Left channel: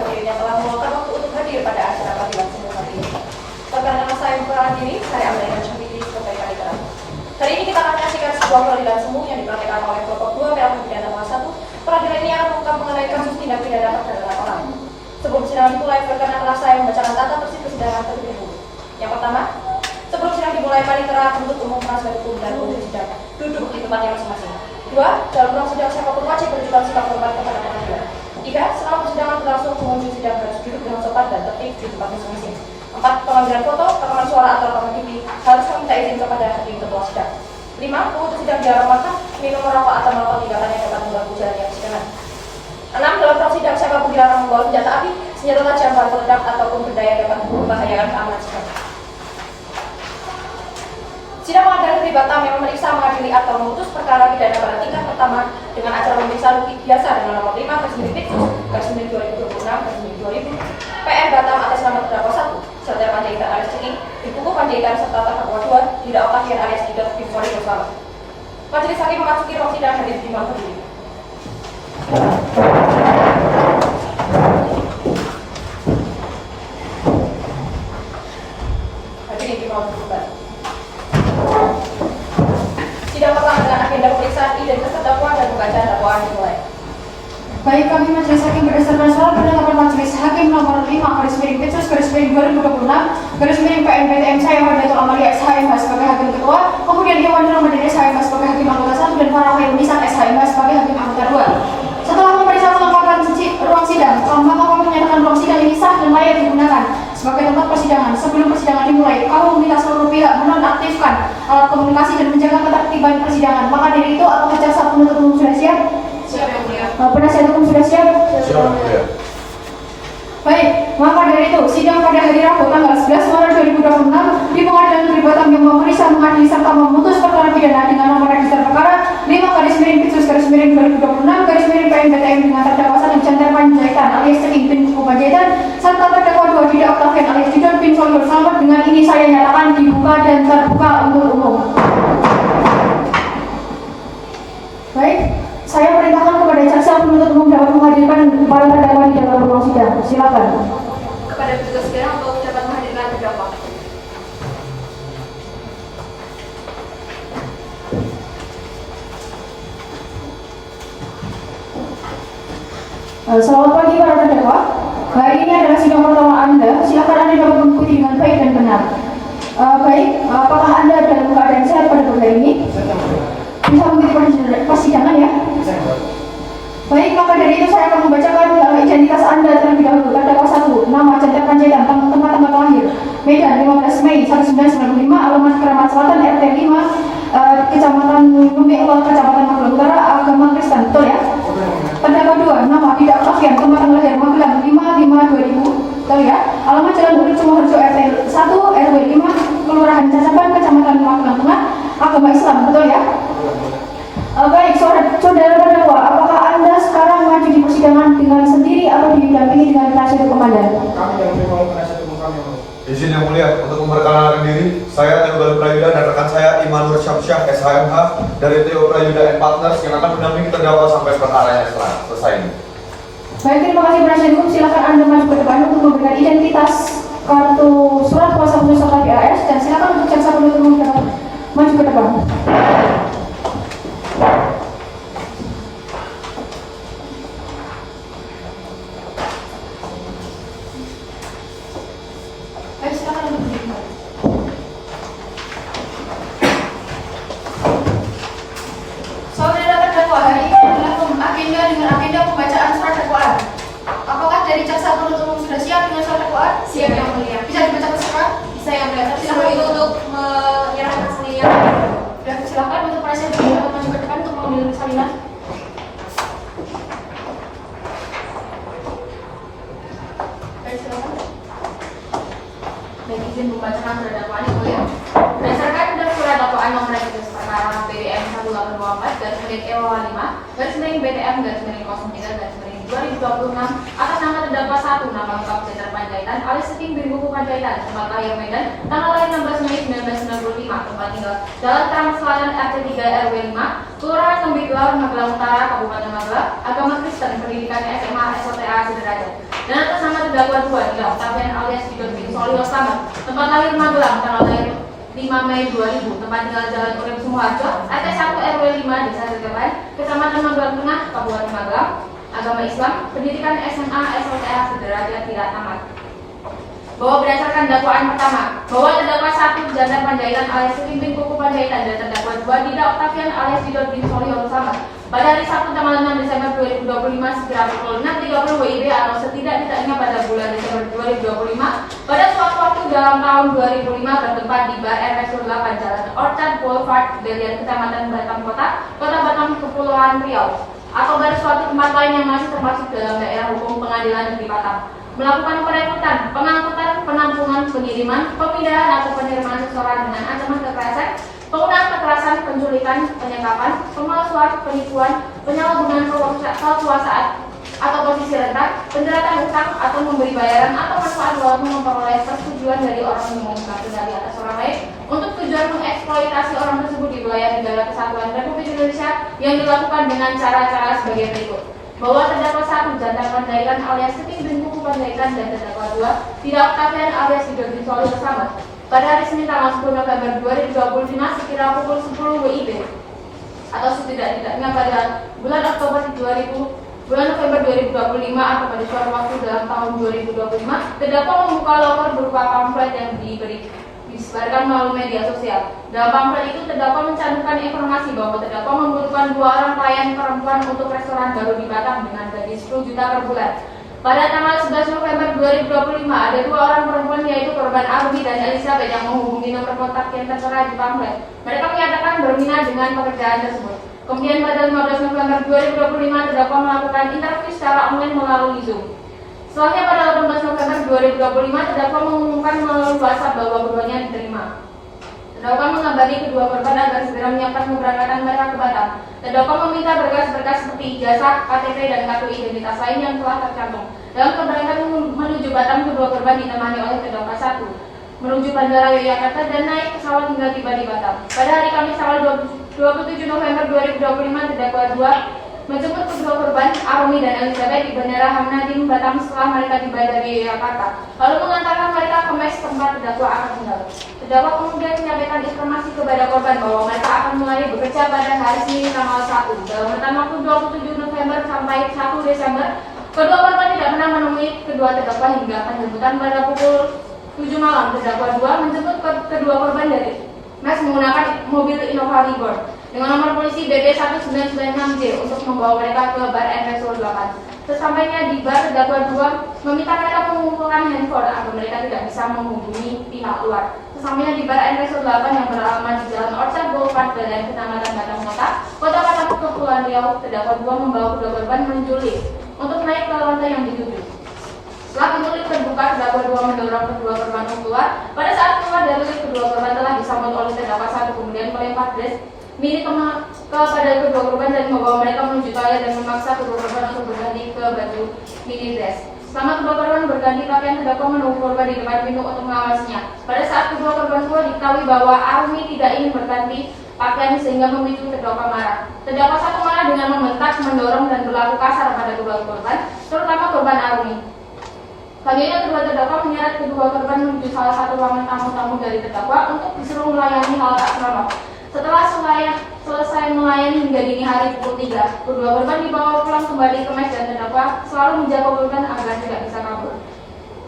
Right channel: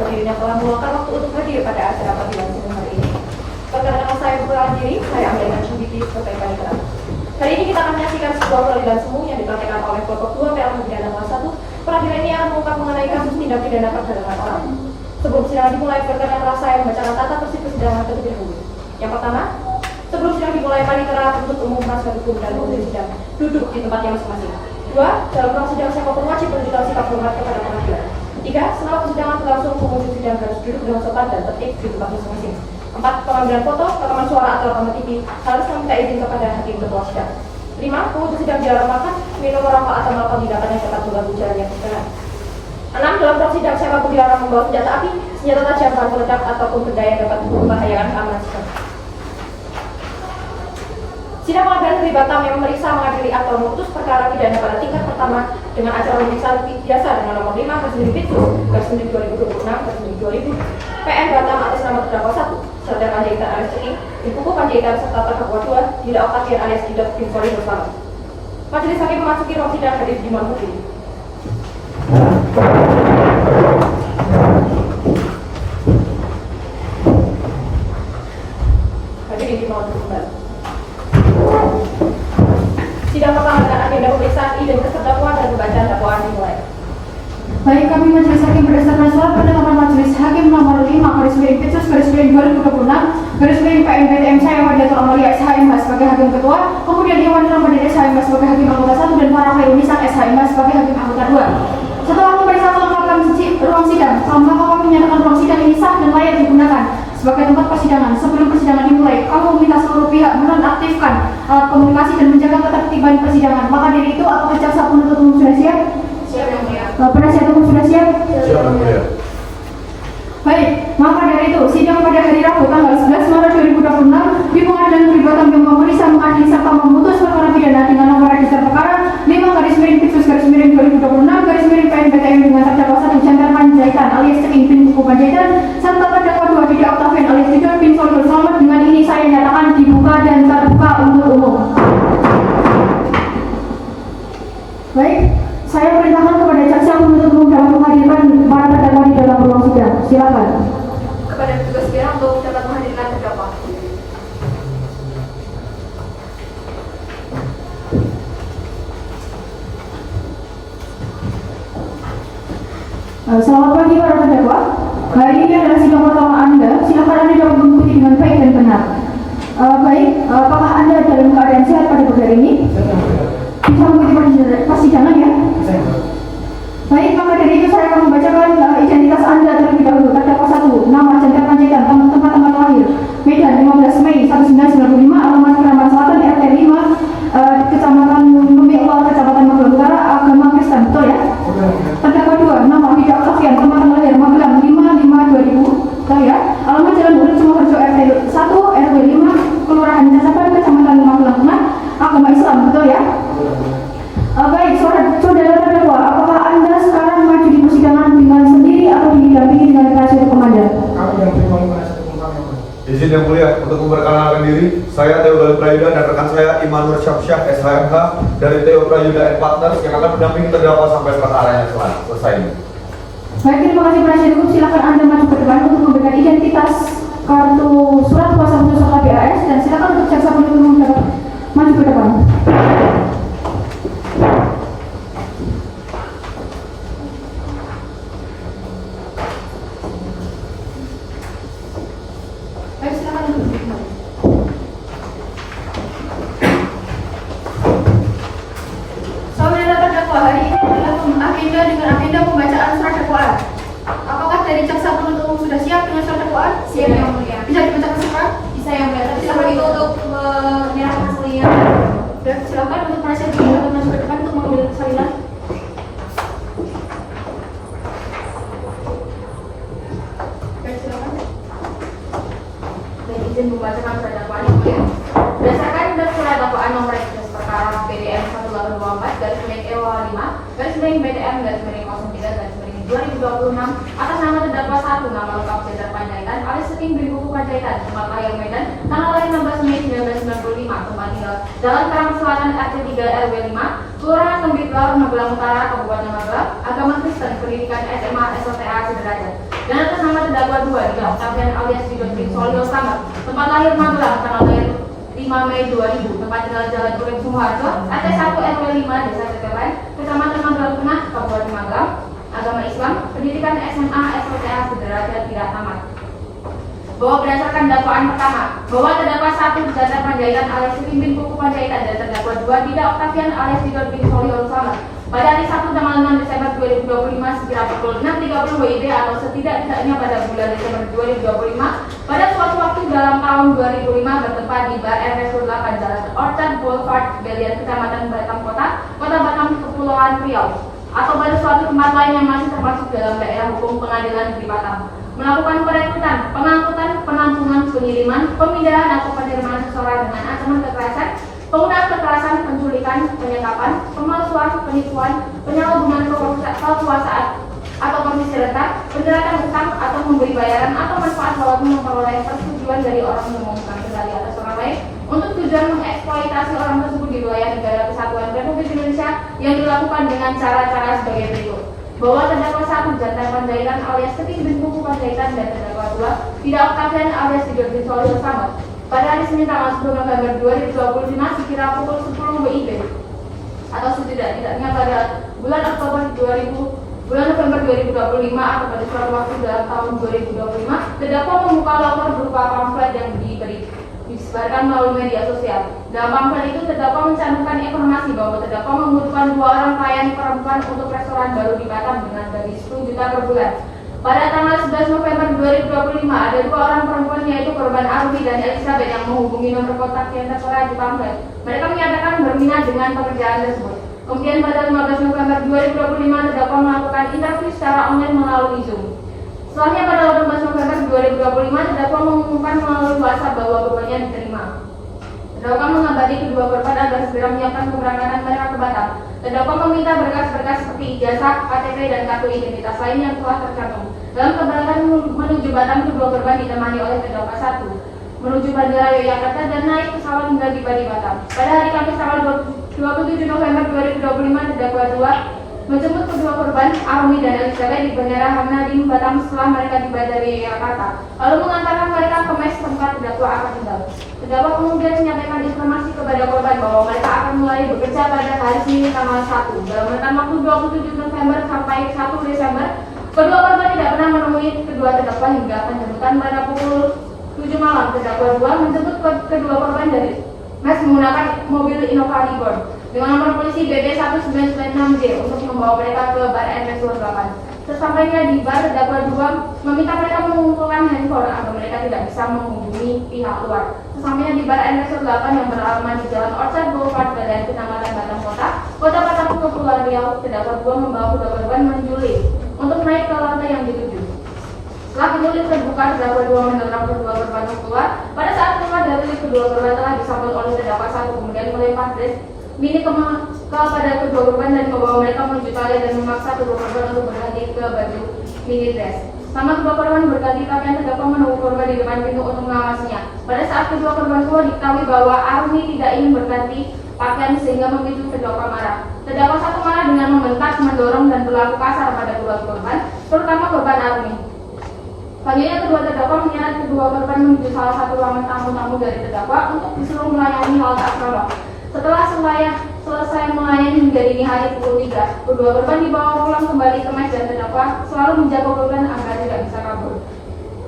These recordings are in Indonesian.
seluruh hadirin yang telah meluangkan waktu untuk hadir pada acara panggilan umum hari ini. Perkenalkan saya memperkenalkan diri, saya Amanda Najmudin Kutai Kaligraf. Hari ini kita akan menyaksikan sebuah panggilan semu yang dipraktikkan oleh kelompok 2 PLH Pidana nomor 1. Panggilan ini akan mengungkap mengenai kasus tindak pidana perdagangan orang. Sebelum sidang dimulai, perkenalkan saya membacakan tata tertib persidangan terlebih dahulu. Yang pertama, sebelum sidang dimulai, panitera penuntut umum penasihat hukum dan penghuni sidang duduk di tempatnya masing-masing. 2. Dalam ruang sidang siapapun wajib menunjukkan sikap hormat kepada pengadilan. 3. Selama persidangan berlangsung, pengunjung sidang harus duduk dengan sopan dan tertib di tempat masing-masing. 4. Pengambilan foto, rekaman suara atau rekaman TV harus meminta izin kepada hakim ketua sidang. 5. Pengunjung sidang dilarang makan, minum, merokok atau melakukan tindakan yang dapat mengganggu jalannya persidangan. 6. Dalam ruang sidang siapapun dilarang membawa senjata api, senjata tajam, bahan peledak ataupun benda yang dapat membahayakan keamanan sidang. Sidang pengadilan negeri Batam yang memeriksa, mengadili atau memutus perkara pidana pada tingkat pertama dengan acara pemeriksaan biasa dengan nomor 5/2026/2020 PN Batam atas nama terdakwa 1 Serda Panjaitan alias Ciki, Ibu Panjaitan serta terdakwa 2 Dida Oktavir alias Dida Vincori bersama. Majelis hakim memasuki ruang sidang hadir di mana berdiri. Hadirin dimohon kembali. Sidang pertama dengan agenda pemeriksaan identitas terdakwa dan pembacaan dakwaan dimulai. Baik, kami Majelis Hakim berdasarkan surat penetapan Majelis Hakim nomor 5/Pitsus/2020/PN/PTM saya Wadatu Amalia SHMH sebagai Hakim Ketua, kemudian Iwan Ramadhan SHMH sebagai Hakim Anggota 1 dan Farah Nisa SHMH sebagai Hakim Anggota 2. Setelah memeriksa kelengkapan ruang sidang, kami menyatakan ruang sidang ini sah dan layak digunakan sebagai tempat persidangan. Sebelum persidangan dimulai, kami meminta seluruh pihak menonaktifkan alat komunikasi dan menjaga ketertiban persidangan. Maka dari itu, apakah jaksa penuntut umum sudah siap? Siap, yang mulia. Penasihat hukum sudah siap? Siap, ya. Baik, maka dari itu, sidang pada hari Rabu tanggal 11 Maret 2026 di Pengadilan Negeri Batam yang memeriksa, mengadili serta memutus perkara pidana dengan nomor register perkara 5/Pitsus/2020/PN/PTM dengan terdakwa 1 Chandra Panjaitan alias Ceking bin Buku Panjaitan serta terdakwa 2 Dida Oktavir alias Dida Vincori bersama. Dengan ini saya nyatakan dibuka dan terbuka untuk umum. Baik, saya perintahkan kepada jaksa penuntut umum dapat menghadirkan para terdakwa di dalam ruang sidang. Silakan. Kepada petugas sidang untuk dapat menghadirkan terdakwa. Selamat pagi para terdakwa. Hari ini adalah sidang pertama Anda. Silakan Anda dapat mengikuti dengan baik dan benar. Baik, apakah Anda dalam keadaan sehat pada pagi hari ini? Bisa mengikuti persidangan ya? Baik, maka dari itu saya akan membacakan identitas Anda terlebih dahulu. Terdakwa 1, nama Chandra Panjaitan, tempat tanggal lahir Medan 15 Mei 1995, alamat Keramat Selatan, RT 5, Kecamatan Membekel, Kecamatan Magelang Utara, agama Kristen, betul ya? Terdakwa 2, nama Dida Oktavir, tempat tanggal lahir Magelang 5/5/2000, betul ya? Alamat Jalan Urut Sumoharjo, RT 1, RW 5, Kelurahan Cacapan, Kecamatan Magelang Tengah, agama Islam, betul ya? Baik, saudara terdakwa, apakah Anda sekarang maju di persidangan dengan sendiri atau didampingi dengan penasihat hukum Anda? Kami yang terima penasihat hukum kami. Izin yang mulia untuk memperkenalkan diri, saya Teodor Prayuda dan rekan saya Imanur Syamsyah SHMH dari Teo Prayuda and Partners yang akan mendampingi terdakwa sampai perkaranya selesai. Baik, terima kasih penasihat hukum. Silakan Anda maju ke depan untuk memberikan identitas, kartu surat kuasa hukum serta BAS, dan silakan untuk jaksa penuntut umum dapat maju ke depan. Baik, silakan untuk berdiri. Saudara terdakwa, hari ini adalah agenda dengan agenda pembacaan surat dakwaan. Apakah dari jaksa penuntut umum sudah siap dengan surat dakwaan? Siap, yang mulia. Bisa dibaca cepat? Bisa, yang mulia. Tapi seperti itu untuk menyerahkan salinan. Ya, silakan untuk penasihat hukum dapat maju ke depan untuk mengambil salinan. Baik, silakan. Baik, izin membacakan surat dakwaan yang mulia. Berdasarkan dalam surat dakwaan nomor registrasi perkara PDM 1824/EO5/BTM/03/03/2026 atas nama terdakwa 1 nama lengkap Chandra Panjaitan alias Ceking bin Buku Panjaitan, tempat lahir Medan, tanggal lahir 16 Mei 1995, tempat tinggal Jalan Keramat Selatan RT 3 RW 5, Kelurahan Membekel, Magelang Utara, Kabupaten Magelang, agama Kristen, pendidikan SMA SOTA sederajat. Dan atas nama terdakwa 2 adalah Octavian alias Didotkin Solio Sabat, tempat lahir Magelang, tanggal lahir 5 Mei 2000, tempat tinggal Jalan Urip Sumoharjo, RT 1 RW 5 Desa Tetepan, Kecamatan Magelang Tengah, Kabupaten Magelang, agama Islam, pendidikan SMA SMK sederajat tidak tamat. Bahwa berdasarkan dakwaan pertama, bahwa terdakwa 1 Janda Panjaitan alias Pimpin Kuku Panjaitan dan terdakwa 2 tidak Octavian alias Didotkin Solio Sabat pada hari Sabtu tanggal 6 Desember 2025 sekira pukul 6.30 WIB atau setidak-tidaknya pada bulan Desember 2025 pada suatu waktu dalam tahun 2005 bertempat di bar RS 8 Jalan Orchard Boulevard, Belian, Kecamatan Batam Kota, Kota Batam, Kepulauan Riau, atau pada suatu tempat lain yang masih termasuk dalam daerah hukum Pengadilan Negeri Batam, melakukan perekrutan, pengangkutan, penampungan, pengiriman, pemindahan atau penerimaan seseorang dengan ancaman kekerasan, penggunaan kekerasan, penculikan, penyekapan, pemalsuan, penipuan, penyalahgunaan kekuasaan atau posisi rendah, penjeratan utang atau memberi bayaran atau manfaat lewat memperoleh persetujuan dari orang yang memegang kendali atas orang lain untuk tujuan mengeksploitasi orang tersebut di wilayah negara kesatuan Republik Indonesia yang dilakukan dengan cara-cara sebagai berikut. Bahwa terdakwa 1 Janda Panjaitan alias Pimpin Kuku Panjaitan dan terdakwa 2 tidak Octavian alias Didotkin Solio Sabat pada hari Senin tanggal 10 November 2025 sekira pukul 10 WIB atau setidak-tidaknya pada bulan November 2025 atau pada suatu waktu dalam tahun 2025, terdakwa membuka loker berupa pamflet yang disebarkan melalui media sosial. Dalam pamflet itu terdakwa mencantumkan informasi bahwa terdakwa membutuhkan 2 orang pelayan perempuan untuk restoran baru di Batam dengan gaji 10 juta per bulan. Pada tanggal 11 November 2025, ada 2 orang perempuan yaitu korban Arumi dan Elizabeth yang menghubungi nomor kontak yang tertera di pamflet. Mereka menyatakan berminat dengan pekerjaan tersebut. Kemudian pada 15 November 2025, terdakwa melakukan interview secara online melalui Zoom. Setelahnya pada 18 November 2025, terdakwa mengumumkan melalui WhatsApp bahwa keduanya diterima. Terdakwa mengabari kedua korban agar segera menyiapkan keberangkatan mereka ke Batam. Terdakwa meminta berkas-berkas seperti ijazah, KTP, dan kartu identitas lain yang telah tercantum. Dalam keberangkatan menuju Batam, kedua korban ditemani oleh terdakwa 1 menuju Bandara Yogyakarta dan naik pesawat hingga tiba di Batam. Pada hari Kamis tanggal 27 November 2025, terdakwa 2 menjemput kedua korban Arumi dan Elizabeth di Bandara Hamnadim Batam setelah mereka tiba dari Yogyakarta, lalu mengantarkan mereka ke mes tempat terdakwa akan tinggal. Terdakwa kemudian menyampaikan informasi kepada korban bahwa mereka akan mulai bekerja pada hari Senin tanggal 1 dalam rentang waktu 27 November sampai 1 Desember. Kedua korban tidak pernah menemui kedua terdakwa hingga penjemputan pada pukul 7 malam. Terdakwa 2 menjemput kedua korban dari mes menggunakan mobil Innova Reborn dengan nomor polisi BB 1996J untuk membawa mereka ke bar RS 8. Sesampainya di bar, terdakwa 2 meminta mereka mengumpulkan handphone agar mereka tidak bisa menghubungi pihak luar. Sesampainya di bar RS 8 yang beralamat di Jalan Orchard Boulevard, Belian, Kecamatan Batam Kota, Kota Batam, Kepulauan Riau, terdakwa 2 membawa kedua korban menuju lift untuk naik ke lantai yang dituju. Setelah pintu lift terbuka, terdakwa 2 mendorong kedua korban keluar. Pada saat keluar dari lift, kedua korban telah disambut oleh terdakwa 1 kemudian melempar dress milik kepada kedua korban dan membawa mereka menuju toilet dan memaksa kedua korban untuk berganti ke baju mini dress. Selama kedua korban berganti pakaian, terdakwa menunggu korban di depan pintu untuk mengawasinya. Pada saat kedua korban keluar, diketahui bahwa Arumi tidak ingin berganti pakaian sehingga memicu terdakwa marah. Terdakwa 1 marah dengan membentak, mendorong dan berlaku kasar pada kedua korban, terutama korban Arumi. Selanjutnya kedua terdakwa menyeret kedua korban menuju salah satu ruangan tamu-tamu dari terdakwa untuk disuruh melayani hal tak senonoh. Setelah selesai melayani hingga dini hari pukul 3, kedua korban dibawa pulang kembali ke mes dan terdakwa selalu menjaga korban agar tidak bisa kabur.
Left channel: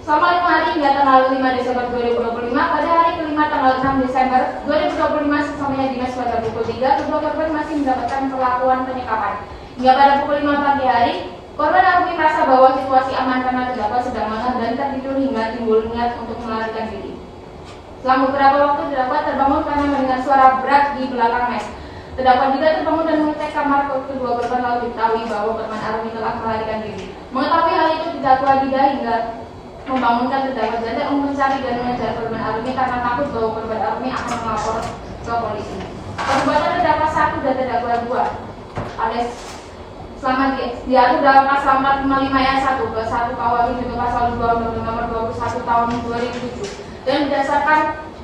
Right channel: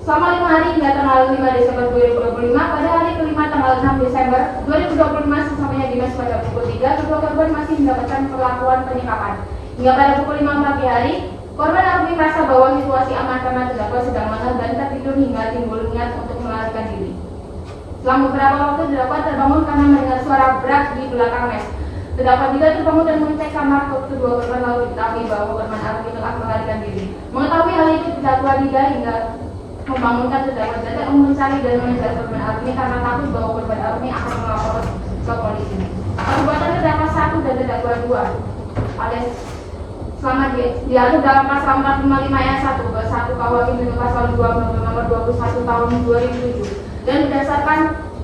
Selama 5 hari hingga tanggal 5 Desember 2025, pada hari kelima tanggal 6 Desember 2025 sesampainya di mes pada pukul 3, kedua korban masih mendapatkan perlakuan penyekapan. Hingga pada pukul 5 pagi hari, korban Arumi merasa bahwa situasi aman karena terdakwa sedang malam dan tertidur hingga timbul niat untuk melarikan diri. Setelah beberapa waktu, terdakwa terbangun karena mendengar suara berat di belakang mes. Terdakwa juga terbangun dan mengecek kamar kedua korban lalu diketahui bahwa korban Arumi telah melarikan diri. Mengetahui hal itu, terdakwa tidak hingga membangunkan terdakwa Janda mencari dan mengejar korban Arumi karena takut bahwa korban Arumi akan melapor ke polisi. Perbuatan terdakwa 1 dan terdakwa 2 alias selamat diatur dalam pasal 455 ayat 1 ke 1 KUH junto pasal 2 nomor 21 tahun 2007 dan berdasarkan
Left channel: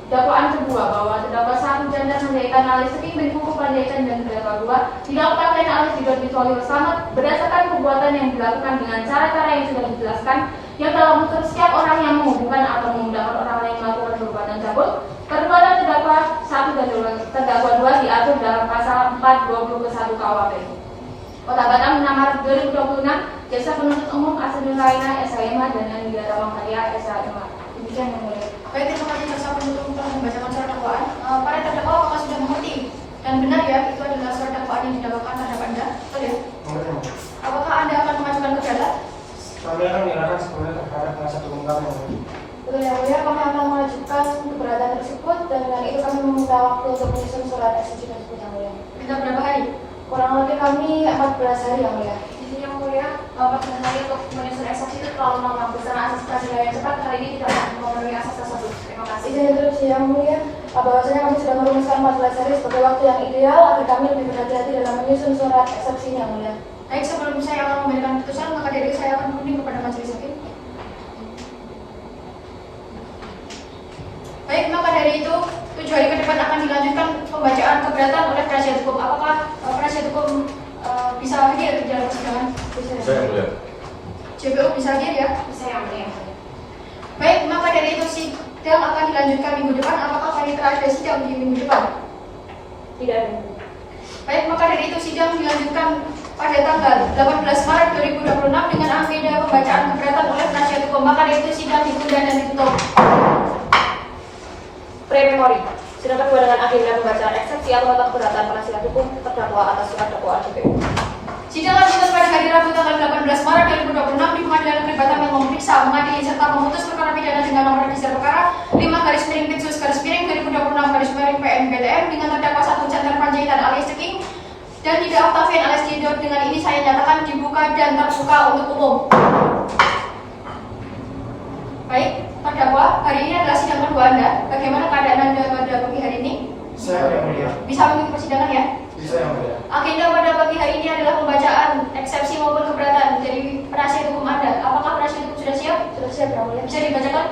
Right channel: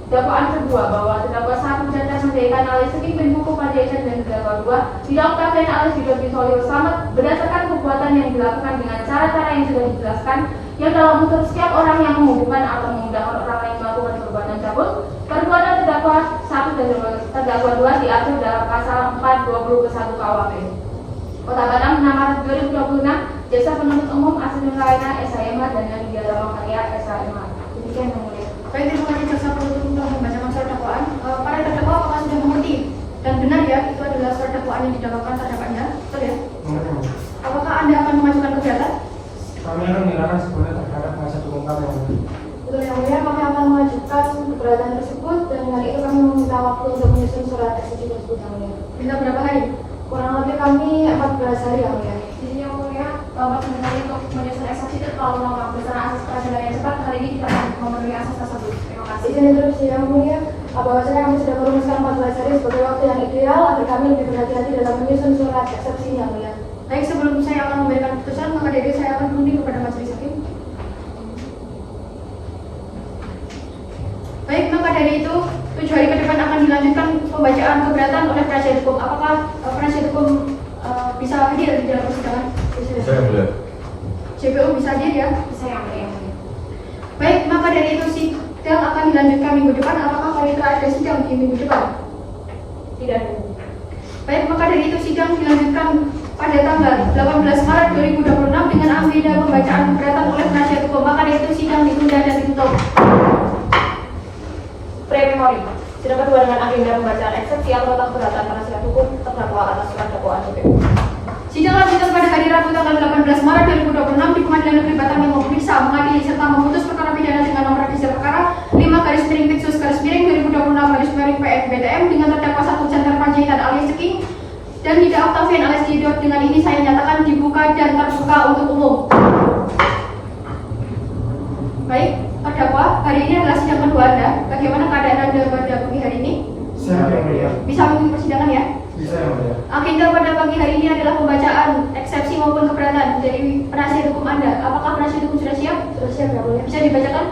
Dakwaan kedua bahwa terdakwa satu dan Handayatan alias Seking bin Hukum Pandaitan dan terdakwa dua dilakukan dan alias Didon Bitohir Slamet berdasarkan perbuatan yang dilakukan dengan cara-cara yang sudah dijelaskan yang dalam unsur setiap orang yang menghubungkan atau mengundang orang yang melakukan perbuatan tersebut. Perbuatan terdakwa satu dan terdakwa dua diatur dalam pasal 420 ke 1 KUHP. Kota Batam 6 Maret 2026, Jaksa Penuntut Umum Asri Raina SHMH dan Anindya Ramakarya SHMH. Demikian yang mulia. Baik, terima kasih jaksa penuntut umum telah membacakan surat dakwaan. Para terdakwa apakah sudah mengerti dan benar ya itu adalah surat dakwaan yang didakwakan terhadap Anda? Betul ya? Mengerti. Apakah Anda akan mengajukan keberatan? Kami akan menyerahkan sepenuhnya terhadap penasihat hukum kami. Betul yang mulia, kami akan mengajukan keberatan tersebut dan dengan itu kami meminta waktu untuk menyusun surat eksekusi tersebut yang mulia. Minta berapa hari? Kurang lebih kami 14 hari yang mulia. Jadi yang mulia, Bapak sebenarnya untuk menyusun eksepsi itu terlalu lama. Bersama asas peradilan yang cepat hari ini tidak memenuhi asas tersebut. Terima kasih. Izin interupsi yang mulia, bahwasanya kami sudah merumuskan 14 hari sebagai waktu yang ideal agar kami lebih berhati-hati dalam menyusun surat eksepsi yang mulia. Baik, sebelum saya akan memberikan putusan, maka dari saya akan menunding kepada majelis hakim. Baik, maka dari itu 7 hari ke depan akan dilanjutkan pembacaan keberatan oleh penasihat hukum. Apakah penasihat hukum bisa hadir di dalam persidangan? Saya melihat. JPU bisa hadir ya? Bisa yang mulia. Baik, maka dari itu sidang akan dilanjutkan minggu depan. Apakah wanita ada sidang di minggu depan? Tidak. Baik, maka dari itu sidang dilanjutkan pada tanggal 18 Maret 2026 dengan agenda pembacaan keberatan oleh penasihat hukum. Maka dari itu sidang ditunda dan ditutup. Pre-memori. Sidang kedua dengan agenda pembacaan eksepsi atau nota keberatan penasihat hukum terdakwa atas surat dakwaan JPU. Sidang lanjutan pada hari Rabu tanggal 18 Maret 2026 di Pengadilan Negeri Batam yang memeriksa, mengadili serta memutus perkara pidana dengan nomor register perkara 5/Pitsus/PN/PN/PN dengan terdakwa 1 Jantar Panjaitan alias Seking dan tidak Octavian alias Didot. Dengan ini saya nyatakan dibuka dan terbuka untuk umum. Baik, terdakwa, hari ini adalah sidang kedua Anda. Bagaimana keadaan Anda pada pagi hari ini? Siap yang mulia. Bisa mengikuti persidangan ya? Bisa yang mulia. Agenda pada pagi hari ini adalah pembacaan eksepsi maupun keberatan dari penasihat hukum Anda. Apakah penasihat hukum sudah siap? Sudah siap, ya mulia. Bisa dibacakan?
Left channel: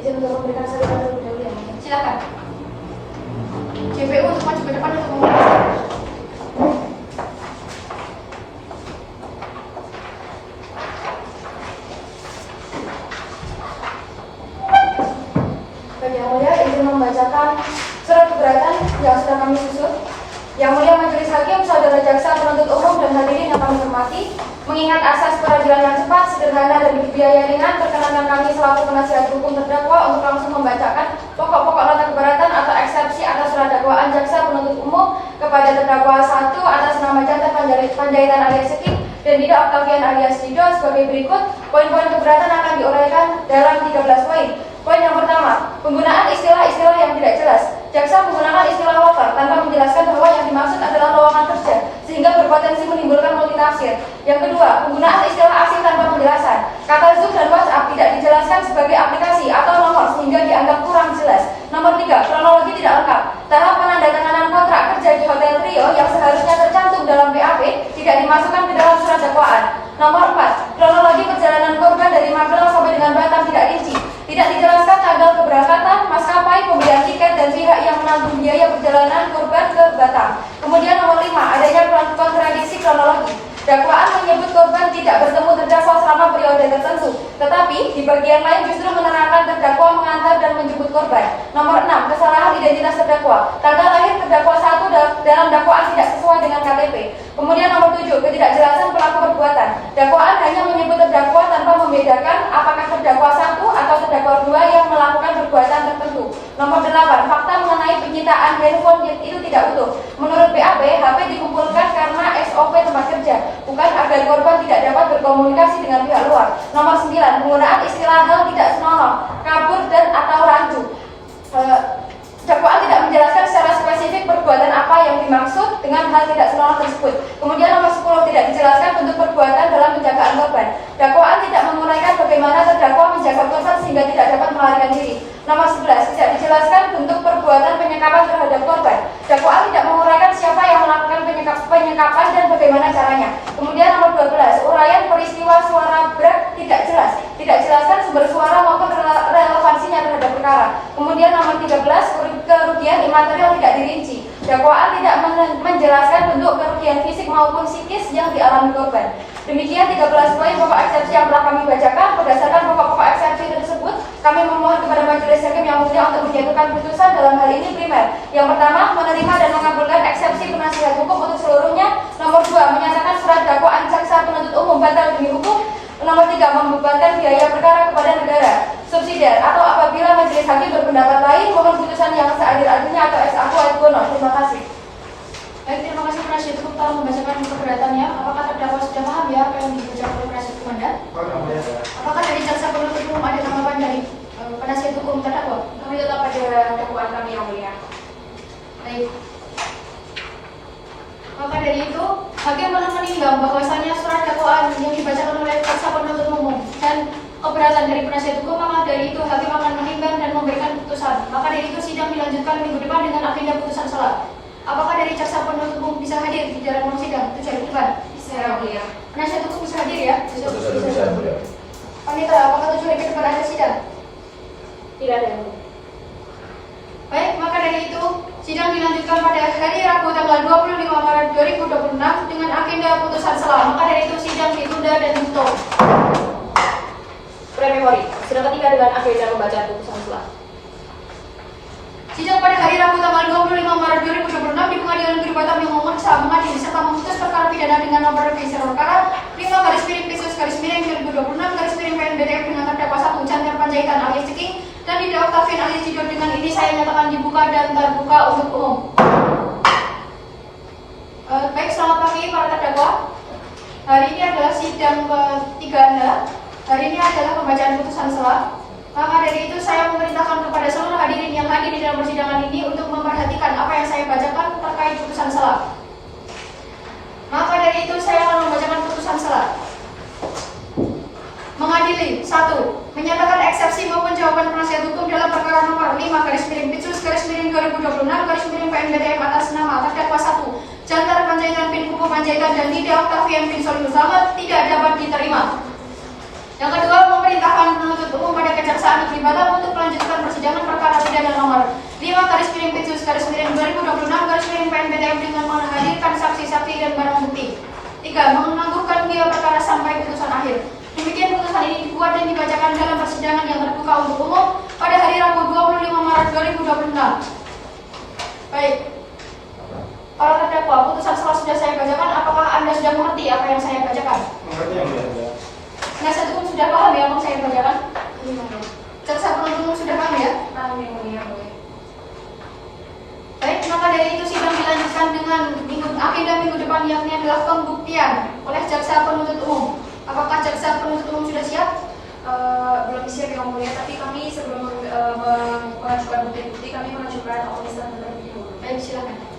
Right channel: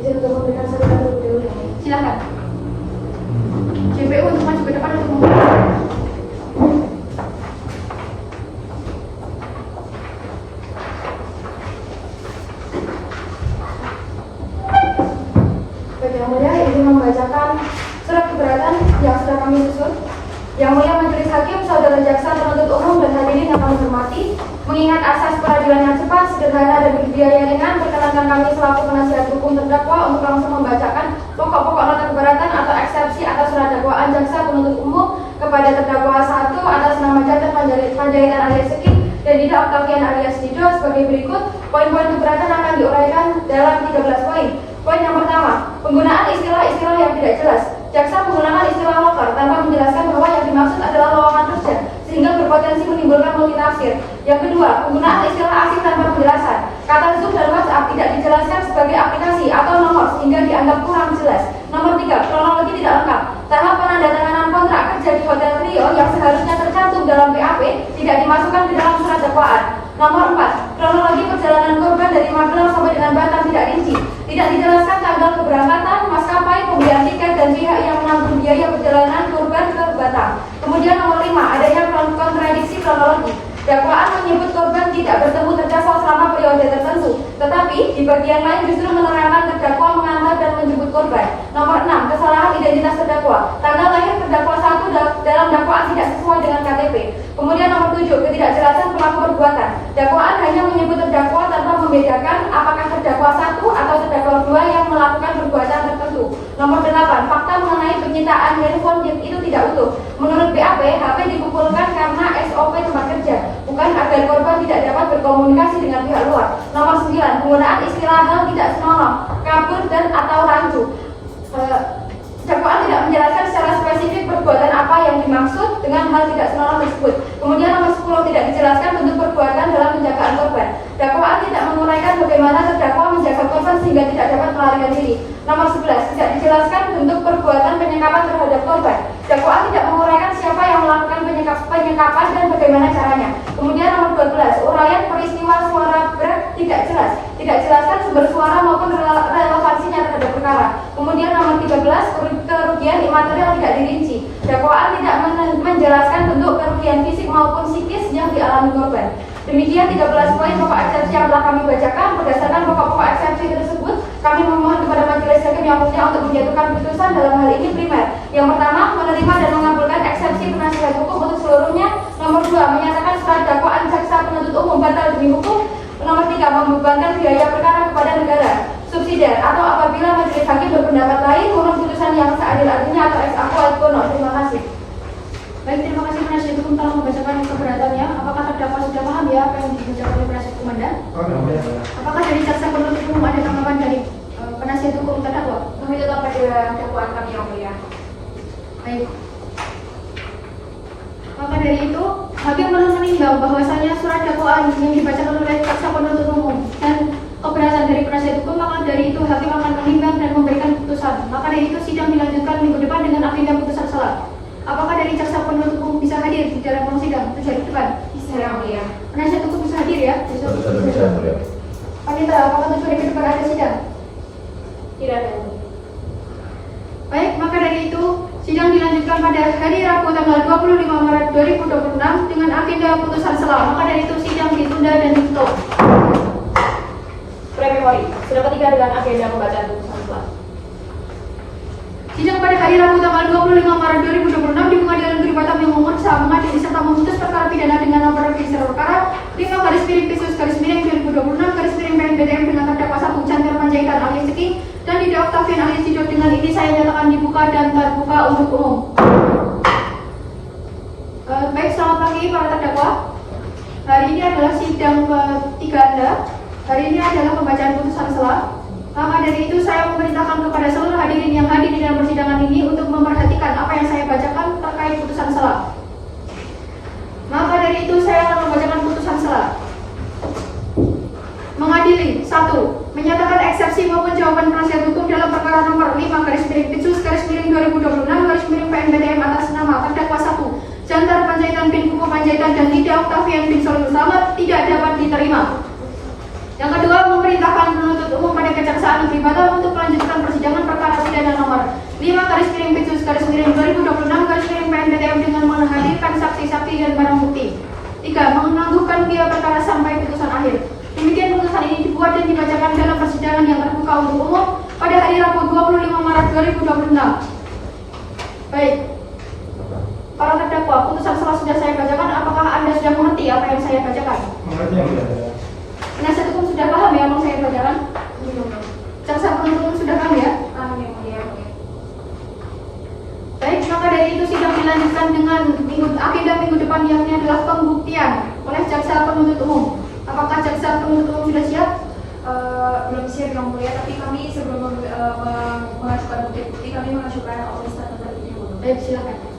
Izin untuk memberikan saran terlebih dahulu ya mulia. Silakan. JPU untuk maju ke depan untuk membacakan. Baik, yang mulia, izin membacakan surat keberatan yang sudah kami susun. Yang mulia majelis hakim, saudara jaksa penuntut umum dan hadirin yang kami hormati, mengingat asas peradilan yang cepat, sederhana dan dibiayai ringan, perkenankan kami selaku penasihat hukum terdakwa untuk langsung membacakan pokok-pokok nota keberatan atau eksepsi atas surat dakwaan jaksa penuntut umum kepada terdakwa 1 atas nama Jantar Panjaitan alias Seking dan Dida Octavian alias Didot sebagai berikut. Poin-poin keberatan akan diuraikan dalam 13 poin. Poin yang pertama, penggunaan istilah-istilah yang tidak jelas. Jaksa menggunakan istilah loker tanpa menjelaskan bahwa yang dimaksud adalah lowongan kerja, sehingga berpotensi menimbulkan multitafsir. Yang kedua, penggunaan istilah asing tanpa penjelasan. Kata Zoom dan WhatsApp tidak dijelaskan sebagai aplikasi atau nomor, sehingga dianggap kurang jelas. Nomor 3, kronologi tidak lengkap. Tahap penandatanganan kontrak kerja di Hotel Trio yang seharusnya tercantum dalam BAP tidak dimasukkan ke dalam surat dakwaan. Nomor 4, kronologi perjalanan korban dari Magelang sampai dengan Batam tidak rinci. Tidak dijelaskan tanggal keberangkatan, maskapai, pembelian tiket, dan pihak yang menanggung biaya perjalanan korban ke Batam. Kemudian nomor 5, adanya kontradiksi kronologi. Dakwaan menyebut korban tidak bertemu terdakwa selama periode tertentu, tetapi di bagian lain justru menerangkan terdakwa mengantar dan menjemput korban. Nomor 6, kesalahan identitas terdakwa. Tanggal lahir terdakwa 1 dalam dakwaan tidak sesuai dengan KTP. Kemudian nomor 7, ketidakjelasan pelaku perbuatan. Dakwaan hanya menyebut terdakwa tanpa membedakan apakah terdakwa 1 atau terdakwa 2 yang melakukan perbuatan tertentu. Nomor 8, fakta mengenai penyitaan handphone itu tidak utuh. Menurut BAP, HP dikumpulkan karena SOP tempat kerja, bukan agar korban tidak dapat berkomunikasi dengan pihak luar. Nomor 9, penggunaan istilah hal tidak senonoh, kabur dan atau rancu. Dakwaan tidak menjelaskan secara spesifik perbuatan apa yang dimaksud dengan hal tidak senonoh tersebut. Kemudian nomor 10, tidak dijelaskan bentuk perbuatan dalam penjagaan korban. Dakwaan tidak menguraikan bagaimana terdakwa menjaga korban sehingga tidak dapat melarikan diri. Nomor 11, tidak dijelaskan bentuk perbuatan penyekapan terhadap korban. Dakwaan tidak menguraikan siapa yang melakukan penyekapan dan bagaimana caranya. Kemudian nomor 12, uraian peristiwa suara berat tidak jelas. Tidak jelaskan sumber suara maupun relevansinya terhadap perkara. Kemudian Kemudian nomor 13, kerugian imaterial tidak dirinci. Dakwaan tidak menjelaskan bentuk kerugian fisik maupun psikis yang dialami korban. Demikian 13 poin pokok eksepsi yang telah kami bacakan. Berdasarkan pokok-pokok eksepsi tersebut, kami memohon kepada majelis hakim yang mulia untuk menjatuhkan putusan dalam hal ini primer. Yang pertama, menerima dan mengabulkan eksepsi penasihat hukum untuk seluruhnya. Nomor 2, menyatakan surat dakwaan jaksa penuntut umum batal demi hukum. Nomor 3, membebankan biaya perkara kepada negara. Subsidiar atau apabila majelis hakim berpendapat lain, mohon putusan yang seadil-adilnya atau ex aequo et bono. Terima kasih. Baik, terima kasih penasihat hukum telah membacakan keberatannya. Apakah terdakwa sudah paham ya apa yang dibacakan oleh penasihat hukum Anda? Apakah dari jaksa penuntut umum ada tanggapan dari penasihat hukum terdakwa? Kami tetap pada dakwaan kami yang mulia. Baik. Maka dari itu, hakim telah menimbang bahwasanya surat dakwaan yang dibacakan oleh jaksa penuntut umum dan keberatan dari penasihat hukum, maka dari itu hakim akan menimbang dan memberikan putusan. Maka dari itu sidang dilanjutkan minggu depan dengan agenda putusan salah. Apakah dari jaksa penuntut umum bisa hadir di dalam ruang sidang terjadi depan? Bisa yang mulia. Penasihat hukum bisa hadir ya? Besok Bisa, mulia. Panitra, apakah 7 hari ke depan ada sidang? Tidak ada yang mulia. Baik, maka dari itu sidang dilanjutkan pada hari Rabu tanggal 25 Maret 2026 dengan agenda putusan selah. Maka dari itu sidang ditunda dan ditutup. Prememori, sudah ketiga dengan agenda pembacaan putusan selah. Sidang pada hari Rabu tanggal 25 Maret 2026 di Pengadilan Negeri Batam yang memeriksa, mengadili serta memutus perkara pidana dengan nomor register perkara 5/Pisus/2026/PNBTM dengan terdakwa 1 Chandra Panjaitan alias Ceking dan Dida Octavian alias Tidor dengan ini saya nyatakan dibuka dan terbuka untuk umum. Baik, selamat pagi para terdakwa. Hari ini adalah sidang ketiga Anda. Hari ini adalah pembacaan putusan selah. Maka dari itu saya memerintahkan kepada seluruh hadirin yang hadir di dalam persidangan ini untuk memperhatikan apa yang saya bacakan terkait putusan selah. Maka dari itu saya akan membacakan putusan selah. Mengadili 1. Menyatakan eksepsi maupun jawaban penasihat hukum dalam perkara nomor 5/Pisus/2026/PNBTM atas nama terdakwa 1 Jantar Panjaitan bin Pupu Panjaitan dan Dida Octavian bin Solihun Slamet tidak dapat diterima. Yang kedua, memerintahkan penuntut umum pada Kejaksaan Negeri Batam untuk melanjutkan persidangan perkara pidana nomor 5/Pisus/2026/PNBTM dengan menghadirkan saksi-saksi dan barang bukti. 3. Menangguhkan biaya perkara sampai putusan akhir. Demikian putusan ini dibuat dan dibacakan dalam persidangan yang terbuka untuk umum pada hari Rabu 25 Maret 2026. Baik. Para terdakwa, putusan selah sudah saya bacakan. Apakah Anda sudah mengerti apa yang saya bacakan? Mengerti yang mulia. Penasihat hukum sudah paham ya apa yang saya bacakan? Jaksa penuntut umum sudah paham ya? Paham yang mulia. Baik, maka dari itu sidang dilanjutkan dengan agenda minggu depan yang ini adalah pembuktian oleh jaksa penuntut umum. Apakah jaksa penuntut umum sudah siap? Belum siap yang mulia, tapi kami sebelum mengajukan bukti-bukti kami mengajukan opesan terlebih dahulu. Baik, silakan.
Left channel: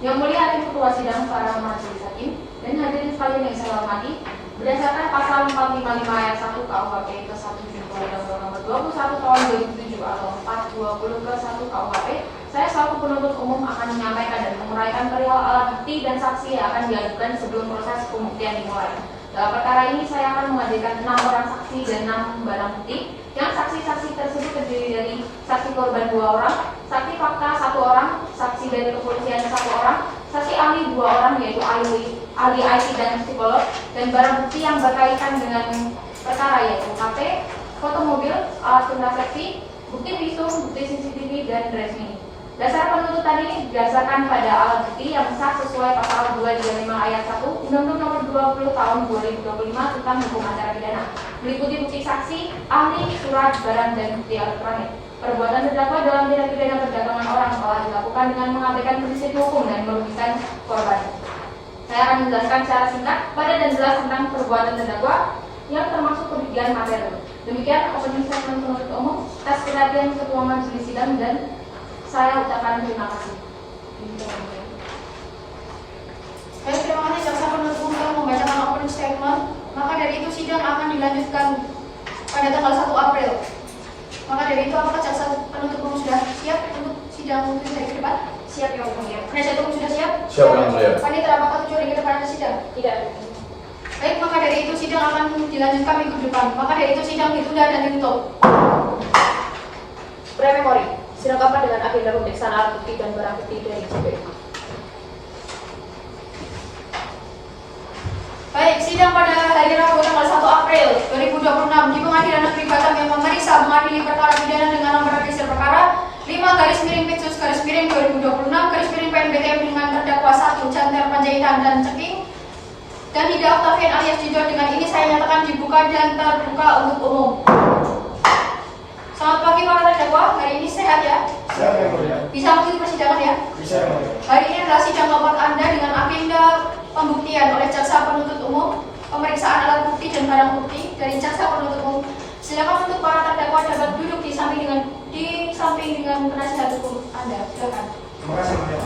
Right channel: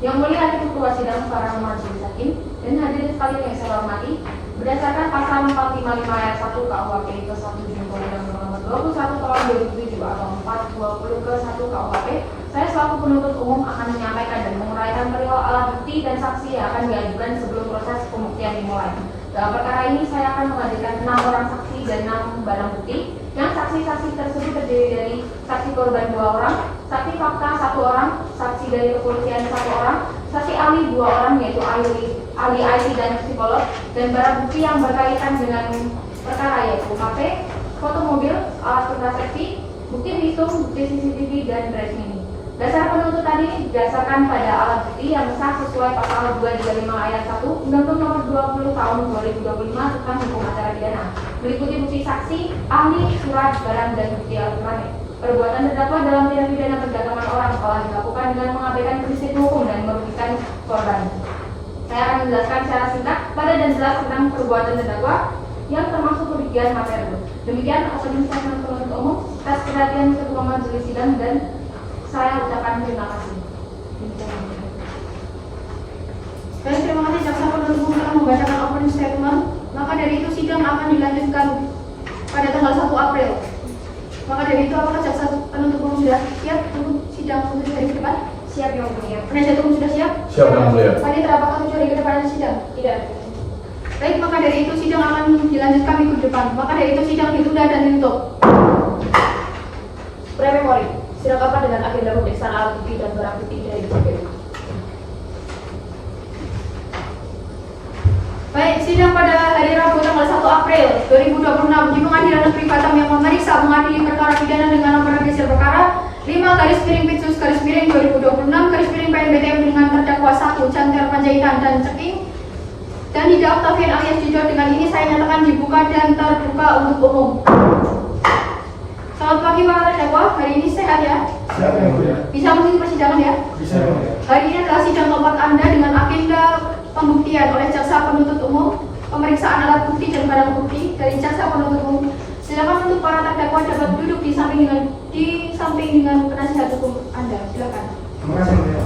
Yang mulia hakim ketua sidang para majelis hakim dan hadirin sekalian yang saya hormati, berdasarkan pasal 455 ayat 1 KUHP ke 1 Undang-Undang Nomor 21 Tahun 2007 atau 420 ke 1 KUHP, saya selaku penuntut umum akan menyampaikan dan menguraikan perihal alat bukti dan saksi yang akan diajukan sebelum proses pembuktian dimulai. Dalam perkara ini saya akan menghadirkan 6 orang saksi dan 6 barang bukti. Yang saksi-saksi tersebut terdiri dari saksi korban 2 orang, saksi fakta 1 orang, saksi dari kepolisian 1 orang, saksi ahli 2 orang yaitu ahli IT dan psikolog, dan barang bukti yang berkaitan dengan perkara yaitu HP, foto mobil, alat kontrasepsi, bukti visum, bukti CCTV, dan resmi. Dasar penuntut tadi didasarkan pada alat bukti yang sah sesuai pasal 235 ayat 1 Undang-Undang Nomor 20 Tahun 2025 tentang Hukum Acara Pidana. Meliputi bukti saksi, ahli, surat, barang, dan bukti elektronik. Perbuatan terdakwa dalam tindak pidana perdagangan orang telah dilakukan dengan mengabaikan prinsip hukum dan merugikan korban. Saya akan menjelaskan secara singkat, pada dan jelas tentang perbuatan terdakwa yang termasuk kerugian material. Demikian penjelasan penuntut umum atas perhatian ketua majelis sidang dan saya ucapkan terima kasih. Baik, terima kasih jaksa penuntut umum telah membacakan opening statement. Maka dari itu sidang akan dilanjutkan pada tanggal 1 April. Maka dari itu apakah jaksa penuntut umum sudah siap untuk sidang untuk hari ke depan? Siap yang mulia. Penasihat hukum sudah siap? Siap, yang mulia. Panitra, apakah 7 hari ke depan ada sidang? Tidak. Baik, maka dari itu sidang akan dilanjutkan minggu depan. Maka dari itu sidang ditunda dan ditutup. Pre-memori, dilengkapi dengan agenda pemeriksaan alat bukti dan barang bukti dari JPU. Baik, sidang pada hari Rabu tanggal 1 April 2026 di Pengadilan Negeri Batam yang memeriksa mengadili perkara pidana dengan nomor register perkara 5/Pitsus/2026/PNBM dengan terdakwa 1 Chantel Panjaitan dan Ceking dan Hida Octavian alias Jido. Dengan ini saya nyatakan dibuka dan terbuka untuk umum. Selamat pagi para terdakwa, hari ini sehat ya? Siapa yang mulia? Bisa mengikuti persidangan ya? Bisa yang mulia. Hari ini adalah sidang nomor Anda dengan agenda pembuktian oleh jaksa penuntut umum, pemeriksaan alat bukti dan barang bukti dari jaksa penuntut umum. Silakan untuk para terdakwa dapat duduk di samping dengan penasihat hukum Anda. Silakan. Terima kasih, mulia.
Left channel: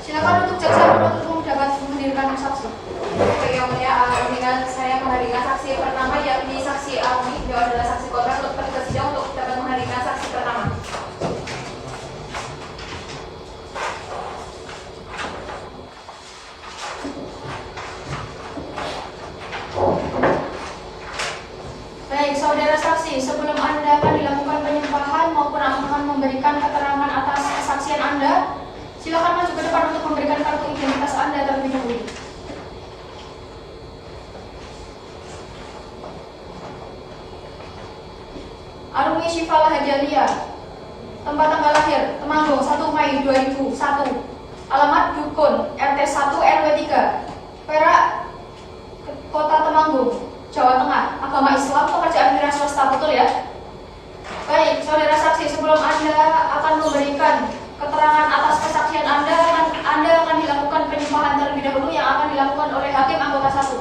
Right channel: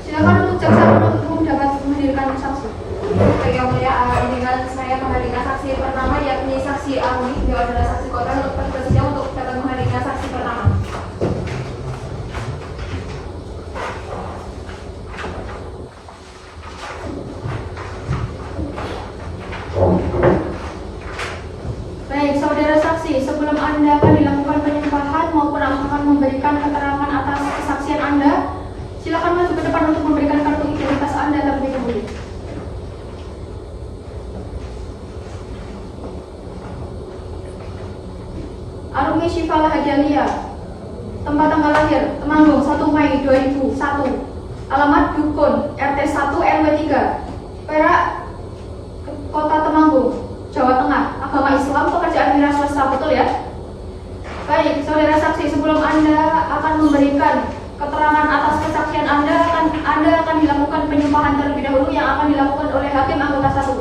Silakan untuk jaksa penuntut umum dapat menghadirkan saksi. Baik yang mulia, dengan saya menghadirkan saksi pertama yakni saksi Arumi, beliau adalah saksi korban untuk persidangan untuk dapat menghadirkan saksi pertama. Baik, saudara saksi, sebelum Anda akan dilakukan penyembahan maupun akan memberikan keterangan atas kesaksian Anda, silakan maju ke depan untuk memberikan kartu identitas Anda terlebih dahulu. Arumi Syifa Hajalia, tempat tanggal lahir Temanggung 1 Mei 2001, alamat Dukun RT 1 RW 3 Perak, Kota Temanggung, Jawa Tengah, agama Islam, pekerjaan wira swasta, betul ya? Baik, saudara saksi, sebelum Anda akan memberikan keterangan atas kesaksian Anda akan dilakukan penyembahan terlebih dahulu yang akan dilakukan oleh hakim anggota 1.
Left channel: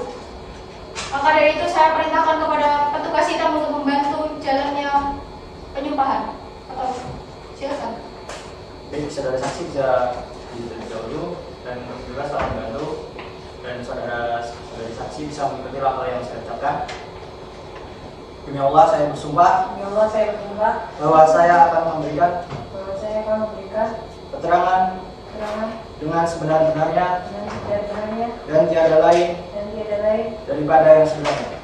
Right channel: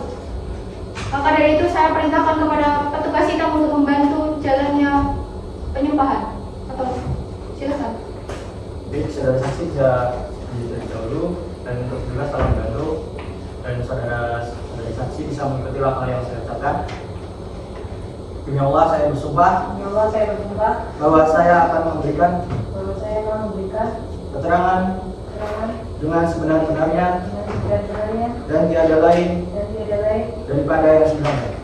Maka dari itu saya perintahkan kepada petugas sidang untuk membantu jalannya penyembahan. Atau silakan. Jadi saudara saksi bisa terlebih dahulu dan kebetulan telah membantu dan saudara saksi bisa mengikuti langkah yang saya ucapkan. Demi Allah saya bersumpah bahwa saya akan memberikan keterangan dengan sebenar-benarnya dan tiada lain daripada yang sebenarnya.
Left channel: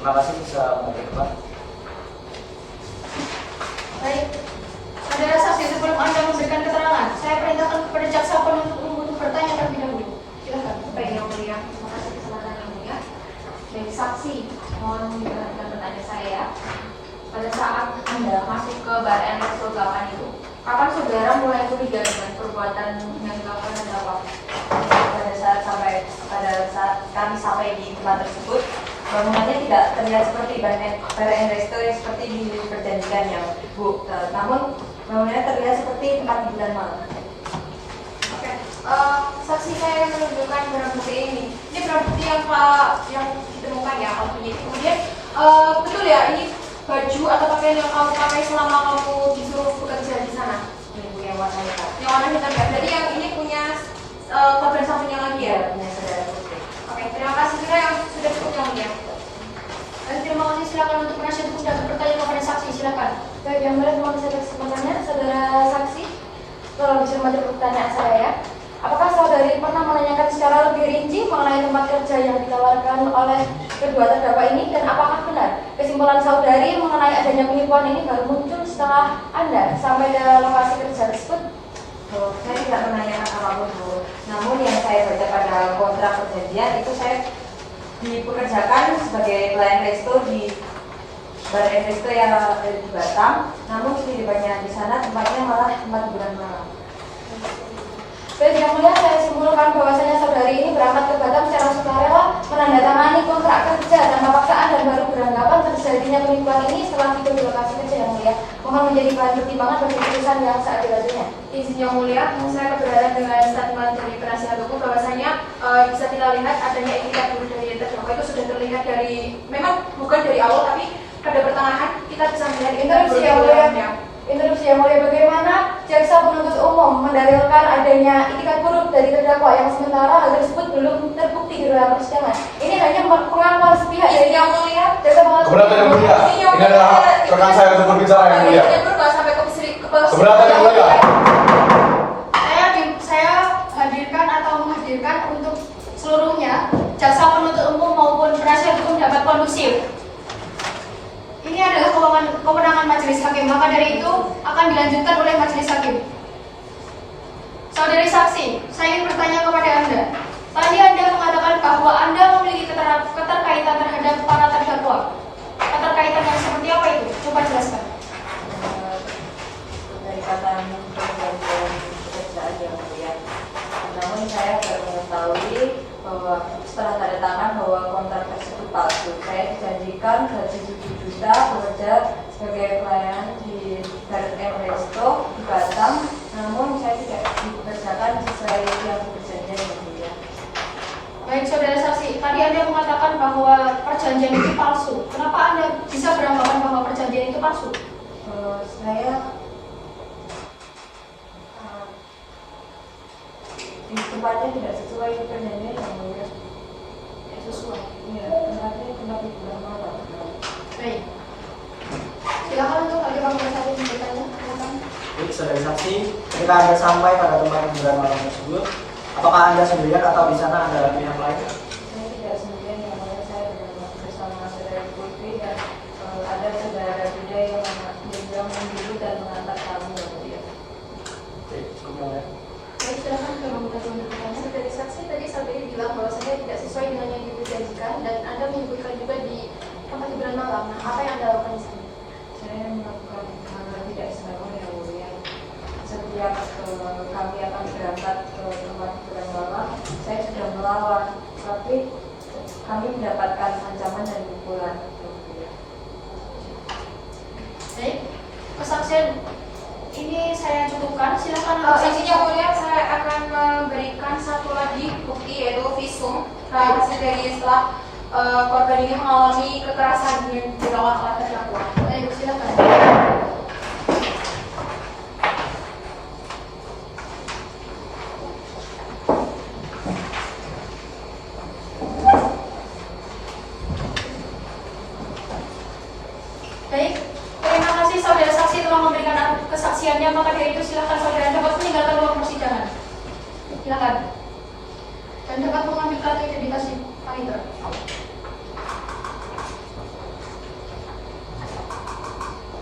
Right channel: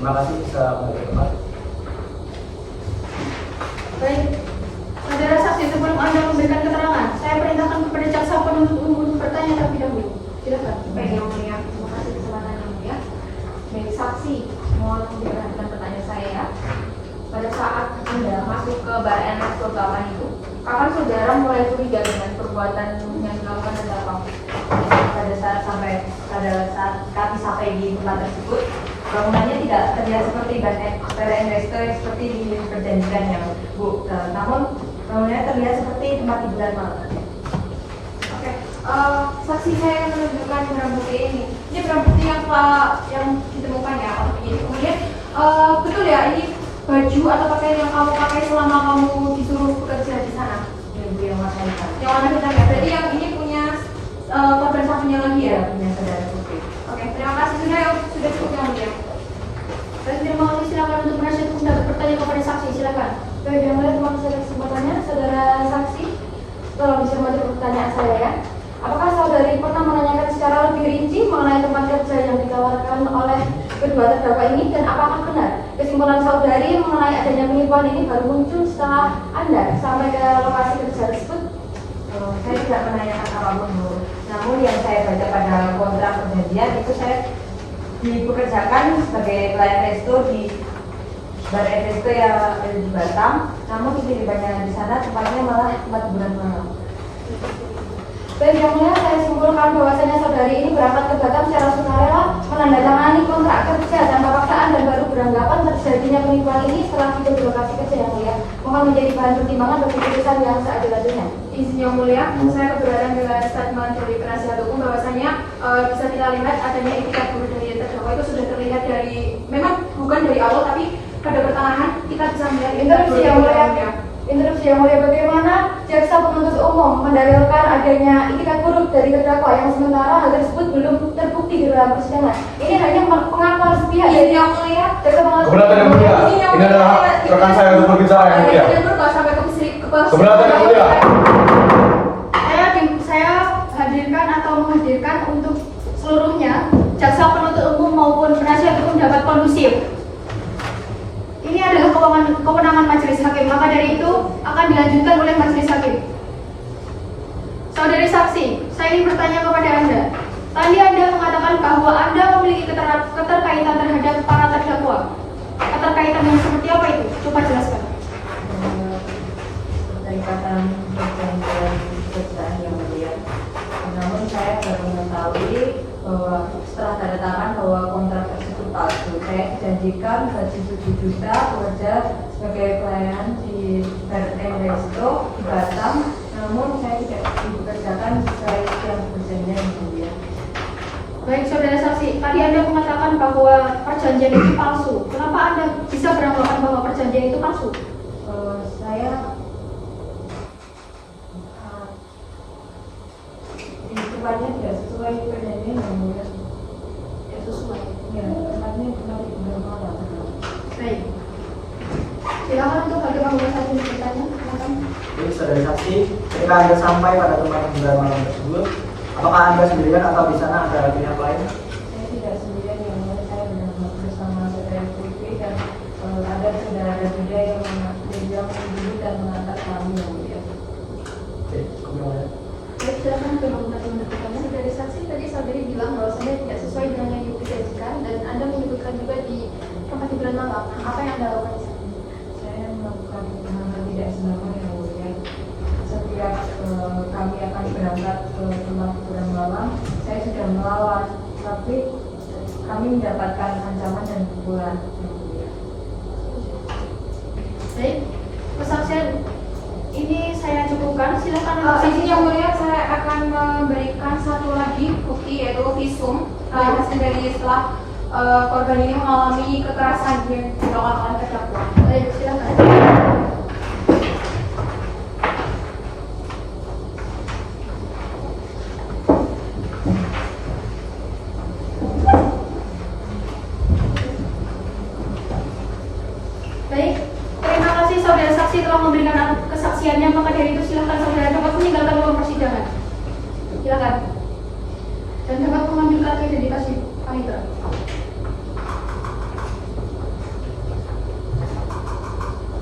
Terima kasih bisa kembali ke tempat. Baik, saudara saksi, sebelum Anda memberikan keterangan, saya perintahkan kepada jaksa penuntut umum untuk bertanya terlebih dahulu. Silakan. Baik yang mulia, terima kasih kesempatan yang mulia. Baik saksi, mohon diperhatikan pertanyaan saya ya. Pada saat Anda masuk ke bar NS 8 itu, kapan saudara mulai curiga dengan perbuatan yang dilakukan terdakwa? Pada saat kami sampai di tempat tersebut, bangunannya tidak terlihat seperti bar NS seperti perjanjiannya, Bu. Namun bangunannya terlihat seperti tempat hiburan malam. Oke, saksi saya menunjukkan barang bukti ini. Ini barang bukti yang ditemukan ya. Kemudian betul ya, ini baju atau pakaian yang kamu pakai selama kamu disuruh bekerja di sana, Ibu yang warna hitam. Yang warna hitam ya. Berarti yang ini punya korban satunya lagi ya, punya saudara Putri. Oke, terima kasih sudah cukup yang mulia. Baik, terima kasih. Silakan untuk penasihat hukum dapat bertanya kepada saksi. Silakan. Baik, yang mulia, terima kasih atas kesempatannya, saudara saksi. Tolong dicermati pertanyaan saya ya. Apakah saudari pernah menanyakan secara lebih rinci mengenai tempat kerja yang ditawarkan oleh kedua terdakwa ini, dan apakah benar kesimpulan saudari mengenai adanya penipuan ini baru muncul setelah Anda sampai ke lokasi kerja tersebut? Saya tidak menanyakan apapun, Bu. Namun yang saya baca pada kontrak perjanjian itu saya dipekerjakan sebagai pelayan resto di bar resto yang ada di Batam. Namun setibanya di sana tempatnya malah tempat hiburan malam. Baik, yang mulia, saya simpulkan bahwasanya saudari ini berangkat ke Batam secara sukarela, menandatangani kontrak kerja tanpa paksaan dan baru beranggapan terjadinya penipuan ini setelah tiba di lokasi kerja, yang mulia. Mohon menjadi bahan pertimbangan bagi keputusan yang seadil-adilnya. Izin yang mulia, saya keberatan dengan statement dari penasihat hukum bahwasanya bisa kita lihat adanya etikat buruk dari terdakwa itu sudah terlihat dari, memang bukan dari awal tapi pada pertengahan kita bisa melihat interupsi yang mulia. Interupsi yang mulia, bagaimana jaksa penuntut umum mendalilkan adanya itikat buruk dari terdakwa yang sementara hal tersebut belum terbukti di dalam persidangan. Ini hanya pengakuan sepihak dari yang mulia. Jaksa Keberatan yang mulia, ini adalah rekan saya untuk berbicara yang mulia. Keberatan yang mulia. Saya hadirkan atau menghadirkan untuk seluruhnya jaksa penuntut umum maupun penasihat hukum dapat kondusif. Ini adalah kewenangan majelis hakim, maka dari itu akan dilanjutkan oleh majelis hakim. Saudari saksi, saya ingin bertanya kepada Anda. Tadi Anda mengatakan bahwa Anda memiliki keterkaitan terhadap para terdakwa. Keterkaitan yang seperti apa itu? Coba jelaskan. Keterikatan perjanjian pekerjaan yang mulia. Namun saya tidak mengetahui bahwa setelah tanda tangan bahwa kontrak tersebut palsu. Saya janjikan gaji 7 juta bekerja sebagai pelayan di Garden Resto di Batam. Namun saya tidak dipekerjakan sesuai dengan perjanjian yang mulia. Baik, saudara saksi, tadi Anda mengatakan bahwa perjanjian itu palsu. Kenapa Anda bisa beranggapan bahwa perjanjian itu palsu? Saya sifatnya tidak sesuai perjanjian yang mulia. Tidak sesuai. Ya, karena kita bulan malam. Baik. Silakan untuk hakim anggota saksi bertanya. Jadi saudara saksi, ketika Anda sampai pada tempat hiburan malam tersebut, apakah Anda sendirian atau di sana ada pihak lain? Saya tidak sendirian, yang mulia. Saya benar-benar bersama saudara Putri dan ada saudara juga yang mendidik dan mengantar kami yang mulia. Oke, kemudian. Baik, silakan belum tadi bertanya. Dari saksi tadi Sabri bilang bahwa saya tidak sesuai dengan yang diperjanjikan dan Anda menyebutkan juga di tempat hiburan malam. Nah, apa yang Anda lakukan di sana? Saya melakukan hubungan tidak sembarangan yang mulia. Setiap kami akan berangkat ke tempat hiburan malam, saya sudah melawan, tapi kami mendapatkan ancaman dan pukulan yang mulia. Baik, kesaksian ini saya cukupkan. Silakan. Saksi yang mulia, saya akan memberikan satu lagi bukti yaitu visum hasil dari setelah korban ini mengalami kekerasan yang dilakukan oleh terdakwa. Baik, silakan. Baik, terima kasih saudara saksi telah memberikan kesaksiannya. Maka dari itu silakan saudara dapat meninggalkan ruang persidangan. Silakan. Dan dapat mengambil kartu identitas panitera.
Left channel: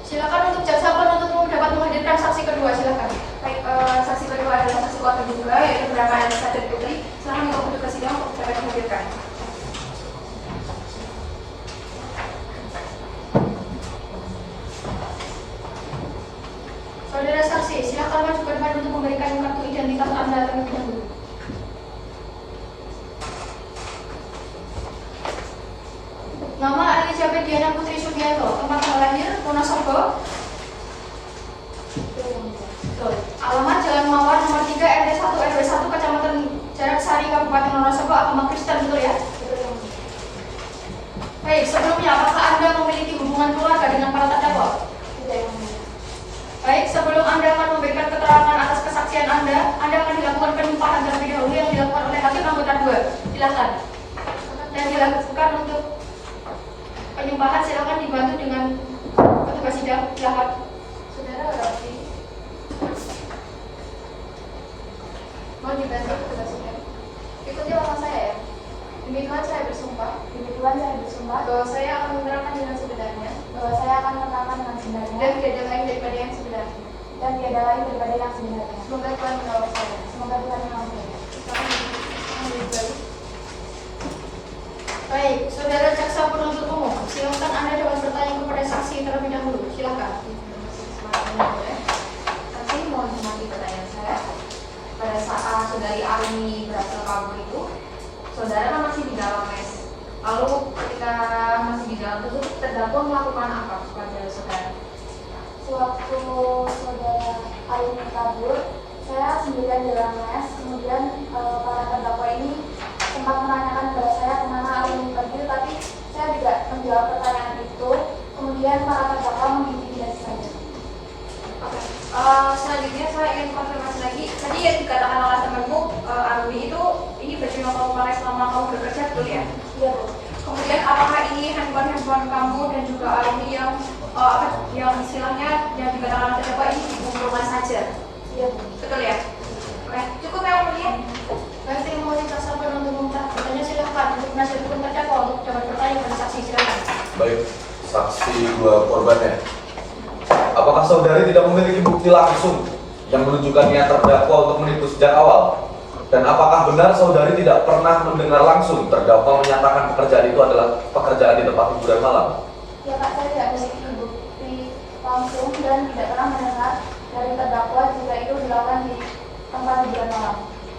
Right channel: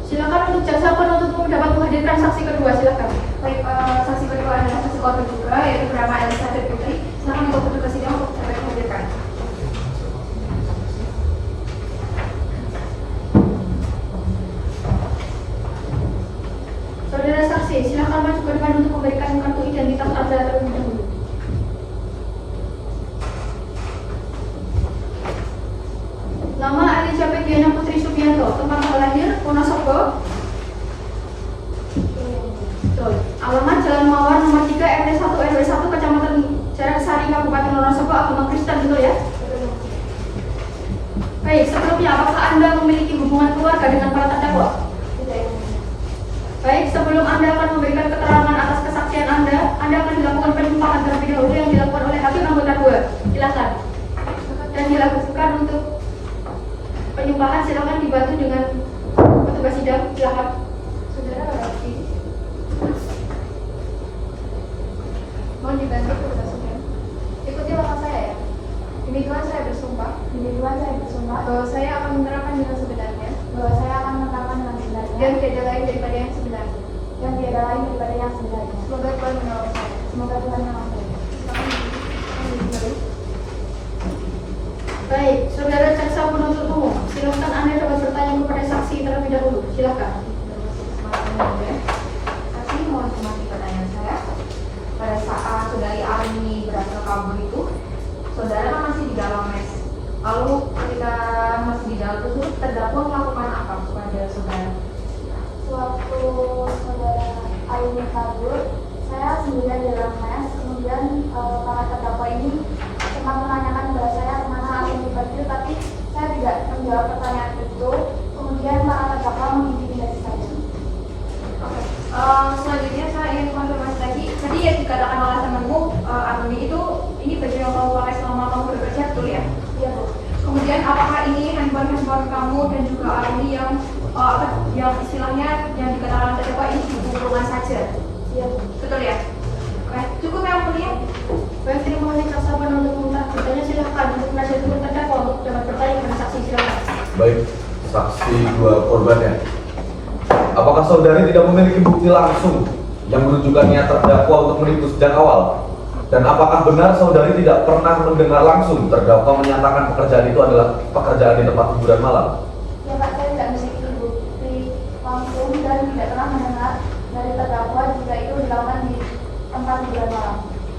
Silakan untuk jaksa penuntut umum dapat menghadirkan saksi kedua. Silakan. Baik, saksi kedua adalah saksi korban juga yaitu bernama Elisa dan Putri. Silakan untuk bukti persidangan untuk dapat dihadirkan. Saudara saksi, silakan maju ke depan untuk memberikan kartu identitas Anda terlebih dahulu. Nama Elizabeth Diana Putri Sugianto, tempat lahir Wonosobo. Betul. Alamat Jalan Mawar nomor 3 RT 1 RW 1 Kecamatan Jaraksari Kabupaten Wonosobo, agama Kristen, betul ya? Baik, sebelumnya apakah Anda memiliki hubungan keluarga dengan para terdakwa? Baik, sebelum Anda akan memberikan keterangan atas kesaksian Anda akan dilakukan penumpahan terlebih dahulu yang dilakukan oleh hakim anggota 2. Silakan. Dan dilakukan untuk penyumpahan, silakan dibantu dengan petugas sidang. Silakan. Saudara Rafi. Mohon dibantu petugas sidang. Ikuti langkah saya ya. Demi Tuhan saya bersumpah. Demi Tuhan saya bersumpah bahwa saya akan menerangkan dengan sebenarnya. Bahwa saya akan menerangkan dengan sebenarnya. Dan tidak lain daripada yang sebenarnya. Dan tidak lain daripada yang sebenarnya. Semoga Tuhan menolong saya. Semoga Tuhan menolong saya. Baik, saudara jaksa penuntut umum, silakan Anda dapat bertanya kepada saksi terlebih dahulu. Silakan. Saksi mohon mengerti pertanyaan saya. Pada saat saudari Armi berhasil kabur itu, saudara kan masih di dalam mes. Lalu ketika masih di dalam tersebut, terdakwa melakukan apa kepada saudara? Sewaktu saudara Armi kabur, saya sendirian di dalam mes. Kemudian para terdakwa ini sempat menanyakan kepada saya karena aku dipanggil, tapi saya tidak menjawab pertanyaan itu. Kemudian para terdakwa mengintimidasi saya. Selanjutnya saya ingin konfirmasi lagi. Tadi yang dikatakan oleh temanmu Armi itu ini baju yang kamu pakai selama kamu bekerja, betul ya? Iya, Bu. Kemudian apakah ini handphone kamu dan juga Armi yang istilahnya yang dikatakan terdakwa ini di rumah saja? Iya, Bu. Betul ya? Oke, cukup ya mulia. Baik, terima kasih jaksa penuntut umum. Bertanya silakan untuk penasihat hukum terdakwa untuk saksi dua korbannya. Apakah saudari tidak memiliki bukti langsung yang menunjukkannya terdakwa untuk menipu sejak awal? Dan apakah benar saudari tidak pernah mendengar langsung terdakwa menyatakan pekerjaan itu adalah pekerjaan di tempat hiburan malam? Ya Pak, saya tidak memiliki bukti langsung dan tidak pernah mendengar dari terdakwa jika itu dilakukan di tempat hiburan malam.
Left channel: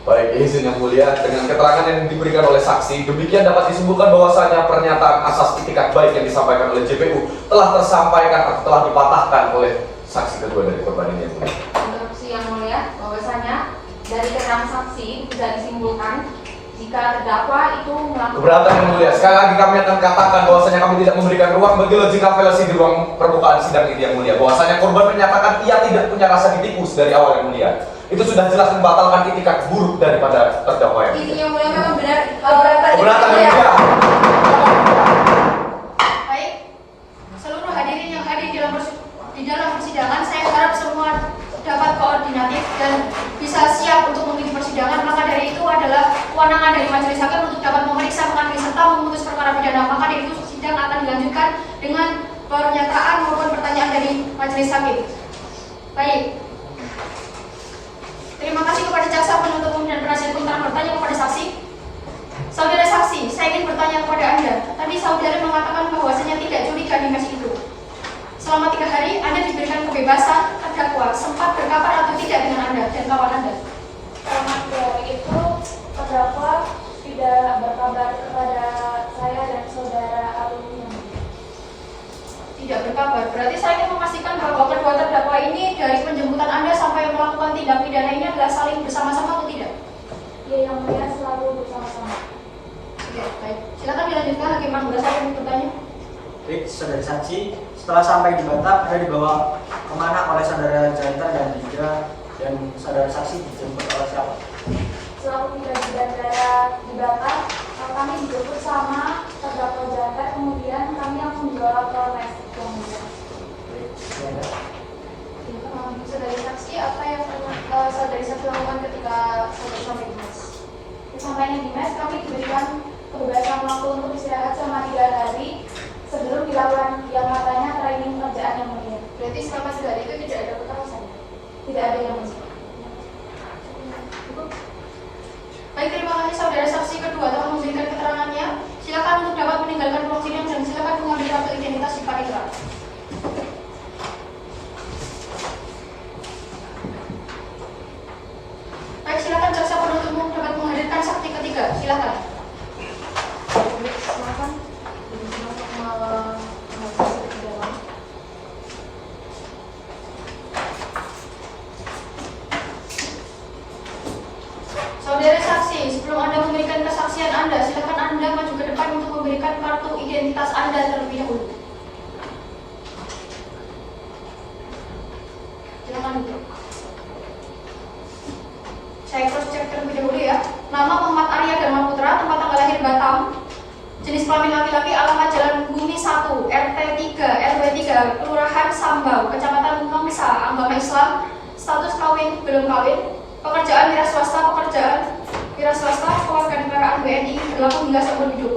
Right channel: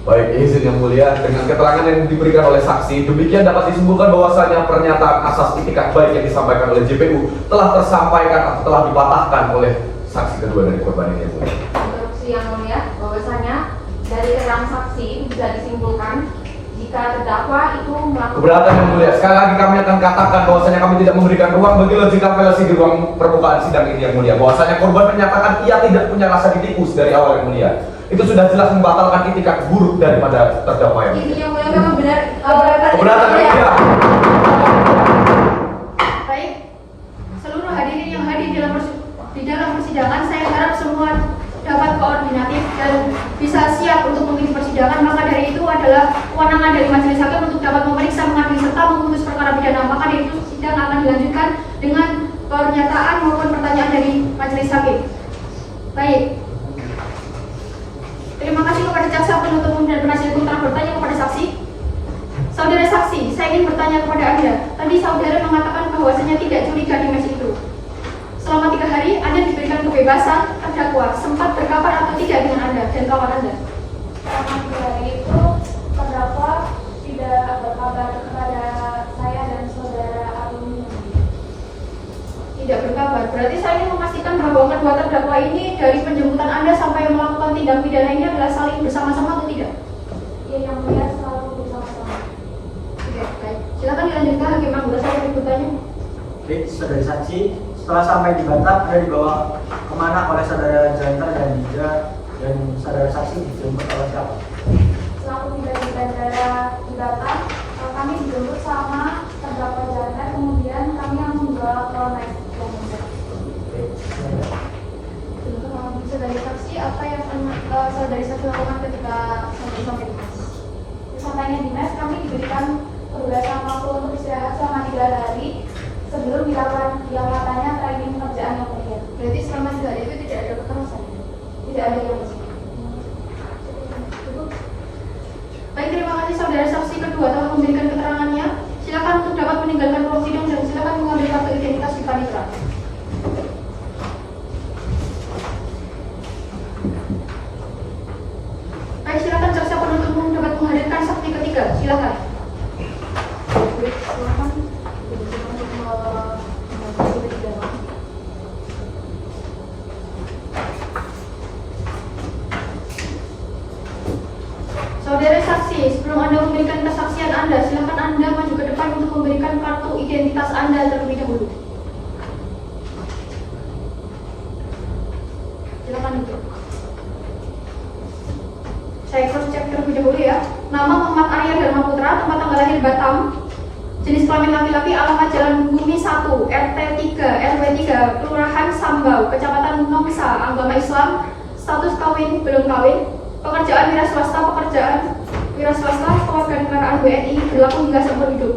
Baik, izin yang mulia, dengan keterangan yang diberikan oleh saksi, demikian dapat disimpulkan bahwasanya pernyataan asas itikat baik yang disampaikan oleh JPU telah tersampaikan atau telah dipatahkan oleh saksi kedua dari korban ini. Instruksi yang mulia, bahwasanya dari keterangan saksi bisa disimpulkan jika terdakwa itu melakukan Keberatan yang mulia, sekali lagi kami akan katakan bahwasanya kami tidak memberikan ruang bagi logika fallacy di ruang permukaan sidang ini yang mulia. Bahwasanya korban menyatakan ia tidak punya rasa ditipu dari awal yang mulia. Itu sudah jelas membatalkan itikat buruk daripada terdakwa yang mulia. Izin yang mulia memang benar Keberatan yang mulia. Baik, seluruh hadirin yang hadir di dalam persidangan, saya harap semua dapat koordinatif dan bisa siap untuk mengikuti persidangan. Maka dari itu adalah kewenangan dari majelis hakim untuk dapat memeriksa, mengadili serta memutus perkara pidana. Maka dari itu sidang akan dilanjutkan dengan pernyataan maupun pertanyaan dari majelis hakim. Baik. Terima kasih kepada jaksa penuntut umum dan penasihat hukum telah bertanya kepada saksi. Saudara saksi, saya ingin bertanya kepada Anda. Tadi saudara mengatakan bahwasanya tidak curiga di mes itu. Selama 3 hari, Anda diberikan kebebasan, terdakwa sempat berkabar atau tidak dengan Anda dan kawan Anda? Selama 3 hari itu, terdakwa tidak berkabar kepada saya dan saudara Agung. Tidak berkabar. Berarti saya ingin memastikan bahwa kedua terdakwa ini dari penjemputan Anda sampai melakukan tindak pidana ini adalah saling bersama-sama atau tidak? Ya, yang mulia selalu bersama-sama. Oke, baik. Silakan dilanjutkan Hakim Anggota, saya ingin bertanya. Baik, saudara saksi, setelah sampai di Batam, Anda dibawa kemana oleh saudara Janta dan juga dan saudara saksi dijemput oleh siapa? Selalu tiba di bandara di Batam, kami dijemput sama terdakwa Janda, kemudian kami yang membawa ke mes. Saudari saksi, apa yang saudari saksi lakukan ketika sampai di mes? Sampainya di mes, kami diberikan kebebasan waktu untuk istirahat selama 3 hari sebelum dilakukan yang katanya training pekerjaan yang mulia. Berarti selama 3 hari itu tidak ada kekerasan? Tidak ada yang mulia. Baik, terima kasih saudara saksi kedua telah memberikan keterangannya. Silakan untuk dapat meninggalkan ruang sidang dan silakan mengambil kartu identitas di panitera. Baik, silakan jaksa penuntut umum dapat menghadirkan saksi ketiga. Silakan. Saudara saksi, sebelum Anda memberikan kesaksian Anda, silakan Anda maju ke depan untuk memberikan kartu identitas Anda terlebih dahulu. Silakan duduk. Saya cross check terlebih dahulu ya. Nama Muhammad Arya Dharma Putra, tempat tanggal lahir Batam, jenis kelamin laki-laki, alamat Jalan Bumi 1, RT 3, RW 3, Kelurahan Sambau, Kecamatan Mangsa, agama Islam, status kawin belum kawin, pekerjaan wira swasta, kewarganegaraan WNI, berlaku hingga seumur hidup.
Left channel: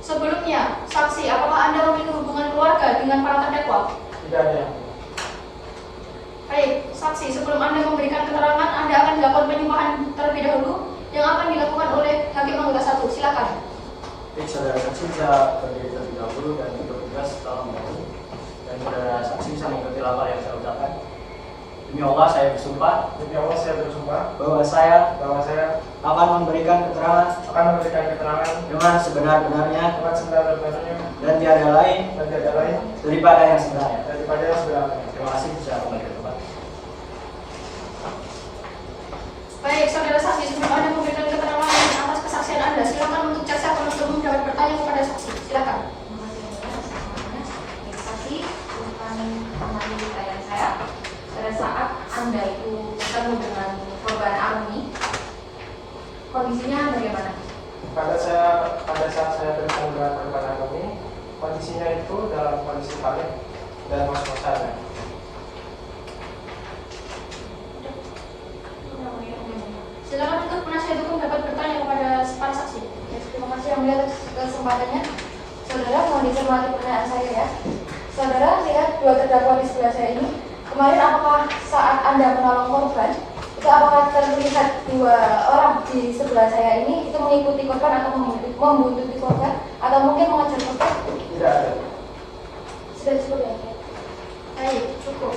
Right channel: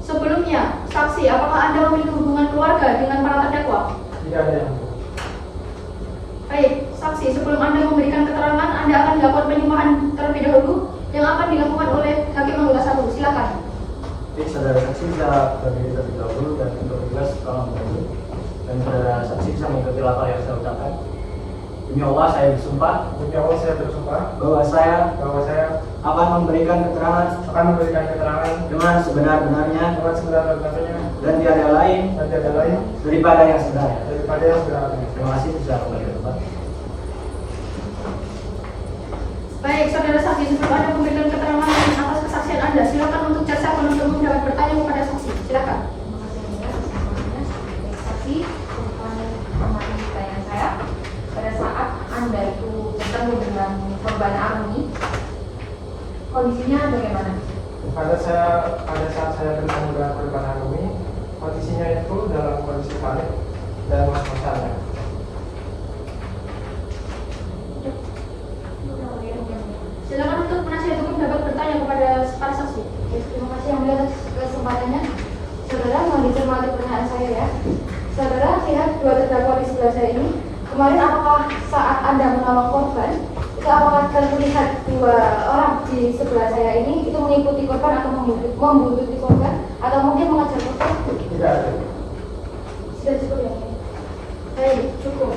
Sebelumnya, saksi, apakah Anda memiliki hubungan keluarga dengan para terdakwa? Tidak ada yang Baik, saksi, sebelum Anda memberikan keterangan, Anda akan dilakukan penyuluhan terlebih dahulu yang akan dilakukan oleh Hakim Anggota 1. Silakan. Baik, saudara saksi bisa berdiri terlebih dahulu dan bertugas tolong dahulu. Dan saudara saksi bisa mengikuti lapor yang saya ucapkan. Demi Allah saya bersumpah Demi Allah saya bersumpah bahwa saya bahwa saya akan memberikan keterangan akan memberikan keterangan dengan sebenar-benarnya dengan sebenar-benarnya dan tiada lain dan tiada lain daripada yang sebenarnya. daripada yang sebenarnya. Terima kasih, bisa kembali ke tempat. Baik, saudara saksi, sebelum Anda memberikan keterangan atas kesaksian Anda, silakan untuk jaksa penuntut umum dapat bertanya kepada saksi. Silakan. Saksi, bukan mengenai pertanyaan saya. Pada saat Anda itu bertemu dengan korban Army, kondisinya bagaimana? Pada saat saya bertemu dengan korban Army, kondisinya itu dalam kondisi panik dan masuk sana. Silakan untuk penasihat hukum dapat bertanya kepada para saksi. Terima kasih yang melihat kesempatannya. Saudara, mohon dicermati pertanyaan saya ya. Saudara lihat dua terdakwa di sebelah saya ini. Kemarin apakah saat Anda menolong korban, itu apakah terlihat dua orang di sebelah saya ini itu mengikuti korban atau membuntuti korban atau mungkin mengejar korban? Tidak ada. Sudah cukup ya? Baik, cukup.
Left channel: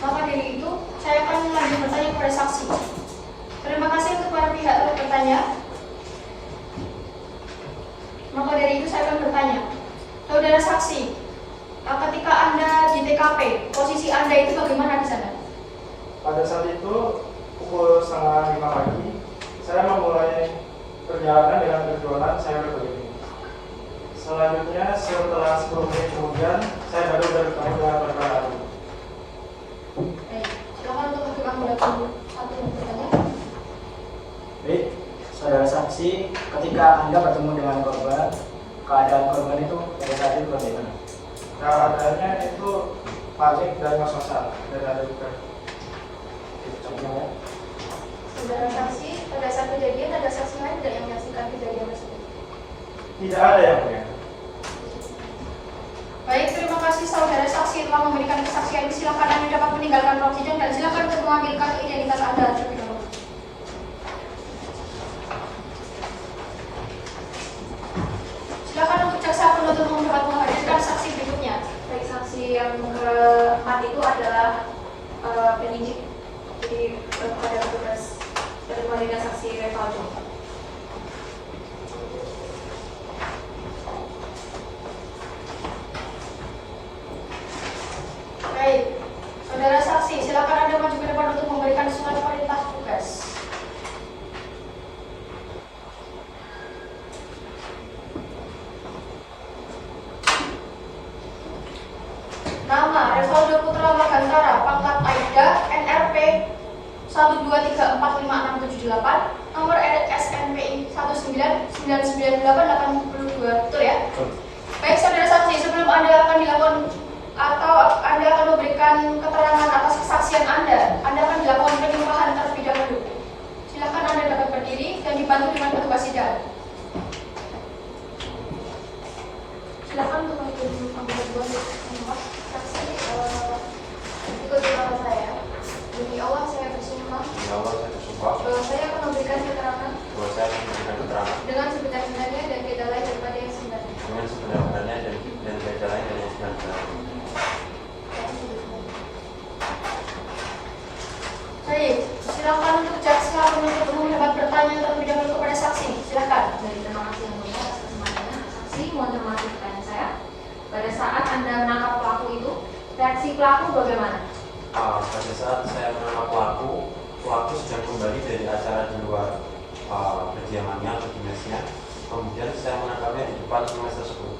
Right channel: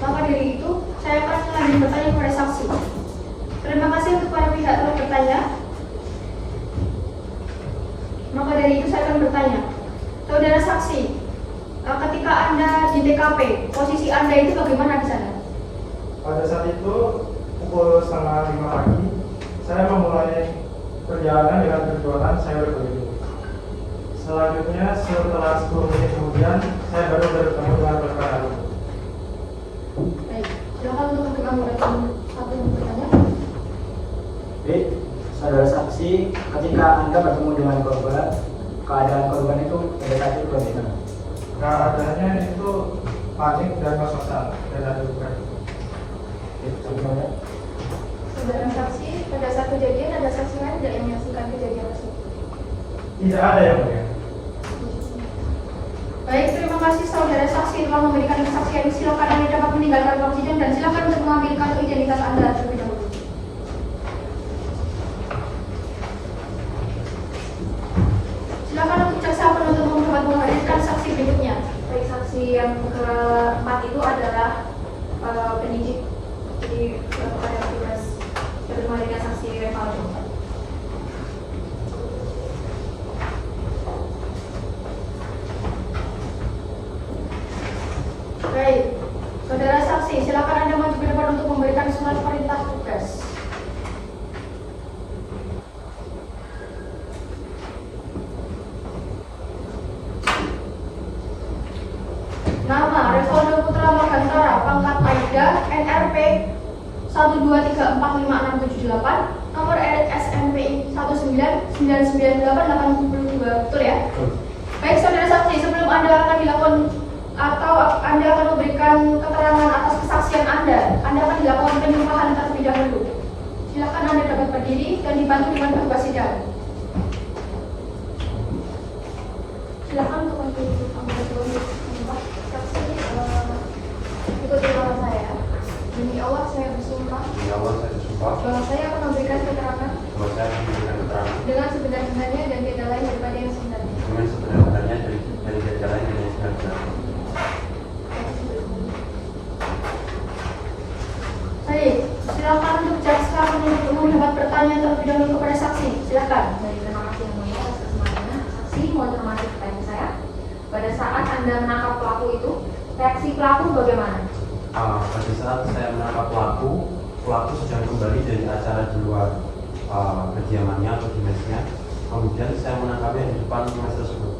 Maka dari itu, saya akan lanjut bertanya kepada saksi. Terima kasih untuk para pihak telah bertanya. Maka dari itu saya akan bertanya, saudara saksi, ketika Anda di TKP, posisi Anda itu bagaimana di sana? Pada saat itu pukul 4:30 pagi, saya memulai perjalanan dengan tujuan saya berkeliling. Selanjutnya setelah 10 menit kemudian, saya baru bertemu dengan rekan lalu. Baik, silakan untuk menentukan pada satu yang bertanya. Baik, saudara saksi, ketika Anda bertemu dengan korban, keadaan korban itu pada saat itu bagaimana? Keadaannya itu panik dan ngos-ngosan dari bukan. Saudara saksi, pada saat kejadian ada saksi lain tidak yang menyaksikan kejadian tersebut? Tidak ada yang mulia. Baik, terima kasih saudara saksi telah memberikan kesaksian. Silakan Anda dapat meninggalkan ruang sidang dan silakan untuk mengambil kartu identitas Anda terlebih dahulu. Silakan untuk jaksa penuntut umum dapat menghadirkan saksi berikutnya. Baik, saksi yang keempat itu adalah penyidik. Jadi pada tugas menghadirkan saksi Revaldo. Baik, saudara saksi, silakan Anda maju ke depan untuk memberikan surat perintah tugas. Nama Revaldo Putra Margantara, pangkat Aida, NRP 123456778, nomor SNPI 1999882, betul ya? Baik, saudara saksi, sebelum Anda akan dilakukan atau Anda akan memberikan keterangan atas kesaksian Anda akan dilakukan penyumpahan terlebih dahulu. Silakan Anda dapat berdiri dan dibantu dengan petugas sidang. Silakan untuk mengikuti pembahasan saksi. Ikuti kata saya. Demi Allah saya bersumpah bahwa saya akan memberikan keterangan dengan sebenar-benarnya dan tidak lain daripada yang sebenarnya. Baik, silakan untuk jaksa penuntut umum dapat bertanya terlebih dahulu kepada saksi. Silakan. Terima kasih yang mulia atas kesempatannya. Saksi, mohon cermati pertanyaan saya. Pada saat Anda menangkap pelaku itu, reaksi pelaku bagaimana? Pada saat saya menangkap pelaku sedang kembali dari acara di luar kediamannya atau dinasnya. Kemudian saya menangkapnya di depan dinas tersebut.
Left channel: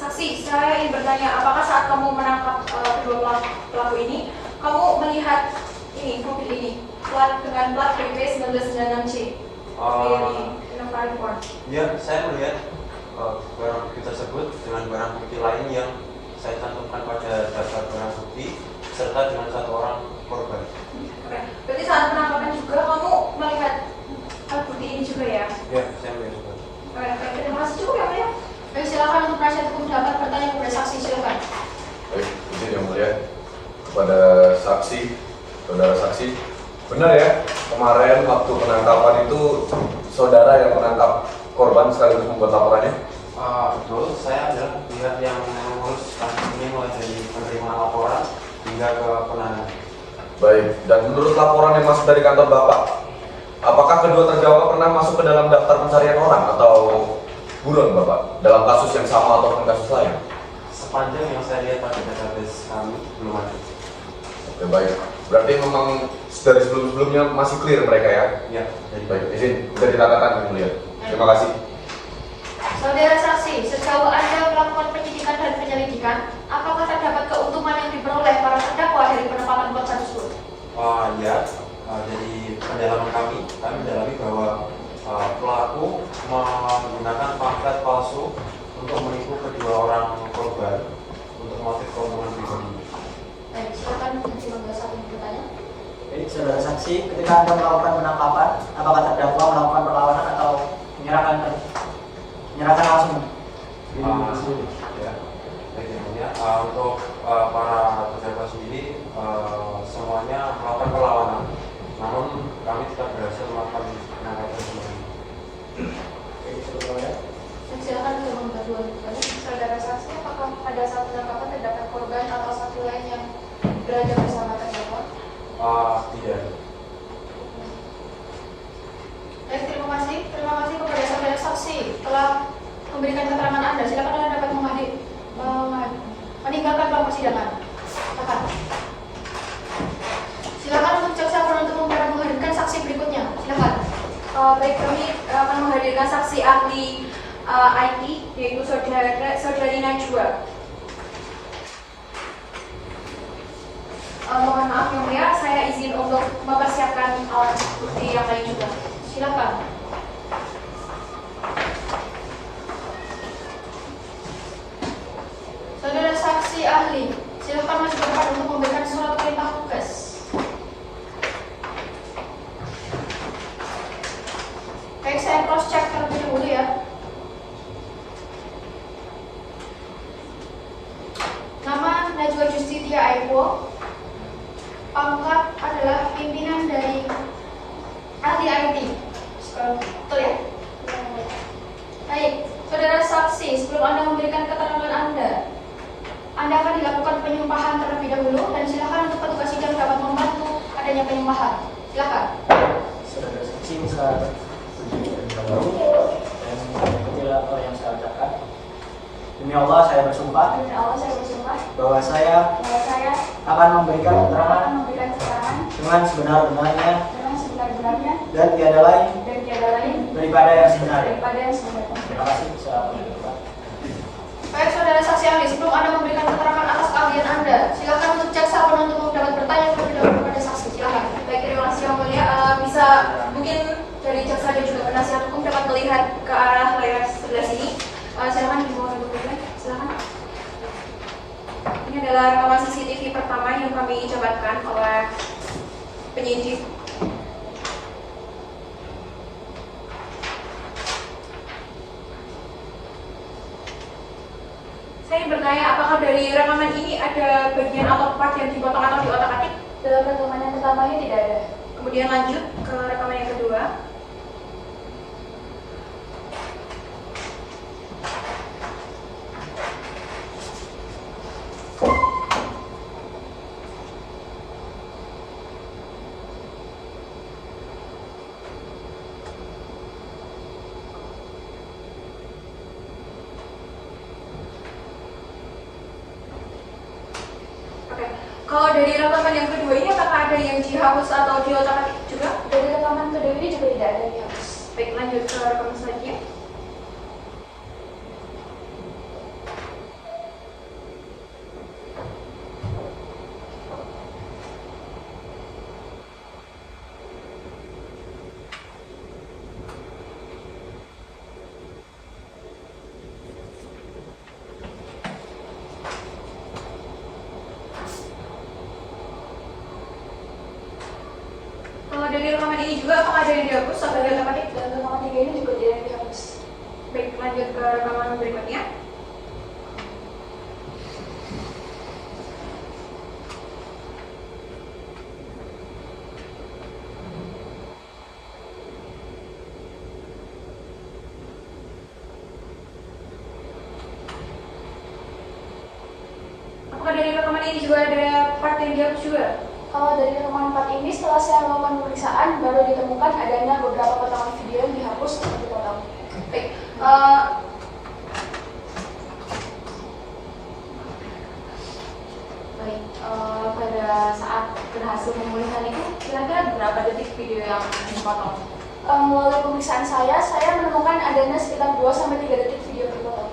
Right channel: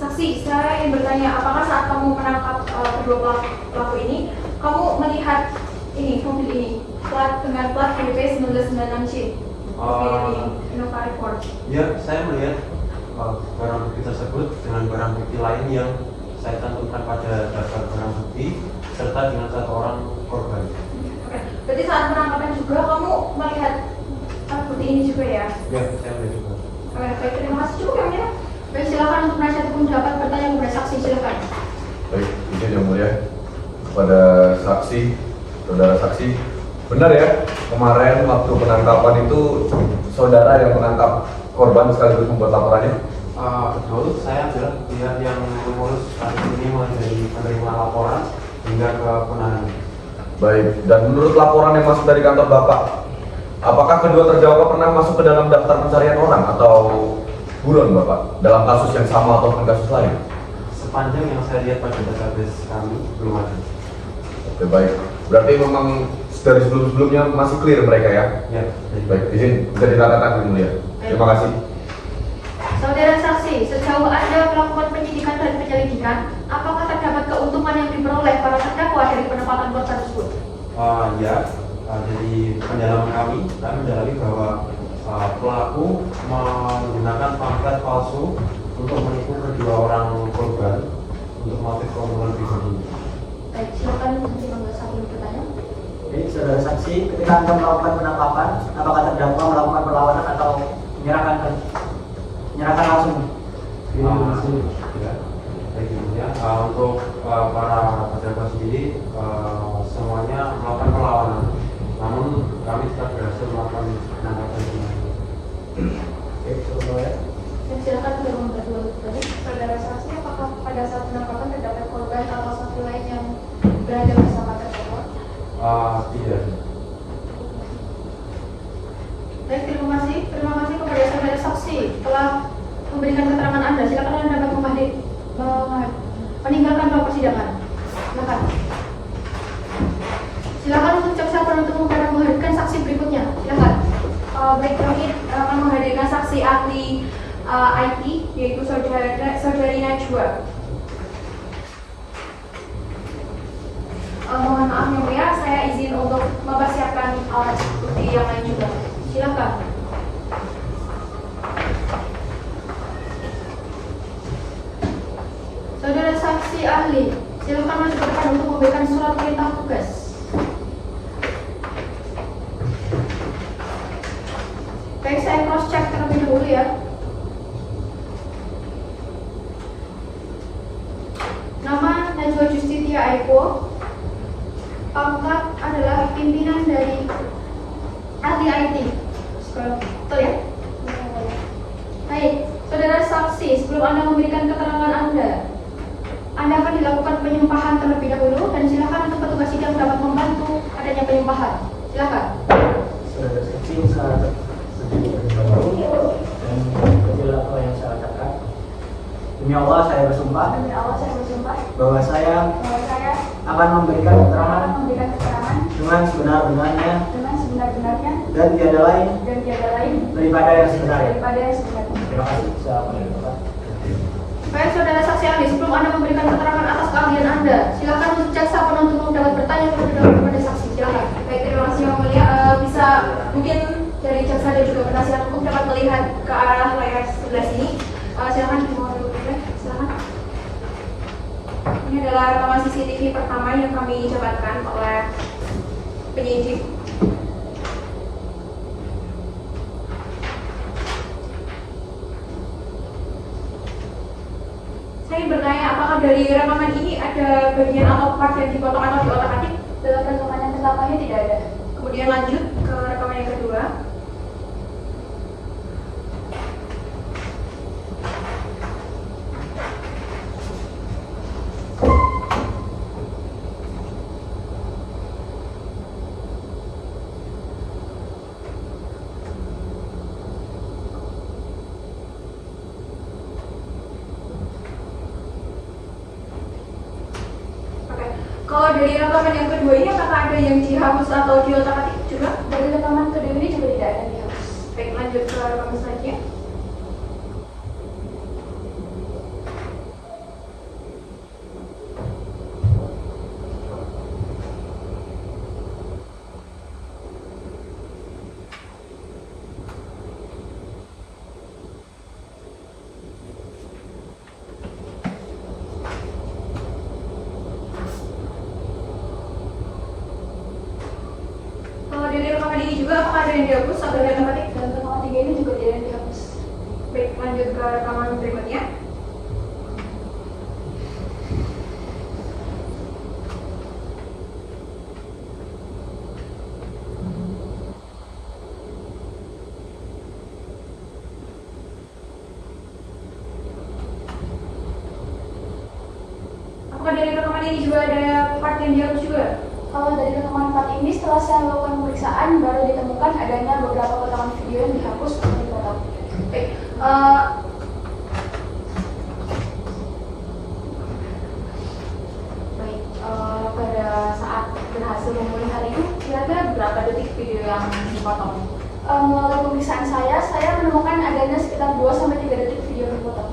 Saksi, saya ingin bertanya, apakah saat kamu menangkap kedua pelaku ini, kamu melihat ini mobil ini dengan plat BP 1996C? Ya, saya melihat barang bukti tersebut dengan barang bukti lain yang saya cantumkan pada daftar barang bukti serta dengan satu orang korban. Berarti saat penangkapan juga kamu melihat plat bukti ini juga ya? Ya, saya melihat juga. Baik, terima kasih cukup ya. Baik, silakan untuk penasihat hukum dapat bertanya kepada saksi. Silakan. Baik, izin yang mulia kepada saksi, saudara saksi, benar ya kemarin waktu penangkapan itu saudara yang menangkap korban sekaligus membuat laporannya? Betul, saya adalah pihak yang mengurus kasus ini mulai dari penerimaan laporan hingga ke penahanan. Baik, dan menurut laporan yang masuk dari kantor Bapak, apakah kedua terdakwa pernah masuk ke dalam daftar pencarian orang atau buron Bapak dalam kasus yang sama ataupun kasus lain? Sepanjang yang saya lihat pada database kami belum ada. Oke, baik, berarti memang dari sebelum-sebelumnya masih clear mereka ya? Ya, Baik, izin bisa ditatakan yang mulia. Terima kasih. Saudara saksi, sejauh Anda melakukan penyidikan dan penyelidikan, apakah terdapat keuntungan yang diperoleh para terdakwa dari penempatan korban tersebut? Ya, dari pendalaman kami mendalami bahwa pelaku menggunakan pamflet palsu untuk menipu kedua orang korban untuk motif keuntungan pribadi. Baik, silakan nanti bangga satu bertanya. Baik, saudara saksi, ketika Anda melakukan penangkapan, apakah terdakwa melakukan perlawanan atau menyerahkan langsung. Ya, baik kemudian untuk para pejabat sendiri semuanya melakukan perlawanan, namun kami tidak berhasil melakukan penangkapan semuanya. Oke, cukup ya. Dan silakan untuk membantu balik saudara saksi, apakah pada saat penangkapan terdapat korban atau satu lain yang berada bersama terdakwa? Tidak. Baik, terima kasih kepada saudara saksi telah memberikan keterangan Anda. Silakan Anda dapat meninggalkan ruang persidangan. Silakan untuk jaksa penuntut umum dapat menghadirkan saksi berikutnya. Silakan. Baik, kami akan menghadirkan saksi ahli IT, yaitu Saudari Najwa. Mohon maaf yang mulia, saya izin untuk mempersiapkan alat bukti yang lain juga. Silakan. Saudara saksi ahli, silakan maju ke depan untuk memberikan surat perintah tugas. Baik, saya cross check terlebih dahulu ya. Nama Najwa Justitia Aiko. Pangkat adalah pimpinan dari ahli IT. Betul ya? Baik, saudara saksi, sebelum Anda memberikan keterangan Anda akan dilakukan penyumpahan terlebih dahulu dan silakan untuk petugas sidang dapat membantu adanya penyumpahan. Silakan. Saudara saksi, saya berdiri dari bawah dan apabila apa yang saya katakan, demi Allah saya bersumpah bahwa saya akan memberikan keterangan dengan sebenar-benarnya dan tiada lain daripada yang sebenarnya. Terima kasih. Baik, saudara saksi ahli, sebelum Anda memberikan keterangan atas keahlian Anda, silakan untuk jaksa penuntut umum dapat bertanya terlebih dahulu kepada saksi. Silakan. Baik, terima kasih yang mulia. Bisa mungkin dari jaksa dan juga penasihat hukum dapat melihat ke arah layar sebelah sini. Silakan silakan. Ini adalah rekaman CCTV pertama yang kami dapatkan oleh penyidik. Saya ingin bertanya, apakah dari rekaman ini ada bagian atau part yang dipotong atau diotak-atik? Dalam rekaman yang pertamanya tidak ada. Kemudian lanjut ke rekaman yang kedua. Kalau dari rekaman yang kedua ini apakah ada yang dihapus atau diotak-atik juga? Dari rekaman kedua ini juga tidak ada dihapus. Baik, lanjut ke rekaman selanjutnya. Kalau dari rekaman ini juga apakah ada yang dihapus atau ada yang diotak-atik? Dalam rekaman 3 ini juga tidak ada dihapus. Baik, lanjut ke rekaman berikutnya. Apakah dari rekaman ini juga ada part yang dihapus juga? Kalau dari rekaman 4 ini setelah saya melakukan pemeriksaan baru ditemukan adanya beberapa potongan video yang dihapus atau dipotong. Baik, Pada saat berhasil memulihkan itu kira-kira berapa detik video yang dipotong? Melalui pemeriksaan saya menemukan adanya sekitar 2-3 detik video yang dipotong.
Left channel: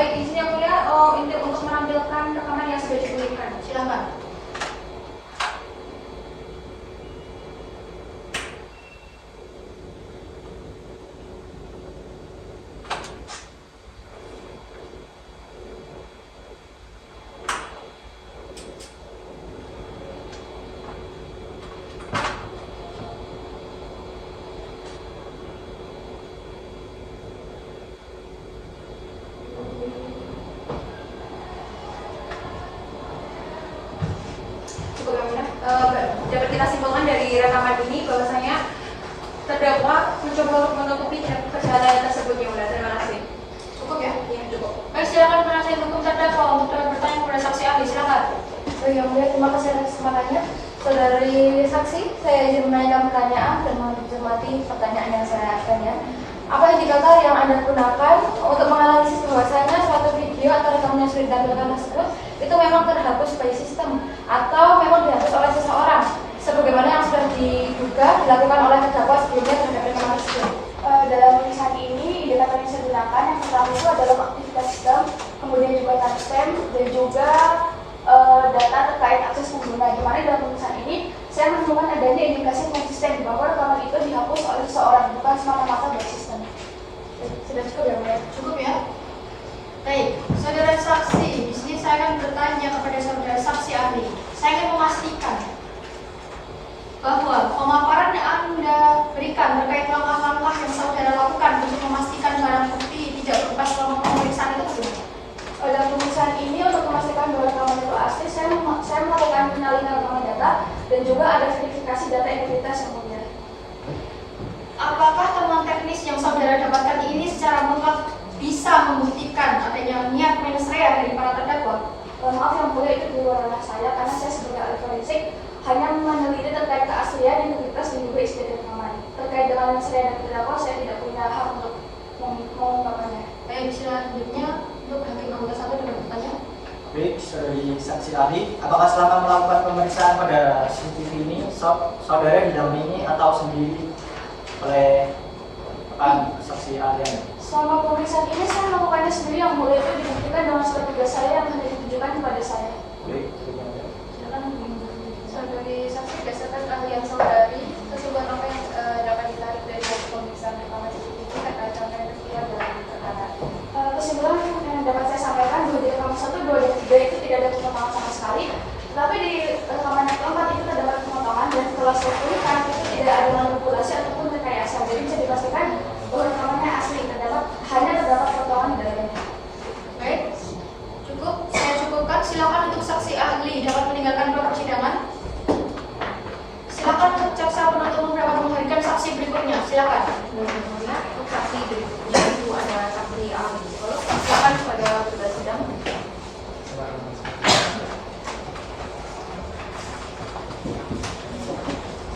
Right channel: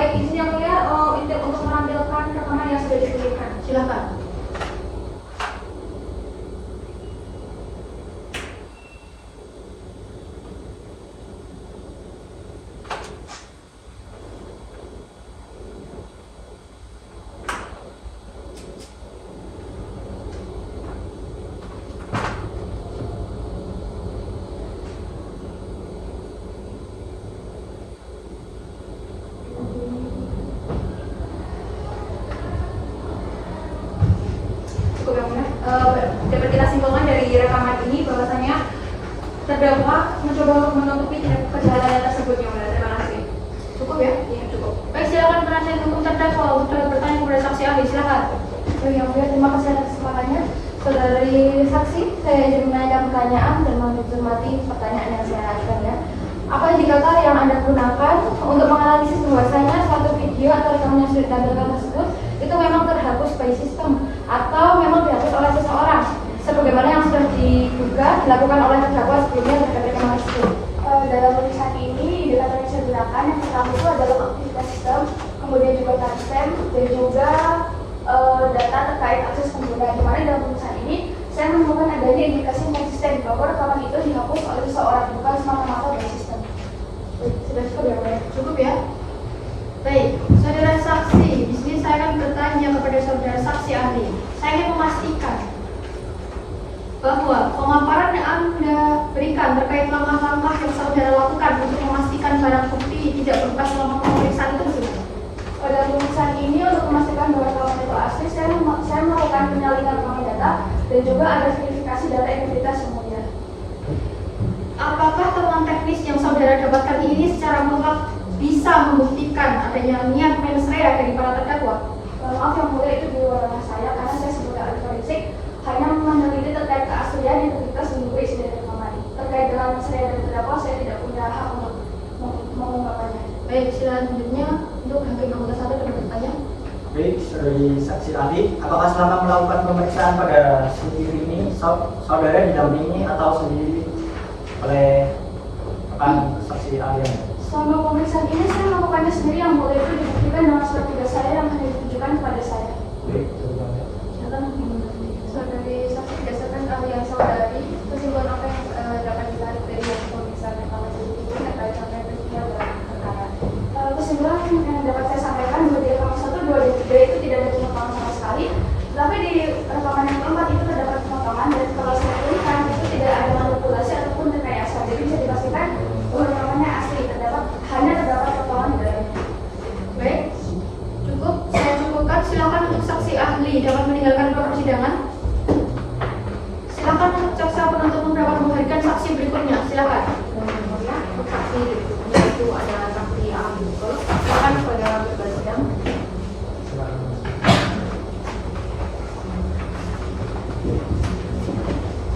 baik, izin yang mulia untuk menampilkan rekaman yang sudah dipulihkan. Silakan. dapat kita simpulkan dari rekaman ini bahwasanya terdakwa mencoba untuk menutupi perjalanan tersebut yang benar. Terima kasih. Cukup ya? Iya, cukup. Baik, silakan penasihat hukum terdakwa untuk dapat bertanya kepada saksi ahli. Silakan. Yang mulia, terima kasih atas kesempatannya. Saudari saksi, saya ingin menanyakan pertanyaan dan mencermati pertanyaan yang saya ajukan ya. Apa indikator yang Anda gunakan untuk menganalisis bahwasanya suatu video atau rekaman yang sudah ditampilkan tersebut itu memang terhapus by system atau memang dihapus oleh seseorang sebagaimana yang sudah diduga dilakukan oleh terdakwa sebelumnya terhadap rekaman tersebut? Dalam tulisan ini, indikator yang saya gunakan yang pertama itu adalah aktivitas sistem, kemudian juga timestamp, dan juga data terkait akses penggunaan. Kemarin dalam tulisan ini, saya menemukan adanya indikasi yang konsisten bahwa rekaman itu dihapus oleh seseorang, bukan semata-mata by system. Sudah cukup ya, Pak? Cukup ya? Baik, saudara saksi, di sini saya akan bertanya kepada saudara saksi ahli. Saya ingin memastikan bahwa pemaparan yang Anda berikan terkait langkah-langkah yang saudara lakukan untuk memastikan barang bukti tidak berubah selama pemeriksaan itu bagaimana? Pada pemeriksaan ini untuk memastikan bahwa rekaman itu asli, saya melakukan penyalinan rekaman data dan juga ada verifikasi data integritas kemudian. Apakah temuan teknis yang saudara dapatkan ini secara mutlak bisa membuktikan adanya niat minus rea dari para terdakwa? Maaf yang mulia, itu di luar ranah saya karena saya sebagai ahli forensik hanya meneliti terkait keaslian, integritas dan juga isi dari rekaman. Terkait dengan minus rea dari terdakwa, saya tidak punya hak untuk mengungkapkannya. Baik, selanjutnya untuk hakim anggota 1 dengan bertanya. Baik, dari saksi ahli, apakah selama melakukan pemeriksaan pada CCTV ini saudara didampingi atau sendiri oleh saksi ahli? Selama pemeriksaan ini saya melakukannya sendiri, yang mulia, itu dibuktikan dengan surat tugas saya yang hanya ditujukan kepada saya. Baik, Saudari saksi, berdasarkan ahlian saudari, kesimpulan apa yang dapat ditarik dari pemeriksaan rekaman CCTV terkait dengan peristiwa dalam perkara? Kesimpulan yang dapat saya sampaikan bahwa di rekaman 1, 2, dan 3 itu tidak ada pemotongan sama sekali. Tetapi di rekaman yang keempat itu terdapat pemotongan, dan kalau saya pulihkan itu tidak ada manipulasi ataupun rekayasa. Jadi bisa dipastikan bahwa rekamannya asli, hanya terdapat potongan di dalamnya. Baik, cukup. Saya cukupkan. Silakan untuk saksi ahli dapat meninggalkan ruang persidangan. Silakan untuk jaksa penuntut umum dapat menghadirkan saksi berikutnya. Silakan. Untuk saksi berikutnya itu ada saksi ahli. Silakan kepada ketua sidang.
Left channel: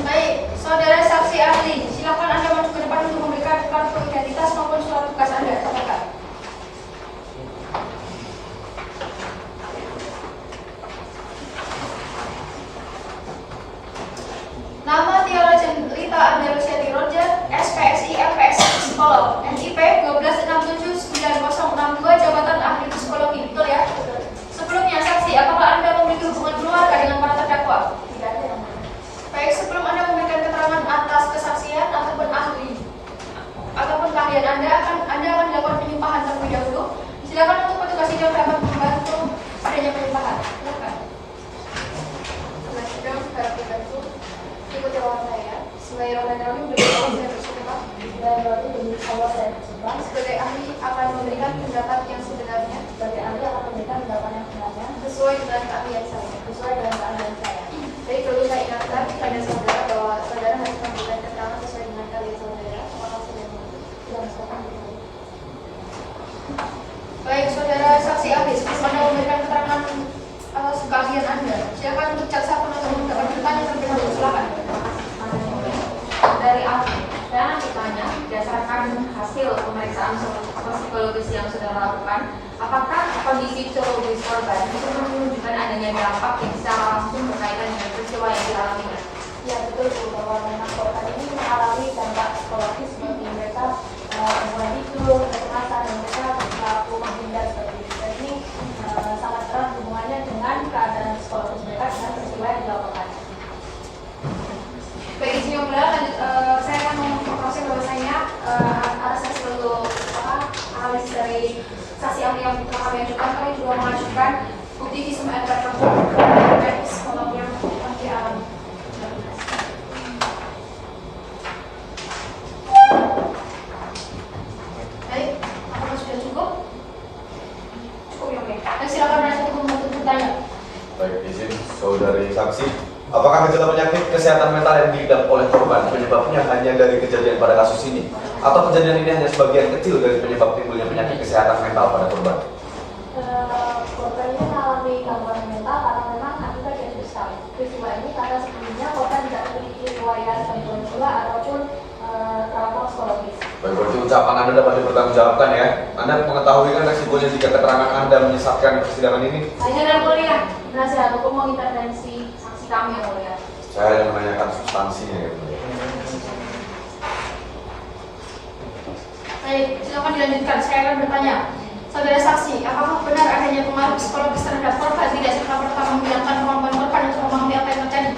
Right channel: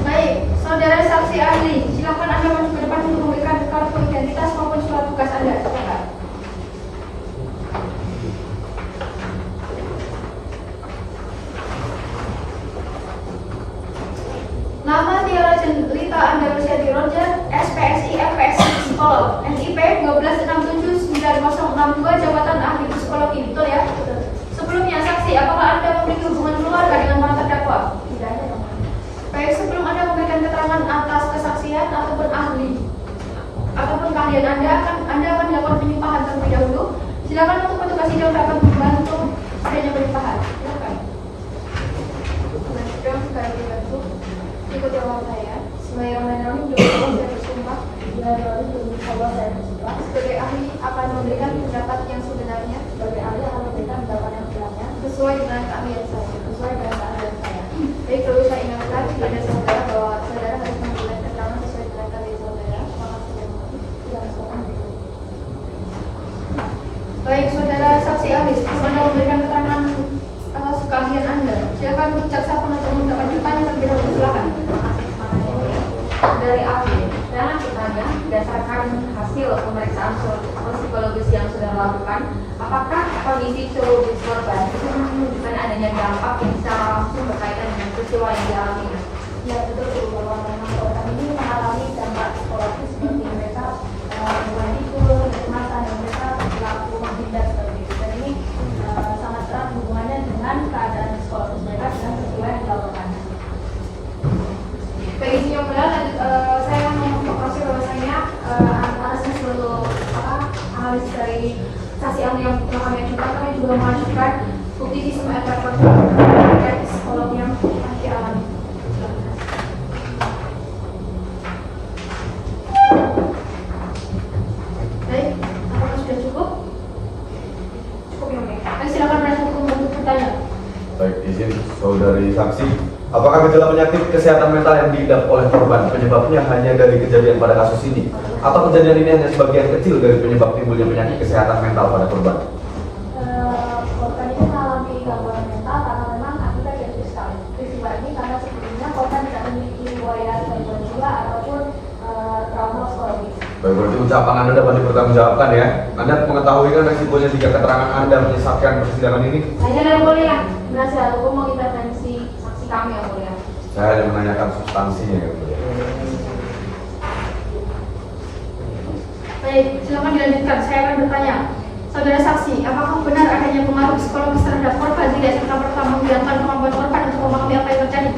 Baik, saudara saksi ahli, silakan Anda maju ke depan untuk memberikan kartu identitas maupun surat tugas Anda. Silakan. Nama Tiara Rita Andalusia di Roger, SPSI LPSI Psikolog, NIP 126790062, jabatan ahli psikologi, betul ya? Sebelumnya saksi, apakah Anda memiliki hubungan keluarga dengan para terdakwa? Tidak ada. Baik, sebelum Anda memberikan keterangan atas kesaksian ataupun ahli ataupun keahlian Anda akan dilakukan penyumpahan terlebih dahulu. Silakan untuk petugas sidang dapat membantu adanya penyumpahan. Silakan. Selanjutnya, saudara Bidangku, ikuti orang saya. Bismillahirrahmanirrahim. Saya bersumpah dan bersumpah saya bersumpah sebagai ahli akan memberikan pendapat yang sebenarnya, sebagai ahli akan memberikan pendapat yang sebenarnya sesuai dengan keahlian saya, Jadi perlu saya ingatkan kepada saudara bahwa saudara harus memberikan keterangan sesuai dengan keahlian saudara. Baik, saudara saksi ahli, sebelum Anda memberikan keterangan keahlian Anda, silakan untuk jaksa penuntut umum dapat bertanya terlebih dahulu. Silakan. Dari ahli, saya akan bertanya berdasarkan hasil pemeriksaan psikologis yang sudah lakukan, apakah kondisi psikologis korban itu menunjukkan adanya dampak yang secara langsung berkaitan dengan peristiwa yang dialami? Ya, betul bahwa korban ini mengalami dampak psikologis seperti mereka mulai tidur, kecemasan, dan mereka pelaku menghindar seperti itu. Dan ini sangat erat hubungannya dengan keadaan psikologis mereka dan peristiwa yang dilakukan. Baik, Yoga, saya mau informasi bahwasanya analisis untuk analisis dari saksi ahli yang kami ajukan, kami juga mengajukan bukti visum et repertum dan psikologi yang dialami. Baik, apakah sudah cukup? Cukup ya, Oke. Dan silakan Anda untuk bertanya. Baik, izin saudari saksi. Apakah Apakah gejala penyakit kesehatan mental yang diidap oleh korban penyebabnya hanya dari kejadian pada kasus ini, atau kejadian ini hanya sebagian kecil dari penyebab timbulnya penyakit kesehatan mental pada korban? Korban ini mengalami gangguan mental karena memang akibat dari peristiwa ini, karena sebelumnya korban tidak memiliki riwayat gangguan jiwa ataupun trauma psikologis. Baik, berarti ucapan Anda dapat dipertanggungjawabkan ya. Anda mengetahui kan resikonya jika keterangan Anda menyesatkan persidangan ini? Hanya yang mulia, penasihat hukum mengintervensi saksi kami yang mulia. Saya yang menanyakan substansinya gitu. Baik, silakan dilanjutkan. Saya akan bertanya. Saudara saksi, apakah benar adanya pengaruh psikologis terhadap korban tidak serta-merta menghilangkan kemampuan korban untuk memahami apa yang terjadi?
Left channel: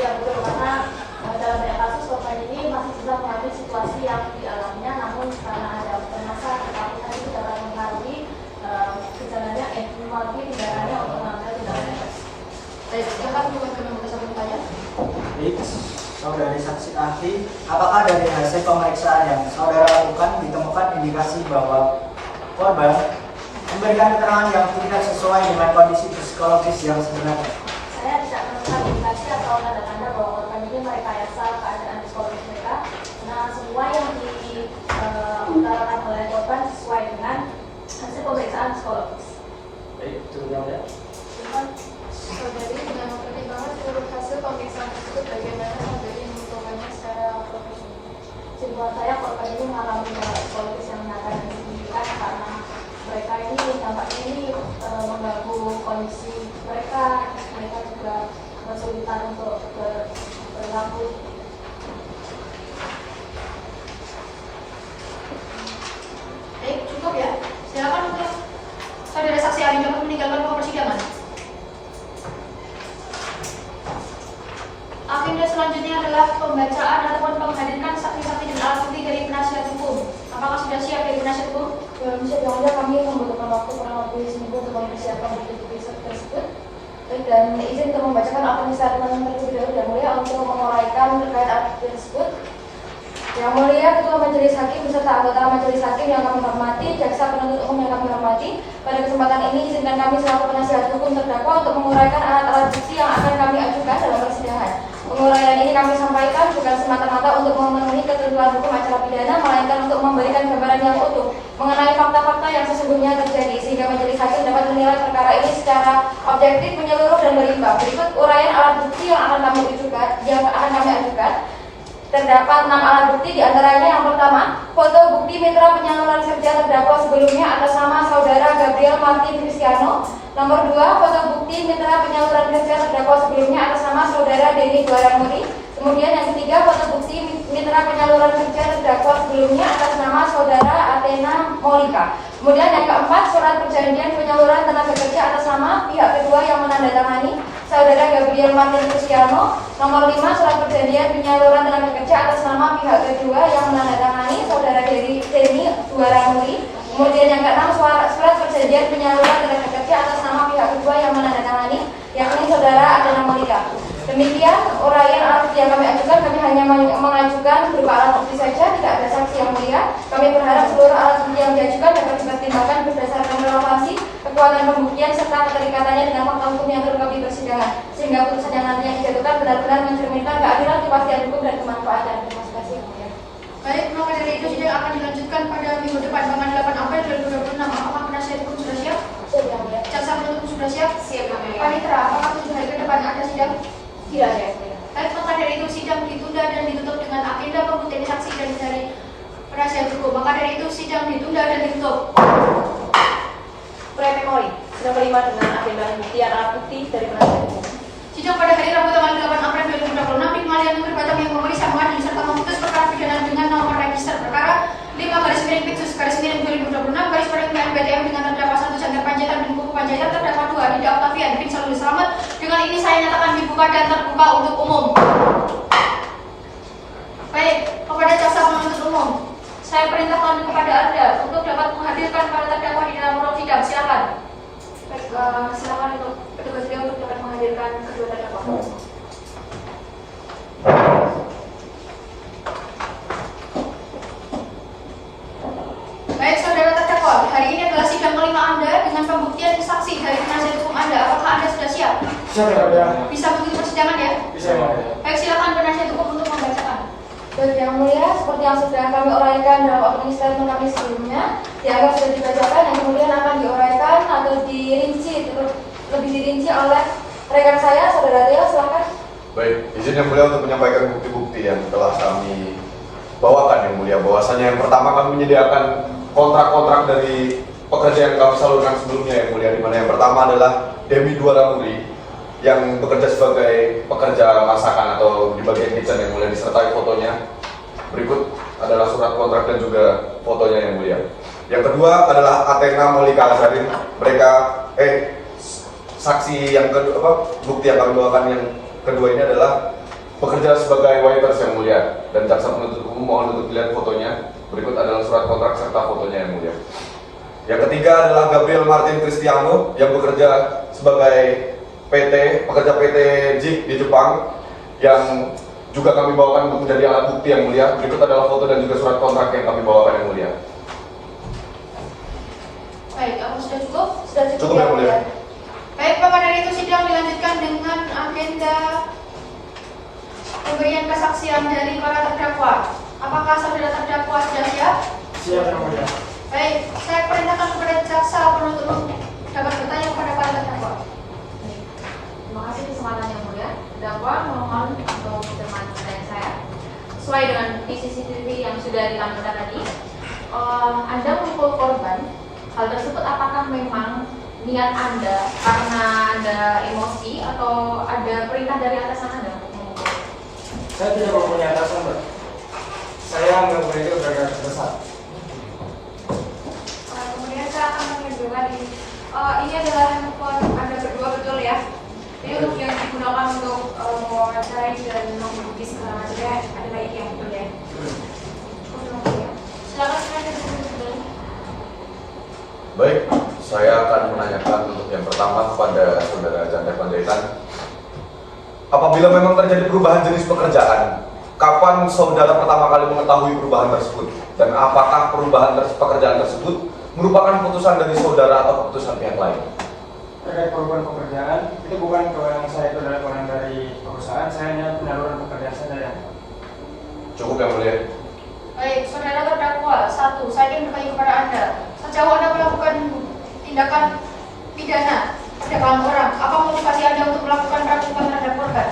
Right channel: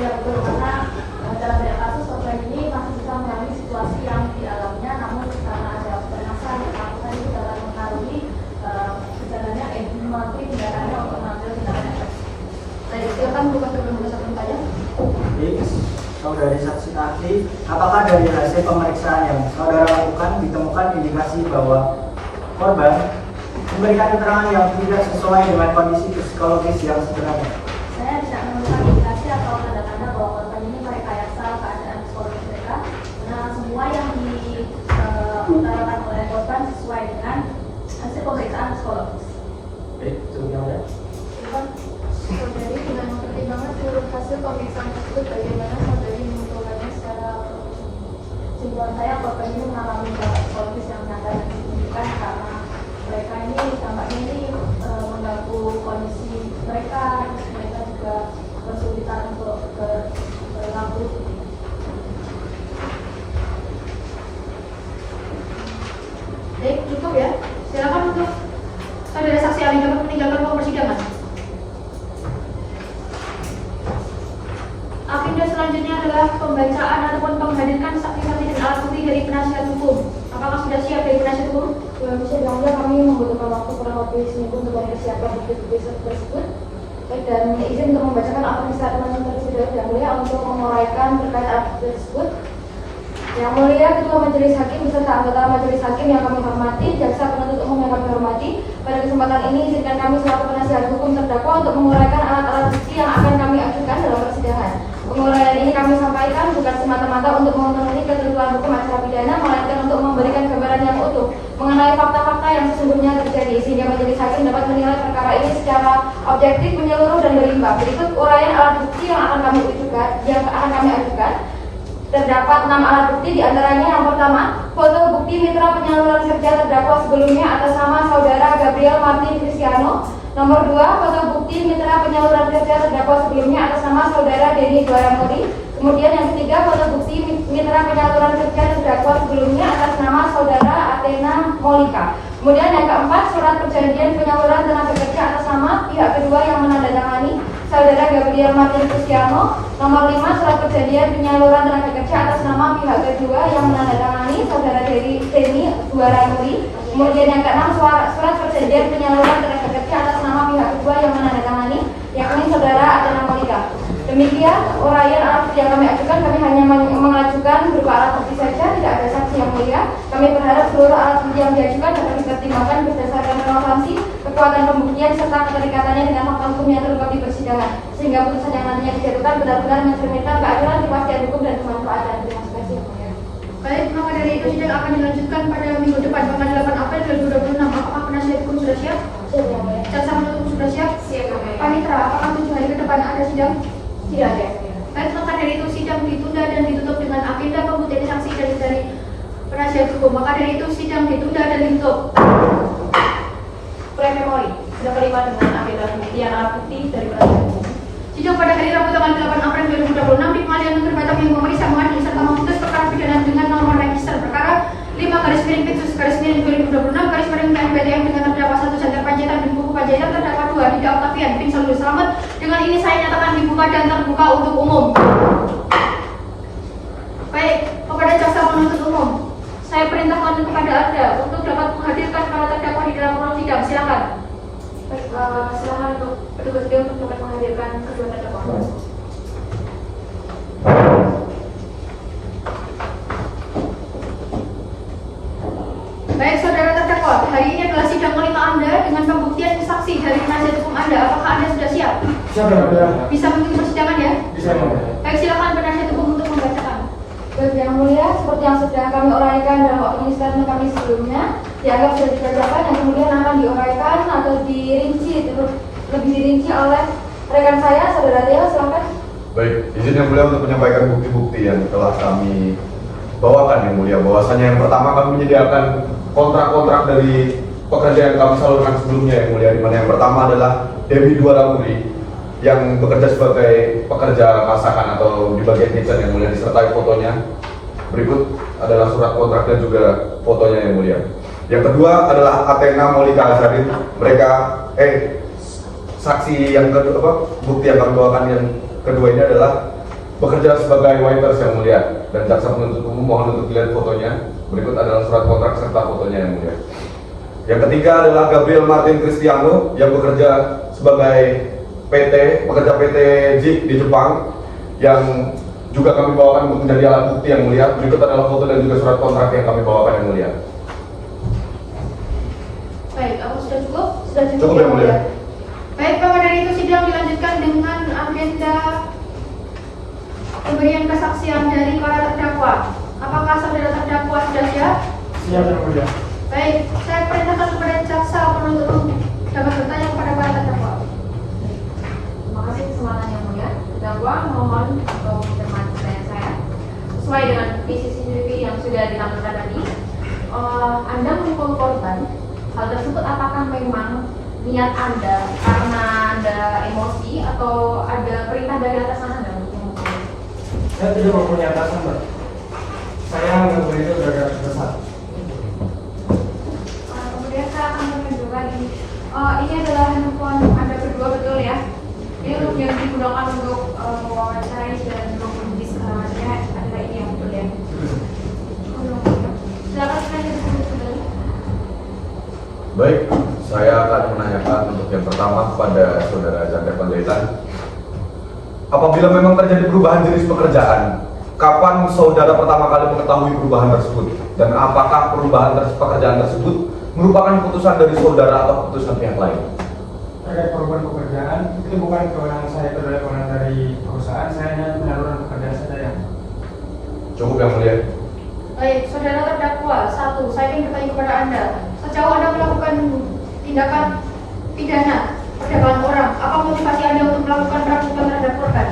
Ya betul, karena dalam banyak kasus korban ini masih bisa mengalami situasi yang dialaminya, namun karena ada permasalahan yang ketakutan itu dapat mempengaruhi gejalanya, melalui tindakannya untuk mengambil tindakan efektif. Baik, silakan buka kedua satu bertanya. Saudari saksi ahli, apakah dari hasil pemeriksaan yang saudara lakukan ditemukan indikasi bahwa korban memberikan keterangan yang tidak sesuai dengan kondisi psikologis yang sebenarnya? Saya tidak menemukan indikasi atau tanda-tanda bahwa korban ini merekayasa keadaan psikologis mereka. Nah, semua yang diutarakan oleh korban sesuai dengan hasil pemeriksaan psikologis. Baik, sebenarnya. Saudari dengan mempertimbangkan seluruh hasil pemeriksaan tersebut, bagaimana saudari menentukannya secara kesimpulan saya korban ini mengalami gangguan psikologis yang nyata dan signifikan karena mereka ini tampaknya ini mengganggu kondisi mereka juga kesulitan untuk berlaku. Baik, cukup ya. Silakan untuk saudara saksi ahli dapat meninggalkan ruang persidangan. Agenda selanjutnya adalah pembacaan ataupun menghadirkan saksi-saksi dan alat bukti dari penasihat hukum. Apakah sudah siap dari penasihat hukum? Bisa diambil kami membutuhkan waktu kurang lebih seminggu untuk mempersiapkan bukti tersebut. Dan izin untuk membacakan apa bisa terlebih dahulu untuk menguraikan terkait alat tersebut. Yang mulia Ketua Majelis Hakim beserta anggota Majelis Hakim yang kami hormati, jaksa penuntut umum yang kami hormati, pada kesempatan ini izinkan kami selaku penasihat hukum terdakwa untuk menguraikan alat-alat bukti yang akan kami ajukan dalam persidangan. Penguraian ini kami sampaikan bukan semata-mata untuk memenuhi ketentuan hukum acara pidana, melainkan untuk memberikan gambaran yang utuh mengenai fakta-fakta yang sesungguhnya terjadi, sehingga Majelis Hakim dapat menilai perkara ini secara objektif, menyeluruh dan berimbang. Berikut uraian alat bukti yang akan kami ajukan. Terdapat 6 alat bukti, diantaranya yang pertama, foto bukti mitra penyaluran kerja terdakwa sebelumnya atas nama saudara Gabriel Martin Cristiano. Nomor 2, foto bukti mitra penyaluran kerja terdakwa sebelumnya atas nama saudara Denny Guarantoni. Kemudian yang ketiga, foto bukti mitra penyaluran kerja terdakwa sebelumnya atas nama saudara Athena Molika. Kemudian yang keempat, surat perjanjian penyaluran tenaga kerja atas nama pihak kedua yang menandatangani saudara Gabriel Martin Cristiano. Nomor 5, surat perjanjian penyaluran tenaga kerja atas nama pihak kedua yang menandatangani saudara Denny Guarantoni. Kemudian yang keenam, surat perjanjian penyaluran tenaga kerja atas nama pihak kedua yang menandatangani yakni saudara Athena Molika. Demikian uraian alat bukti yang kami ajukan. Kami hanya mengajukan berupa alat bukti saja, tidak ada saksi yang mulia. Kami berharap seluruh alat bukti yang diajukan dapat dipertimbangkan berdasarkan relevansi, kekuatan pembuktian serta keterikatannya dengan fakta hukum yang terungkap di persidangan, sehingga putusan yang nantinya dijatuhkan benar-benar mencerminkan keadilan, kepastian hukum dan kemanfaatan. Terima kasih yang mulia. Baik, maka dari itu sidang akan dilanjutkan pada minggu depan, tanggal 8 April 2026. Apakah penasihat hukum sudah siap? Siap, yang mulia. Jaksa penuntut umum sudah siap? Siap, yang mulia. Panitra, apakah 7 hari ke depan ada sidang? Tidak ada, yang mulia. Baik, maka dari itu sidang ditunda dan ditutup dengan agenda pembuktian saksi dari penasihat hukum. Maka dari itu sidang ditunda dan ditutup. Pre-memori sudah terima dengan agenda pembuktian alat bukti dari penasihat hukum. Sidang pada hari Rabu tanggal 8 April 2026 di Pengadilan Negeri Batam yang memeriksa mengadili serta memutus perkara pidana dengan nomor register perkara 5/Peksus/2026/PNBTM dengan terdakwa 1 Jangkar Panjaitan bin Buku Panjaitan, terdakwa 2 Rida Octavian bin Salul Selamat. Dengan ini saya nyatakan dibuka dan terbuka untuk umum. Baik, kepada jaksa penuntut umum, saya perintahkan kepada Anda untuk dapat menghadirkan para terdakwa di dalam ruang sidang. Silakan. Baik, silakan untuk petugas sidang untuk dapat menghadirkan kedua terdakwa. Baik, saudara terdakwa, hari ini adalah sidang kelima Anda dengan pembuktian saksi dari penasihat hukum Anda. Apakah Anda sudah siap? Siapa yang mulia? Bisa mengikuti persidangan ya? Bisa yang mulia. Baik, silakan penasihat hukum untuk membacakan. Baik yang mulia, seperti yang sudah kami uraikan dalam administrasi kami sebelumnya, dianggap sudah dibacakan dan kemudian akan diuraikan atau dirinci, lebih dirinci oleh rekan saya, saudara Theo, silakan. Baik, izin yang mulia untuk menyampaikan bukti-bukti yang telah kami bawakan yang mulia. Bahwasanya yang pertama kami menyediakan kontrak-kontrak dari pekerja yang kami salurkan sebelumnya yang mulia. Di mana yang pertama adalah Dewi Duaramuri yang bekerja sebagai pekerja masakan atau di bagian kitchen yang mulia, disertai fotonya. Berikut adalah surat kontrak dan juga fotonya yang mulia. Yang kedua adalah Athena Molika Azharin. Mereka saksi yang kedua, bukti yang kami bawakan yang kedua ini adalah bekerja sebagai waiters yang mulia, dan jaksa penuntut umum mohon untuk dilihat fotonya. Berikut adalah surat kontrak serta fotonya yang mulia. Yang ketiga adalah Gabriel Martin Cristiano yang bekerja sebagai pekerja PT JIP di Jepang, yang juga kami bawakan untuk menjadi alat bukti yang mulia. Berikut adalah foto dan juga surat kontrak yang kami bawakan yang mulia. Baik, apa sudah cukup? Sudah cukup Cukup yang mulia. Baik, maka dari itu sidang dilanjutkan dengan agenda pemberian kesaksian dari para terdakwa. Apakah saudara terdakwa sudah siap? Siap yang mulia. Baik, saya perintahkan kepada jaksa penuntut umum dapat bertanya kepada para terdakwa. Terima kasih kesempatan yang mulia. Terdakwa mohon untuk mencermati pertanyaan saya. Sesuai dengan bukti CCTV yang sudah ditampilkan tadi, Anda memukul korban. Hal tersebut apakah memang niat Anda karena ada emosi atau ada perintah dari atasan Anda untuk memukul? Saya tidak mempunyai atasan, Mbak. Saya anggap beliau gara-gara besar. Saya akan menunjukkan ini. Ini adalah handphone Anda berdua, betul ya? Ini untuk yang digunakan untuk menguasai dan menghubungi segalanya. Anda ini yang betul ya? Silakan saya dulu. Baik, saya akan menanyakan untuk yang pertama kepada saudara Chandra Panjaitan. Apabila memang terjadi perubahan jenis pekerjaan, kapan saudara pertama kali mengetahui perubahan tersebut? Dan apakah perubahan pekerjaan tersebut merupakan keputusan dari saudara atau keputusan pihak lain? Terkait perubahan pekerjaan, itu bukan kewenangan saya, itu adalah kewenangan dari perusahaan. Saya hanya penyaluran pekerjaan saja. Cukup yang mulia. Baik, saudara terdakwa, satu, saya ingin bertanya kepada Anda. Sejauh Anda melakukan tindakan pidana perdagangan orang, apa motivasi Anda untuk melakukan rampokan terhadap korban?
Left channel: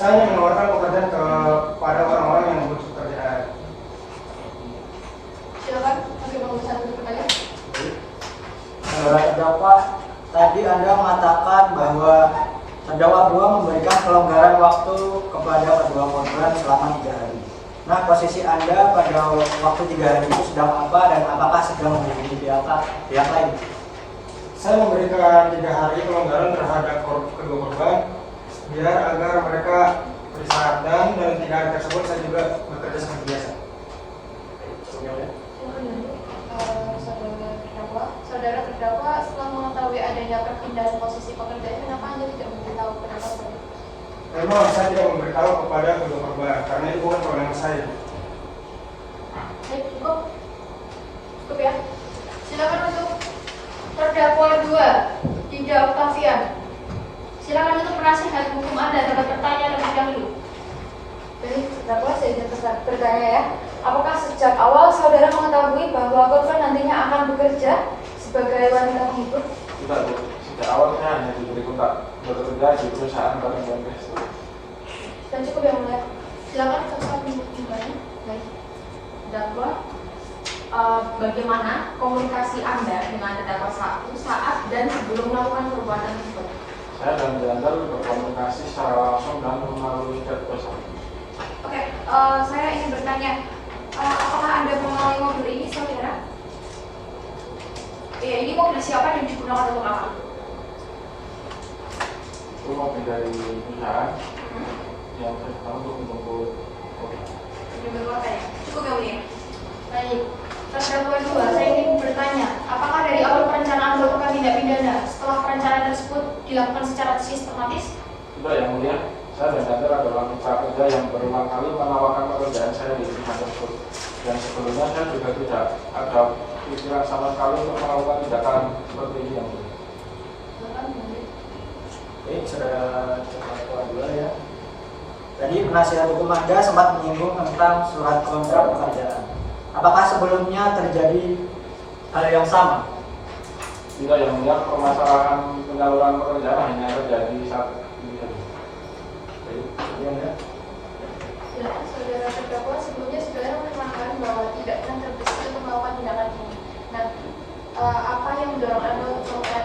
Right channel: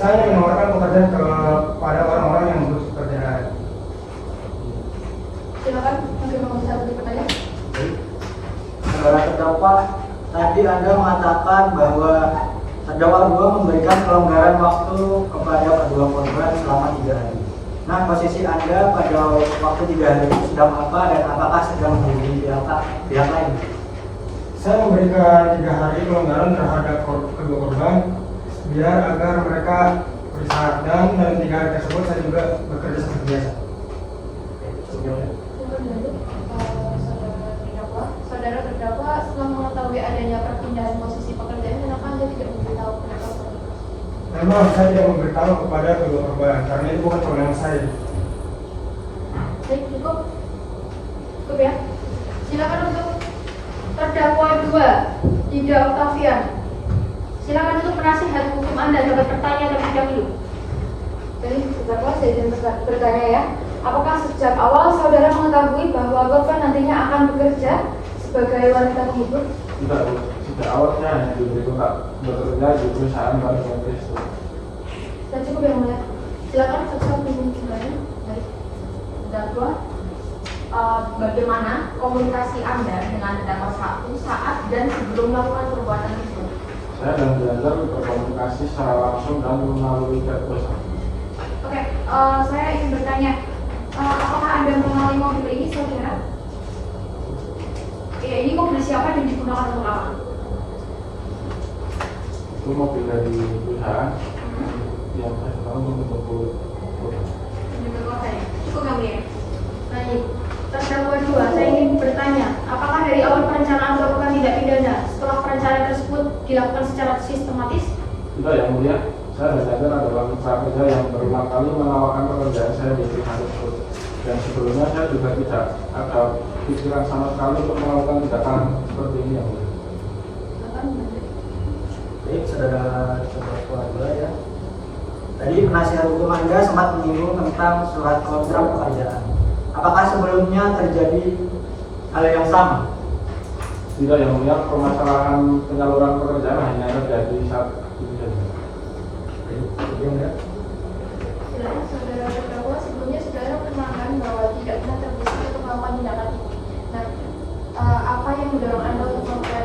Saya ingin menawarkan pekerjaan kepada orang-orang yang butuh pekerjaan. Silakan, mungkin mau bisa untuk bertanya. Saudara terdakwa, tadi Anda mengatakan bahwa terdakwa dua memberikan kelonggaran waktu kepada kedua korban selama 3 hari. Nah, posisi Anda pada waktu 3 hari itu sedang apa dan apakah sedang menghubungi pihak lain? Saya memberikan 3 hari kelonggaran terhadap kedua korban biar agar mereka beristirahat, dan dalam 3 hari tersebut saya juga bekerja seperti biasa. Saudara terdakwa, setelah mengetahui adanya perpindahan posisi pekerjaan, kenapa Anda tidak memberitahu kepada korban? Memang saya tidak memberitahu kepada kedua korban karena itu bukan kewenangan saya. Baik, cukup. Cukup ya. Silakan untuk terdakwa 2, Dinda Octavian. Silakan untuk penasihat hukum Anda dapat bertanya terlebih dahulu. Baik, terdakwa saya izin bertanya ya. Apakah sejak awal saudara mengetahui bahwa korban nantinya akan bekerja sebagai wanita penghibur? Tidak, Bu. Sejak awal saya hanya diberi kontrak bekerja di perusahaan Bank Indonesia. Dan cukup yang mulia. Silakan jaksa hukum kembali. Baik, terdakwa, bagaimana komunikasi Anda dengan terdakwa 1 saat dan sebelum melakukan perbuatan tersebut? Saya dan Belajar berkomunikasi secara langsung dan melalui chat WhatsApp. Oke, saya ingin bertanya, apakah Anda mengenali mobil ini, saudara? Oke, ini mobil siapa dan digunakan untuk apa? Itu mobil dari perusahaan yang saya tahu menunggu. Cukup ya, Mulia. Baik, terdakwa 2, saya ingin bertanya, apakah dari awal perencanaan melakukan tindak pidana setelah perencanaan tersebut dilakukan secara sistematis? Tidak, yang mulia. Saya dan Belajar adalah mitra kerja yang berulang kali menawarkan pekerjaan saya di perusahaan tersebut. Dan sebelumnya saya juga tidak ada pikiran sama sekali untuk melakukan tindakan seperti ini. Yang mulia. Baik, saudara keluarga ya. Tadi penasihat hukum Anda sempat menyinggung tentang surat kontrak pekerjaan. Apakah sebelumnya terjadi hal yang sama? Tidak, yang mulia, permasalahan penyaluran pekerjaan hanya terjadi saat itu. Jelas saudara terdakwa sebelumnya saudara menerangkan bahwa tidak pernah terbesit untuk melakukan tindakan ini. Nah, apa yang mendorong Anda untuk melakukan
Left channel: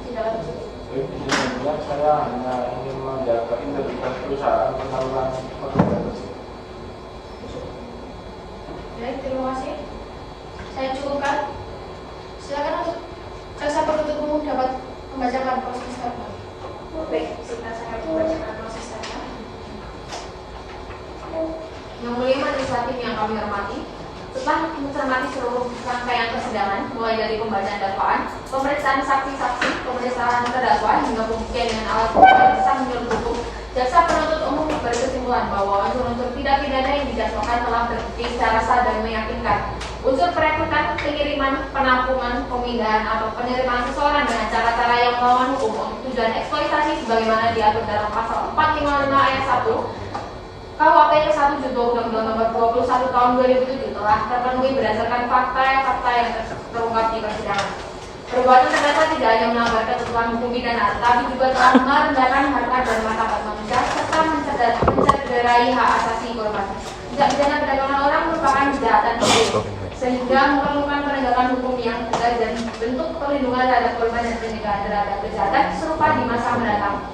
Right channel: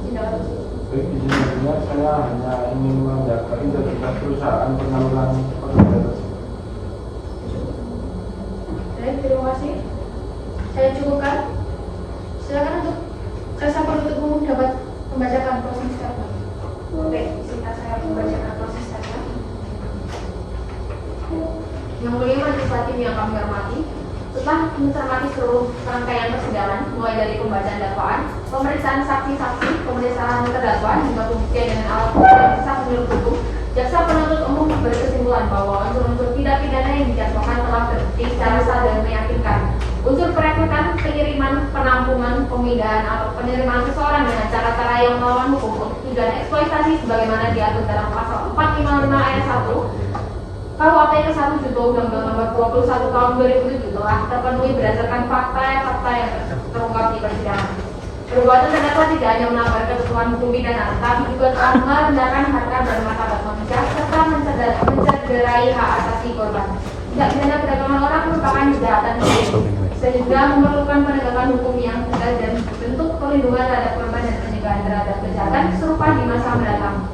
tindakan tersebut? Sebenarnya saya hanya ingin menjaga integritas perusahaan penyaluran pekerjaan tersebut. Baik, terima kasih. Saya cukupkan. Silakan untuk jaksa penuntut umum dapat membacakan proses dakwaan. Baik, sebentar saya membacakan proses dakwaan. Yang mulia majelis hakim yang kami hormati, setelah mencermati seluruh rangkaian persidangan, mulai dari pembacaan dakwaan, pemeriksaan saksi-saksi, pemeriksaan terdakwa hingga pembuktian dengan alat bukti yang sah menurut hukum, jaksa penuntut umum berkesimpulan bahwa unsur-unsur tindak pidana yang dijatuhkan telah terbukti secara sah dan meyakinkan. Unsur perekrutan, pengiriman, penampungan, pemindahan atau penerimaan seseorang dengan cara-cara yang melawan hukum untuk tujuan eksploitasi sebagaimana diatur dalam pasal 455 ayat 1 KUHP ke-1 juga Undang-Undang Nomor 21 Tahun 2007 telah terpenuhi berdasarkan fakta yang terungkap di persidangan. Perbuatan terdakwa tidak hanya melanggar ketentuan hukum pidana, tetapi juga telah merendahkan harkat dan martabat manusia serta mencederai hak asasi korban. Tindak pidana perdagangan orang merupakan kejahatan sehingga memerlukan penegakan hukum yang tegas dan bentuk perlindungan terhadap korban dan pencegahan terhadap kejahatan serupa di masa mendatang.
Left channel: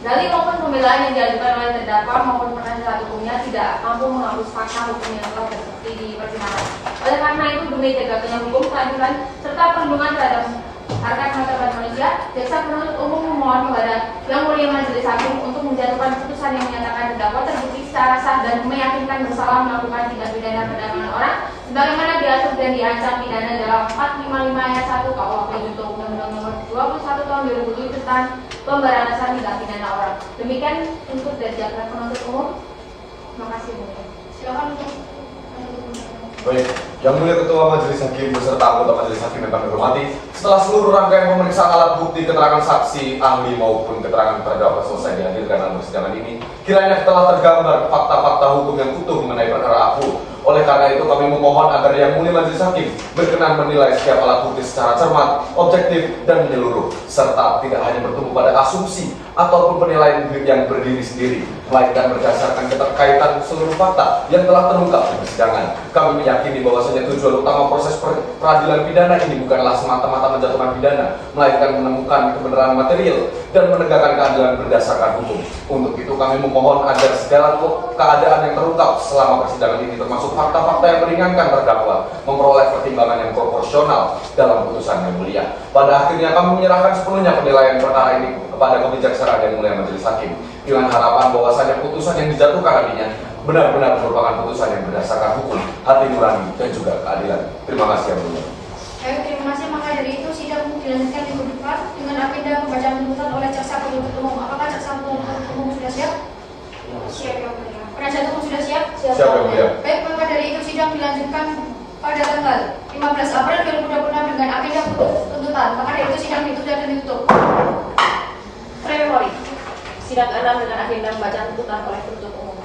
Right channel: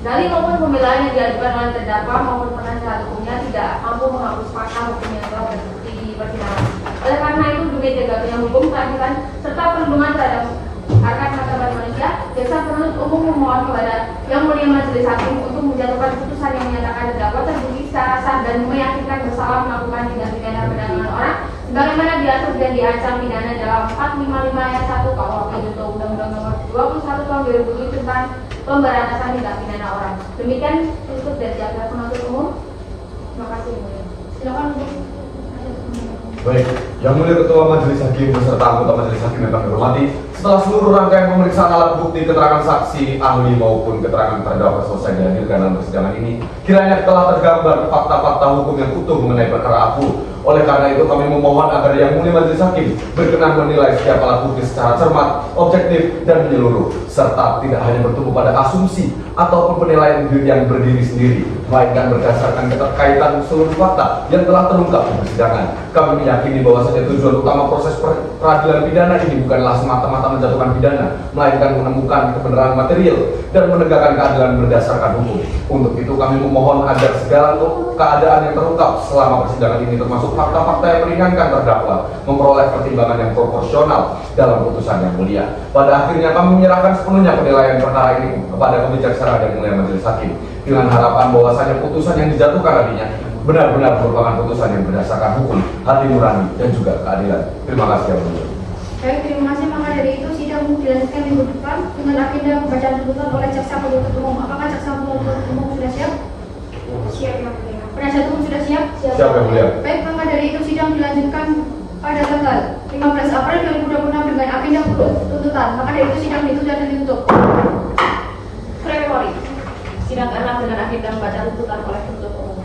Dalil maupun pembelaan yang diajukan oleh terdakwa maupun penasihat hukumnya tidak mampu menghapus fakta hukum yang telah terbukti di persidangan. Oleh karena itu, demi tegaknya hukum, keadilan serta perlindungan terhadap harkat martabat manusia, jaksa penuntut umum memohon kepada Yang Mulia Majelis Hakim untuk menjatuhkan putusan yang menyatakan terdakwa terbukti secara sah dan meyakinkan bersalah melakukan tindak pidana perdagangan orang, sebagaimana diatur dan diancam pidana dalam 455 ayat 1 KUHP juga Undang-Undang Nomor 21 Tahun 2007 tentang pemberantasan tindak pidana orang. Demikian untuk dari jaksa penuntut umum. Terima kasih, Bu. Silakan untuk Baik, yang mulia Ketua Majelis Hakim beserta anggota Majelis Hakim yang kami hormati, setelah seluruh rangkaian pemeriksaan alat bukti, keterangan saksi, ahli maupun keterangan terdakwa selesai dihadirkan dalam persidangan ini, kiranya telah tergambar fakta-fakta hukum yang utuh mengenai perkara aku. Oleh karena itu kami memohon agar Yang Mulia Majelis Hakim berkenan menilai setiap alat bukti secara cermat, objektif, dan menyeluruh, serta tidak hanya bertumpu pada asumsi ataupun penilaian yang berdiri sendiri, melainkan berdasarkan keterkaitan seluruh fakta yang telah terungkap di persidangan. Kami meyakini bahwasanya tujuan utama proses peradilan pidana ini bukanlah semata-mata menjatuhkan pidana, melainkan menemukan kebenaran material dan menegakkan keadilan berdasarkan hukum. Untuk itu kami memohon agar segala keadaan yang terungkap selama persidangan ini, termasuk fakta-fakta yang meringankan terdakwa, memperoleh pertimbangan yang proporsional dalam putusan yang mulia. Pada akhirnya kami menyerahkan sepenuhnya penilaian perkara ini kepada kebijaksanaan Yang Mulia Majelis Hakim dengan harapan bahwasanya putusan yang dijatuhkan nantinya benar-benar merupakan putusan yang berdasarkan hukum, hati nurani, dan juga keadilan. Terima kasih Yang Mulia. Baik, terima kasih. Maka dari itu sidang dilanjutkan minggu depan dengan agenda pembacaan tuntutan oleh jaksa penuntut umum. Apakah jaksa penuntut umum sudah siap? Siap, Yang Mulia. Penasihat hukum sudah siap? Siap Yang Mulia. Baik, maka dari itu sidang dilanjutkan pada tanggal 15 April 2026 dengan agenda tuntutan. Maka dari itu sidang ditutup dan ditutup. Prepori. Sidang ke-6 dengan agenda pembacaan tuntutan oleh penuntut umum.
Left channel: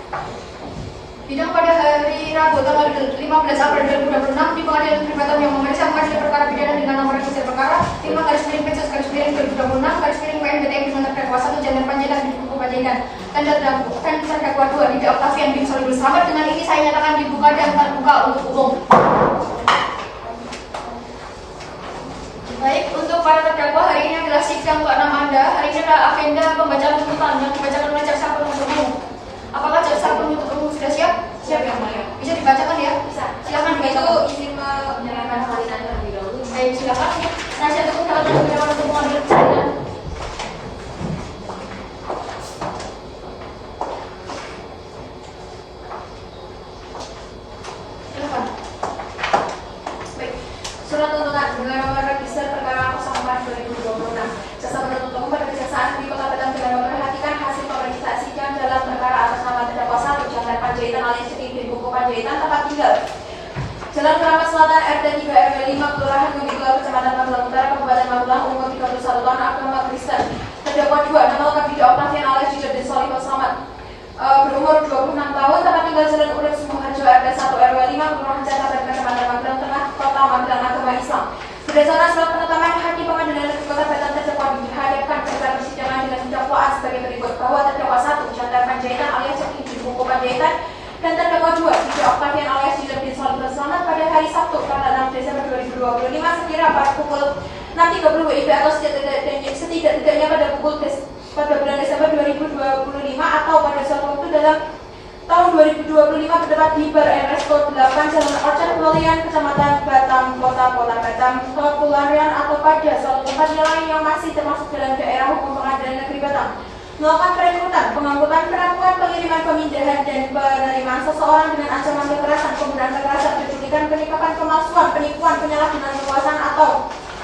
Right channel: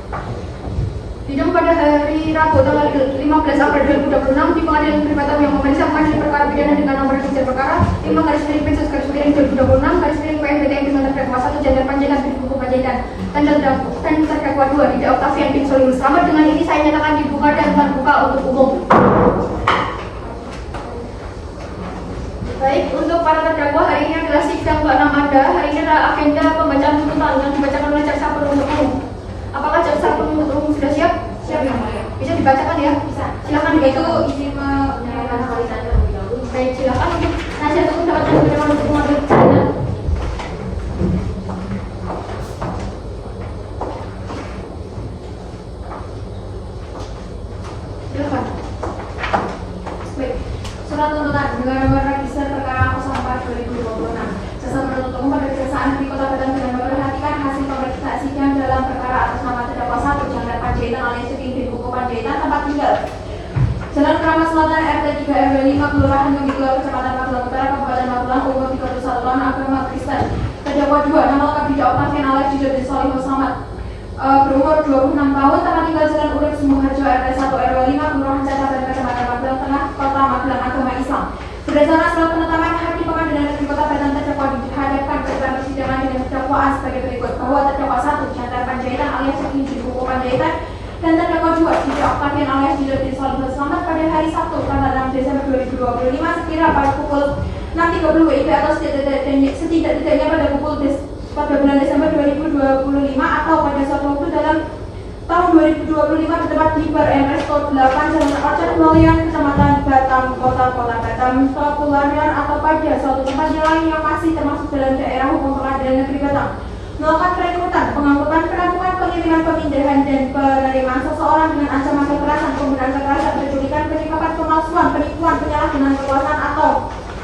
Sidang pada hari Rabu tanggal 15 April 2026 di Pengadilan Negeri Batam yang memeriksa majelis perkara pidana dengan nomor register perkara 5/P/PNJ/PNJL dengan terdakwa 1 Jandar Panjaitan bin Kuku Panjaitan dan terdakwa 2 Dida Octavian bin Soliul Slamet. Dengan ini saya nyatakan dibuka dan terbuka untuk umum. Baik, untuk para terdakwa hari ini adalah sidang ke-6 Anda. Hari ini adalah agenda pembacaan tuntutan yang dibacakan oleh jaksa penuntut umum. Apakah jaksa penuntut umum sudah siap? Siap, Yang Mulia. Bisa dibacakan ya? Bisa. Silakan Itu dibacakan. izin menyerahkan barisan terlebih dahulu. Baik, silakan. Nasihat hukum dapat digunakan untuk mengambil keterangan. Silakan. Baik. Surat tuntutan dengan nomor register perkara 04/2026. Jaksa penuntut umum pada Kejaksaan Negeri Kota Batam sedang memperhatikan hasil pemeriksaan sidang dalam perkara atas nama terdakwa 1 Jandar Panjaitan alias Ceking bin Kuku Panjaitan tempat tinggal Jalan Keramat Selatan RT 3 RW 5 Kelurahan Bukit Baru Kecamatan Magelang Utara Kabupaten Magelang umur 31 tahun agama Kristen. Terdakwa Terdakwa 2, nama lengkap Dida Octavian alias Dida bin Solihun Selamat, berumur 26 tahun, tempat tinggal Jalan Urip Sumuharjo RT 1 RW 5, Kelurahan Cacapan, Kecamatan Magelang Tengah, Kota Magelang, Agama Islam. Berdasarkan surat penetapan Hakim Pengadilan Negeri Kota Padang, terdakwa dihadapkan ke depan persidangan dengan dakwaan sebagai berikut, bahwa terdakwa 1 Chandra Panjaitan alias Cekin Buku Panjaitan dan terdakwa 2 Dida Octavian alias Dida bin Solihun Selamat pada hari Sabtu tanggal 6 Desember 2025 sekira pada pukul 6.30 WIB atau setidak-tidaknya pada bulan Desember 2025 atau pada suatu waktu dalam tahun 2025 terdapat di Bar and Resto 8 Jalan Orchard Lolian, Kecamatan Batam, Kota Batam, Kepulauan atau pada suatu tempat lain yang masih termasuk dalam daerah hukum Pengadilan Negeri Batam. Melakukan perekrutan, pengangkutan, penampungan, pengiriman, pemindahan, dan penerimaan seseorang dengan ancaman kekerasan, penggunaan kekerasan, penculikan, penyekapan, pemalsuan, penipuan, penyalahgunaan kekuasaan atau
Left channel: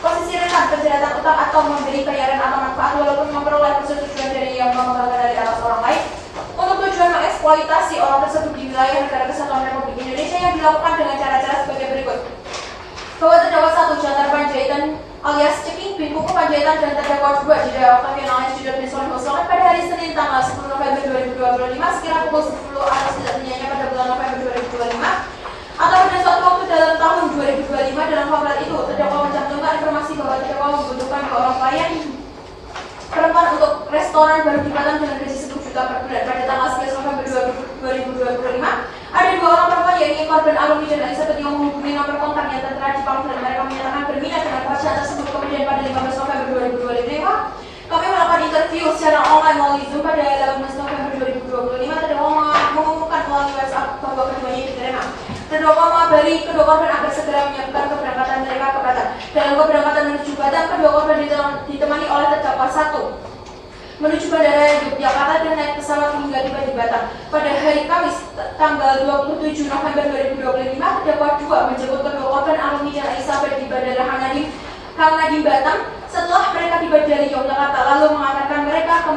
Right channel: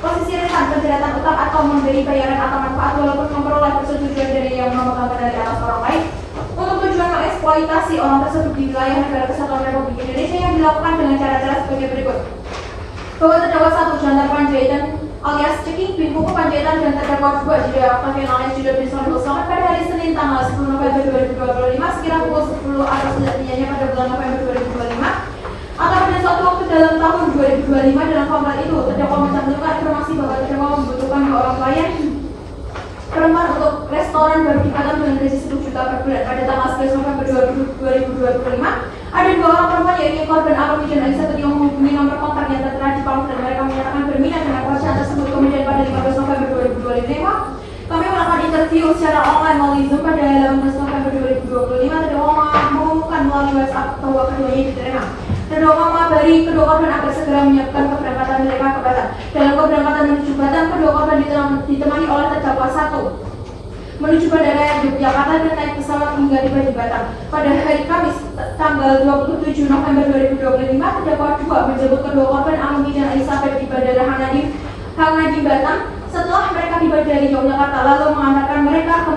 posisi rentan, penjeratan utang atau memberi bayaran atau manfaat walaupun memperoleh persetujuan dari yang memegang dari atas orang lain untuk tujuan mengeksploitasi orang tersebut di wilayah negara kesatuan Republik Indonesia yang dilakukan dengan cara-cara sebagai berikut. Bahwa terdakwa 1 Chandra Panjaitan alias Cekin Buku Panjaitan dan terdakwa 2 Dida Octavian alias Dida bin Solihun Selamat pada hari Senin tanggal 10 November 2025 sekira pukul 10 atau setidaknya pada bulan November 2025 atau pada suatu waktu dalam tahun 2025 dalam paparan itu terdakwa mencantumkan informasi bahwa terdakwa membutuhkan orang klien perempuan untuk restoran berdekatan dengan gaji 10 juta per bulan pada tanggal 11 November 2025. Ada 2 orang perempuan yaitu korban Alumi dan Elizabeth yang menghubungi nomor kontak yang tertera di pamflet dan mereka menyatakan berminat dengan pekerjaan tersebut. Kemudian pada 15 November 2025 kami melakukan interview secara online melalui Zoom pada 15 November 2025. Terdakwa mengumumkan melalui WhatsApp bahwa keduanya diterima. Terdakwa mengabari kedua korban agar segera menyiapkan keberangkatan mereka ke Batam. Dalam keberangkatan menuju Batam, kedua korban ditemani oleh terdakwa 1 menuju Bandara Yogyakarta dan naik pesawat hingga tiba di Batam. Pada hari Kamis tanggal 27 November 2025, terdakwa 2 menjemput kedua korban Alumi dan Elizabeth di Bandara Hang Nadim Batam. Setelah mereka tiba dari Yogyakarta, lalu mengantarkan mereka ke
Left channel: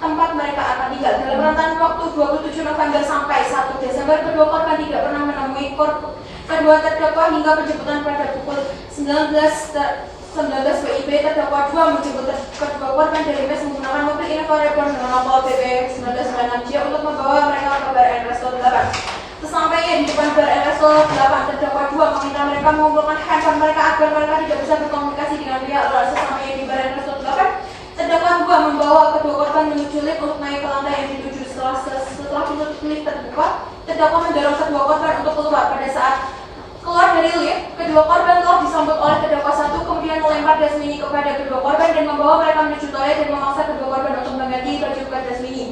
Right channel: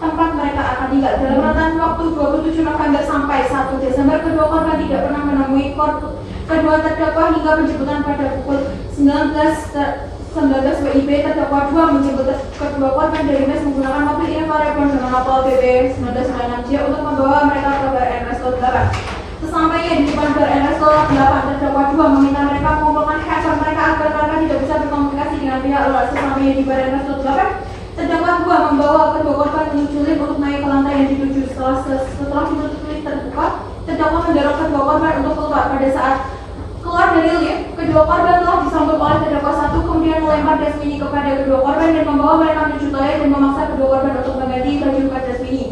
tempat mereka akan tinggal. Dalam rentan waktu 27 November sampai 1 Desember, kedua korban tidak pernah menemui kedua terdakwa hingga penjemputan pada pukul 19 WIB. Terdakwa 2 menjemput kedua korban dari mes menggunakan mobil Innova Reborn dengan nomor BB 1996J untuk membawa mereka ke Bar and Resto 8. Sesampainya di depan Bar and Resto 8, terdakwa 2 meminta mereka mengumpulkan handphone mereka agar mereka tidak bisa berkomunikasi dengan pihak luar. Sesampainya di Bar and Resto 8, terdakwa 2 membawa kedua korban menuju lift untuk naik ke lantai yang dituju. Setelah pintu lift terbuka, terdakwa mendorong kedua korban untuk keluar. Pada saat keluar dari lift, kedua korban telah disambut oleh terdakwa 1, kemudian melempar dasmini kepada kedua korban dan membawa mereka menuju toilet dan memaksa kedua korban untuk mengganti baju dasmini.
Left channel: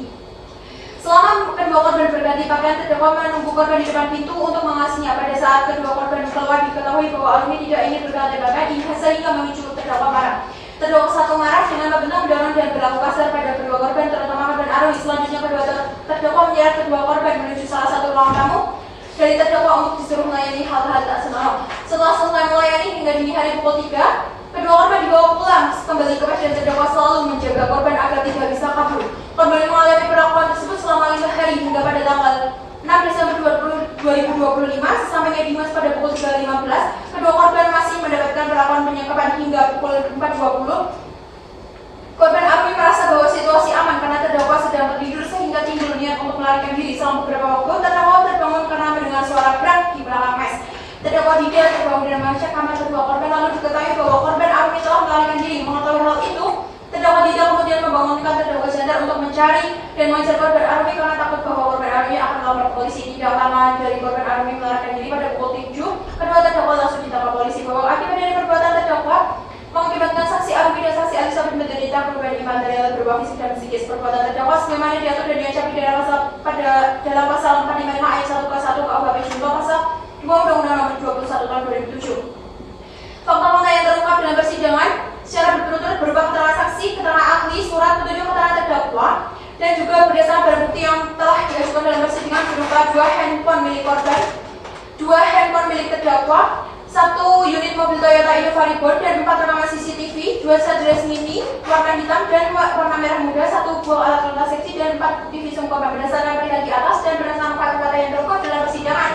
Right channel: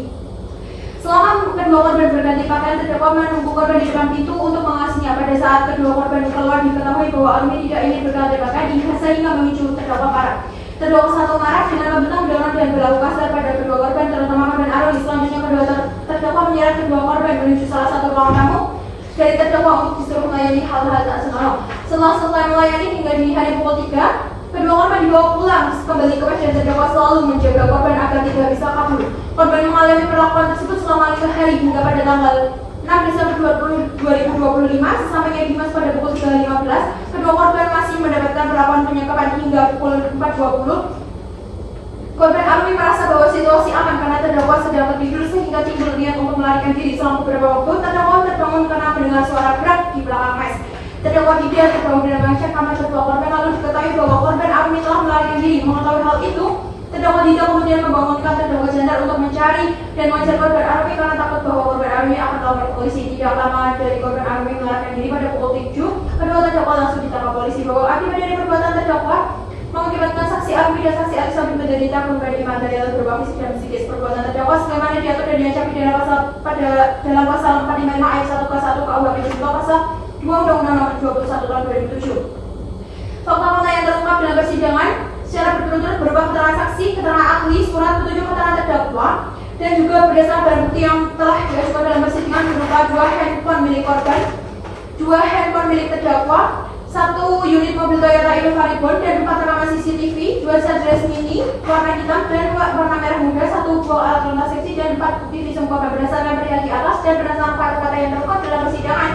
Selama kedua korban berganti pakaian, terdakwa menunggu korban di depan pintu untuk mengasihnya. Pada saat kedua korban keluar, diketahui bahwa Alumi tidak ingin berganti pakaian sehingga memicu terdakwa marah. Terdakwa 1 marah dengan membentak, mendorong dan berlaku kasar pada kedua korban, terutama korban Alumi. Selanjutnya kedua terdakwa menyeret kedua korban menuju salah satu ruang tamu dari terdakwa untuk disuruh melayani hal-hal tak senonoh. Setelah selesai melayani hingga dini hari pukul 3, kedua korban dibawa pulang kembali ke mes dan terdakwa selalu menjaga korban agar tidak bisa kabur. Korban mengalami perlakuan tersebut selama 5 hari hingga pada tanggal 6 Desember 2025. Sesampainya di mes pada pukul 3.15, kedua korban masih mendapatkan perlakuan penyekapan hingga pukul 4.20. Korban Alumi merasa bahwa situasi aman karena terdakwa sedang tertidur sehingga timbul niat untuk melarikan diri. Selama beberapa waktu, terdakwa terbangun karena mendengar suara berat di belakang mes. Terdakwa Dida terbangun dan mengecek kamar kedua korban, lalu diketahui bahwa korban Alumi telah melarikan diri. Mengetahui hal itu, terdakwa Dida kemudian membangunkan terdakwa Chandra untuk mencari dan mengejar korban Alumi karena takut bahwa korban Alumi akan melapor polisi. Tidak lama dari korban Alumi melarikan diri pada pukul 7, kedua terdakwa langsung ditangkap polisi. Bahwa akibat dari perbuatan terdakwa mengakibatkan saksi Alumi dan saksi Elizabeth menderita kerugian material berupa fisik dan psikis. Perbuatan terdakwa sebagaimana diatur dan diancam dalam pasal 45 ayat 1 ke 1 KUHP juga pasal 2 Undang-Undang Nomor 21 Tahun 2007. Fakta-fakta yang terungkap dalam persidangan secara berturut-turut berupa keterangan saksi, keterangan ahli, surat petunjuk keterangan terdakwa, dan juga berdasarkan barang bukti yang telah diajukan dalam persidangan berupa 2 handphone milik korban, 2 handphone milik terdakwa, 1 unit mobil Toyota Innova Reborn dan 4 rekaman CCTV, 2 sadres mini warna hitam dan warna merah muda, 1 buah alat lontar seksi dan 4 TV sungkopan. Berdasarkan berita di atas dan berdasarkan fakta-fakta yang terungkap dalam persidangan,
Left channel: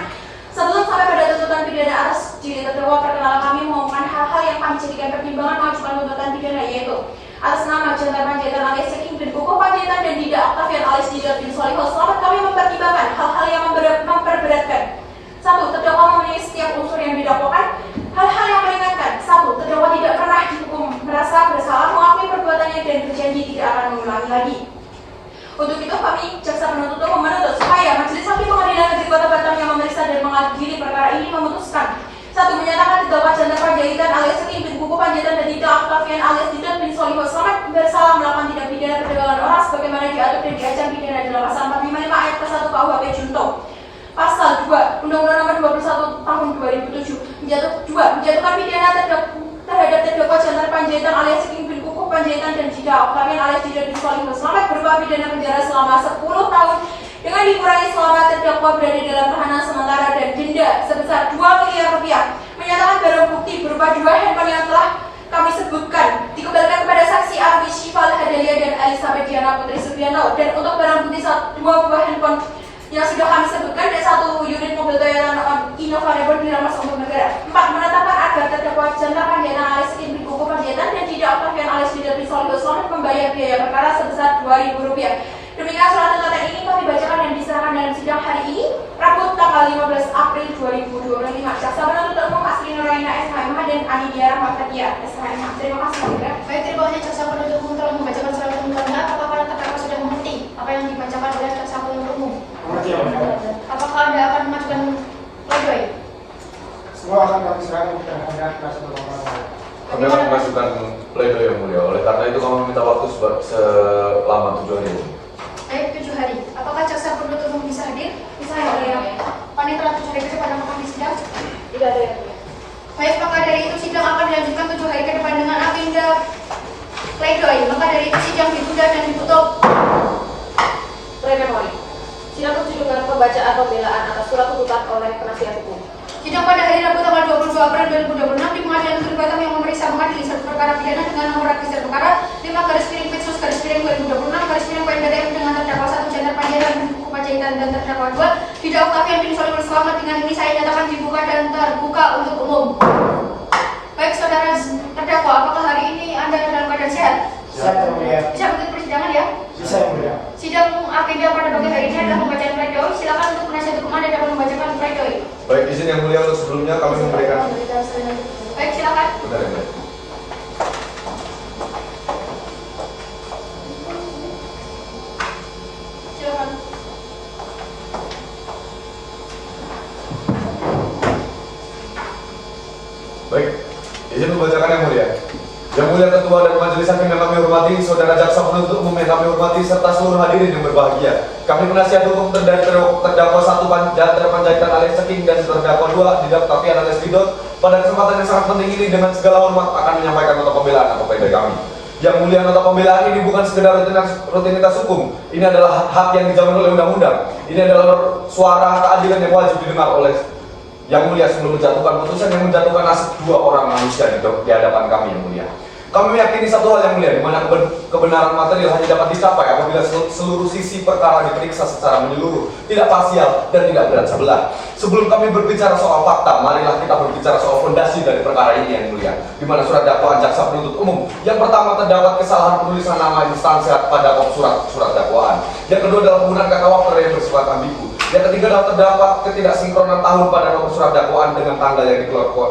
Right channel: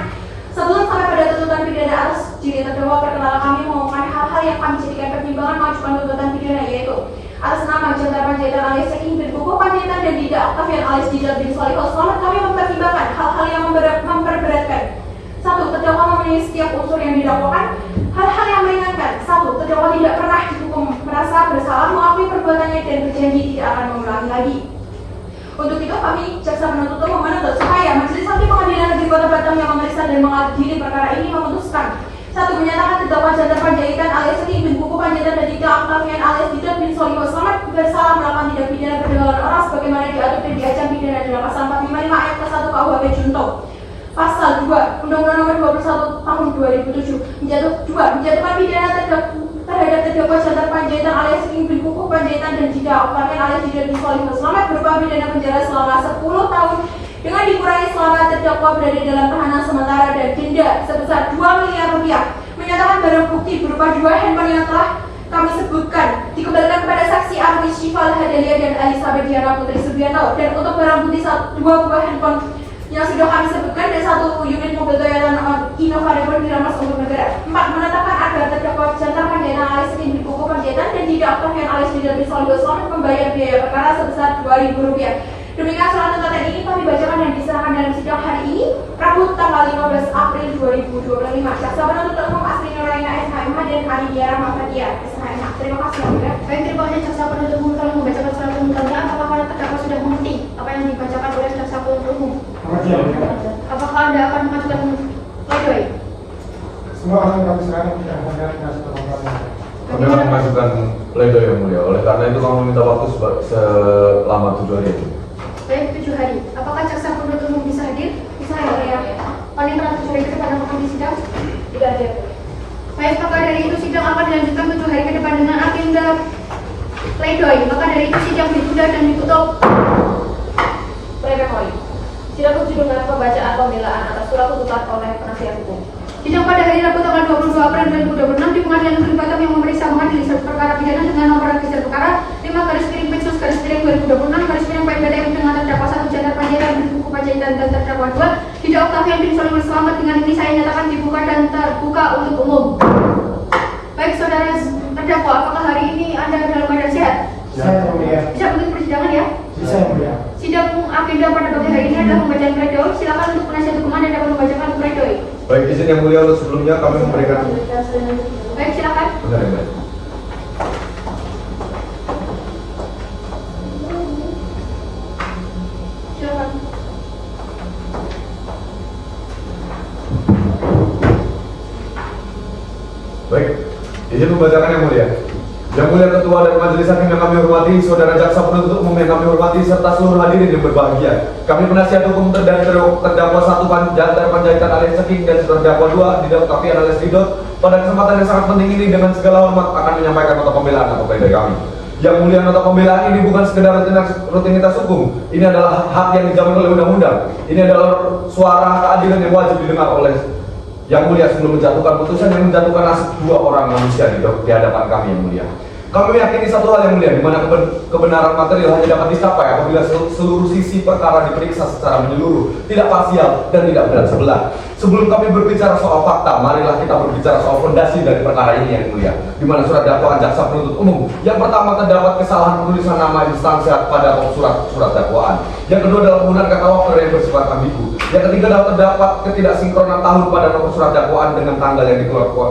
sebelum sampai pada tuntutan pidana atas diri terdakwa, perkenalkan kami mengumumkan hal-hal yang kami jadikan pertimbangan mengajukan tuntutan pidana, yaitu atas nama Jendral Panjaitan alias Saking bin Kukuh Panjaitan dan Dinda Octavian alias Dinda bin Solihah Selamat, kami mempertimbangkan hal-hal yang memberatkan. 1. Terdakwa memenuhi setiap unsur yang didakwakan. Hal-hal yang meringankan. 1. Terdakwa tidak pernah dihukum merasa bersalah, mengakui perbuatannya dan berjanji tidak akan mengulangi lagi. Untuk itu kami jaksa penuntut umum menuntut supaya Majelis Hakim Pengadilan Negeri Kota Batam yang memeriksa dan mengadili perkara ini memutuskan 1. Menyatakan terdakwa Jendral Panjaitan alias Saking bin Kukuh Panjaitan dan Dinda Octavian alias Dinda bin Solihah Selamat bersalah melakukan tindak pidana perdagangan orang sebagaimana diatur dan diancam pidana dalam pasal 455 ayat ke-1 KUHP Junto. Pasal 2 Undang-Undang Nomor 21 Tahun 2007 menjatuhkan pidana terhadap terdakwa Jendral Panjaitan alias Saking bin Kukuh Panjaitan dan Dinda Octavian alias Dinda bin Solihah Selamat berupa pidana penjara selama 10 tahun dengan dikurangi selama terdakwa berada dalam tahanan sementara dan denda sebesar 2 miliar rupiah. Menyatakan barang bukti berupa 2 handphone yang telah kami sebutkan dikembalikan kepada saksi Arwi Syifa Al-Hadalia dan Elizabeth Diana Putri Subianto, dan untuk barang bukti 2 buah handphone yang sudah kami sebutkan dan 1 unit mobil Toyota Innova Rebel dirampas untuk negara. 4. Menetapkan agar terdakwa Jendral Panjaitan alias Saking bin Kukuh Panjaitan dan Dinda Octavian alias Dinda bin Solihah Selamat membayar biaya perkara sebesar Rp2.000. Demikian surat tuntutan ini kami bacakan dan diserahkan dalam sidang hari ini, Rabu tanggal 15 April 2025. Jaksa penuntut umum Asri Nuraina SHMH dan Anidia Rahmafatia SHMH. Terima kasih. Baik, terima kasih jaksa penuntut umum telah membacakan surat tuntutannya. Apakah para terdakwa sudah mengerti apa yang dibacakan oleh jaksa penuntut umum? Apakah Anda akan mengajukan pledoi? Semua akan kami serahkan kepada Anda kasih permohonan. Kami akan mengajukan pledoi yang mulia. Oleh karena itu kami minta waktu selama 7 hari. Baik, 7 hari. Apakah jaksa penuntut umum bisa hadir? Bisa ya. Panitera 7 hari ke depan akan kami sidang? Tidak ada. Baik, maka dari itu sidang akan dilanjutkan 7 hari ke depan dengan agenda pledoi. Maka dari itu sidang ditunda dan ditutup. Pledoi. Sidang tujuh dengan pembacaan pembelaan atas surat tuntutan oleh penasihat hukum. Sidang pada hari Rabu tanggal 22 April 2026 di Pengadilan Negeri Batam yang memeriksa mengadili satu perkara pidana dengan nomor register perkara 5/Pinsus/2026/PMDM dengan terdakwa 1 Jendral Panjaitan bin Kukuh Panjaitan dan terdakwa 2 Dinda Octavian bin Solihah Selamat. Dengan ini saya nyatakan dibuka dan terbuka untuk umum. Baik, saudara terdakwa, apakah hari ini Anda dalam keadaan sehat? Saya mulia. Bisa mengikuti persidangan ya? Bisa mulia. Sidang agenda pada pagi hari ini adalah pembacaan pledoi. Silakan untuk penasihat hukum Anda dapat membacakan pledoi. Baik, izin yang mulia untuk sebelumnya kami memberikan. Baik, silakan. Benar. Silakan. Baik, izin membacakan yang mulia. Yang mulia Ketua dan Majelis Hakim yang kami hormati, Saudara Jaksa Penuntut Umum yang kami hormati, serta seluruh hadirin yang berbahagia. Kami penasihat hukum dari terdakwa 1 Jendral Panjaitan alias Saking dan terdakwa 2 Dinda Octavian alias Didot pada kesempatan yang sangat penting ini dengan segala hormat akan menyampaikan nota pembelaan atau pledoi kami. Yang mulia, nota pembelaan ini bukan sekedar rutinitas hukum. Ini adalah hak yang dijamin oleh undang-undang. Ini adalah suara keadilan yang wajib didengar oleh Yang Mulia sebelum menjatuhkan putusan yang menjatuhkan nasib 2 orang manusia di hadapan kami Yang Mulia. Kami meyakini satu hal Yang Mulia, di mana kebenaran material hanya dapat dicapai apabila seluruh sisi perkara diperiksa secara menyeluruh, tidak parsial dan tidak berat sebelah. Sebelum kami berbicara soal fakta, marilah kita berbicara soal fondasi dari perkara ini Yang Mulia, di mana surat dakwaan jaksa penuntut umum. Yang pertama, terdapat kesalahan penulisan nama instansi pada surat dakwaan. Yang kedua adalah penggunaan kata waktu yang bersifat ambigu. Yang ketiga adalah terdapat ketidaksinkronan tahun pada nomor surat dakwaan dengan tanggal yang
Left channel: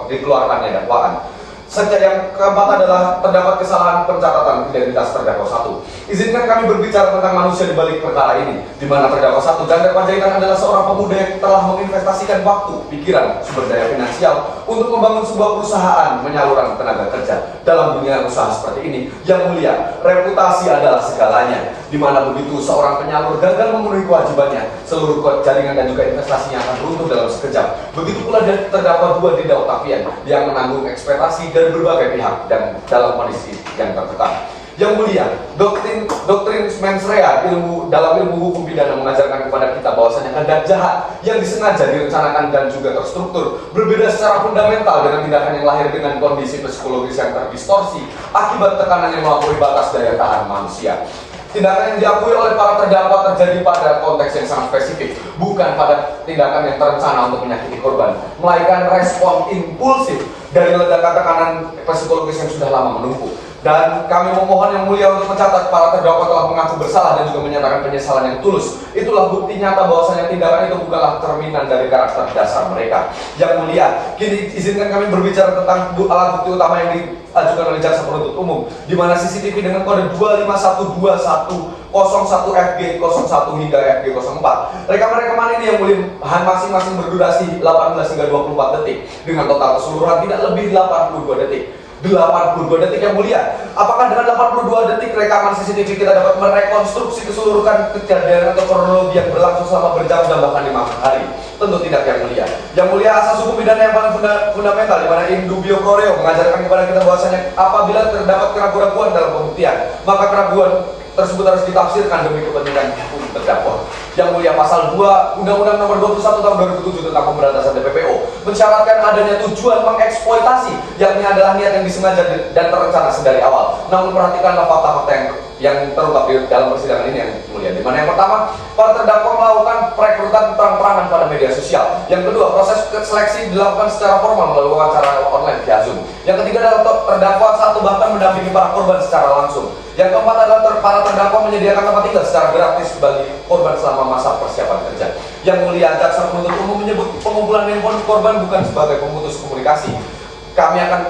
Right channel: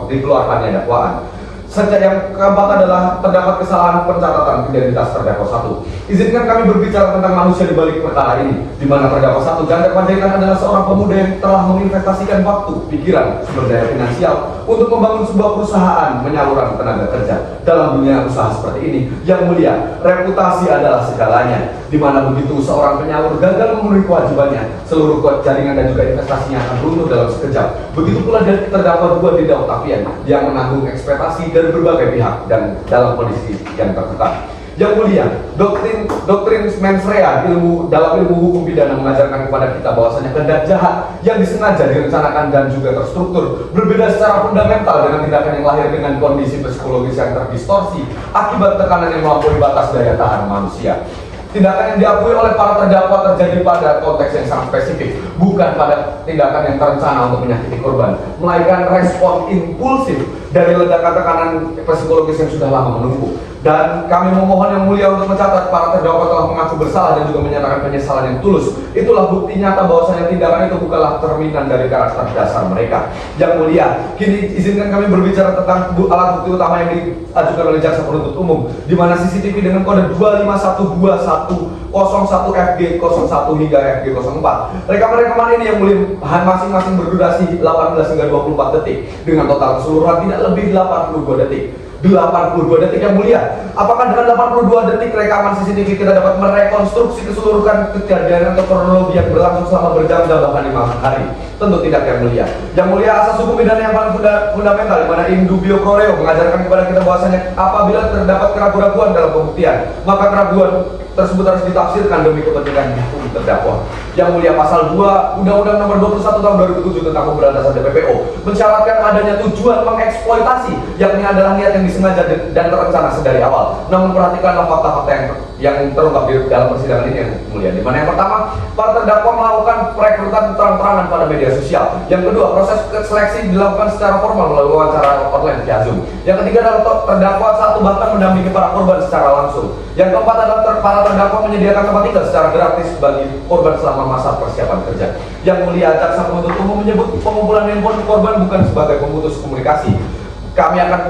dikeluarkannya dakwaan. Serta yang keempat adalah terdapat kesalahan pencatatan identitas terdakwa 1. Izinkan kami berbicara tentang manusia di balik perkara ini, di mana terdakwa 1 Jendral Panjaitan adalah seorang pemuda yang telah menginvestasikan waktu, pikiran, sumber daya finansial untuk membangun sebuah perusahaan menyalurkan tenaga kerja. Dalam dunia usaha seperti ini, Yang Mulia, reputasi adalah segalanya, di mana begitu seorang penyalur gagal memenuhi kewajibannya, seluruh jaringan dan juga investasinya akan runtuh dalam sekejap. Begitu pula dari terdakwa 2 Dinda Octavian yang menanggung ekspektasi dari berbagai pihak dan dalam kondisi yang terbuka. Yang Mulia, doktrin mens rea dalam ilmu hukum pidana mengajarkan kepada kita bahwasanya tindak jahat yang disengaja direncanakan dan juga terstruktur berbeda secara fundamental dengan tindakan yang lahir dengan kondisi psikologis yang terdistorsi akibat tekanan yang melampaui batas daya tahan manusia. Tindakan yang diakui oleh para terdakwa terjadi pada konteks yang sangat spesifik, bukan pada tindakan yang terencana untuk menyakiti korban, melainkan respon impulsif dari ledakan tekanan psikologis yang sudah lama menumpuk. Dan kami memohon Yang Mulia untuk mencatat para terdakwa telah mengaku bersalah dan juga menyatakan penyesalan yang tulus. Itulah bukti nyata bahwasanya tindakan itu bukanlah cerminan dari karakter dasar mereka. Yang Mulia, kini izinkan kami berbicara tentang alat bukti utama yang diajukan oleh jaksa penuntut umum, di mana CCTV dengan kode 25121001FG01 hingga FG04. Rekaman-rekaman ini Yang Mulia masing-masing berdurasi 18 hingga 24 detik dengan total keseluruhan tidak lebih 82 detik. 82 detik Yang Mulia. Apakah dengan 82 detik rekaman CCTV kita dapat merekonstruksi keseluruhan kejadian atau kronologi yang berlangsung selama berjam-jam bahkan 5 hari? Tentu tidak Yang Mulia. Yang Mulia, asas hukum pidana yang paling fundamental di mana in dubio pro reo mengajarkan kepada kita bahwasanya apabila terdapat keraguan-keraguan dalam pembuktian, maka keraguan tersebut harus ditafsirkan demi kepentingan hukum terdakwa. Yang Mulia, pasal 2 Undang-Undang Nomor 21 Tahun 2007 tentang Pemberantasan TPPO mensyaratkan adanya tujuan mengeksploitasi, yakni adalah niat yang disengaja dan terencana sedari awal. Namun perhatikanlah fakta-fakta yang terungkap di dalam persidangan ini Yang Mulia. Di mana yang pertama, para terdakwa melakukan perekrutan terang-terangan pada media sosial. Yang kedua, proses seleksi dilakukan secara formal melalui wawancara online via Zoom. Yang ketiga adalah terdakwa satu bahkan mendampingi para korban secara langsung. Yang keempat adalah para terdakwa menyediakan tempat tinggal secara gratis bagi korban selama masa persiapan kerja. Yang Mulia, jaksa penuntut umum menyebut pengumpulan handphone korban bukan sebagai pemutus komunikasi. Kami akan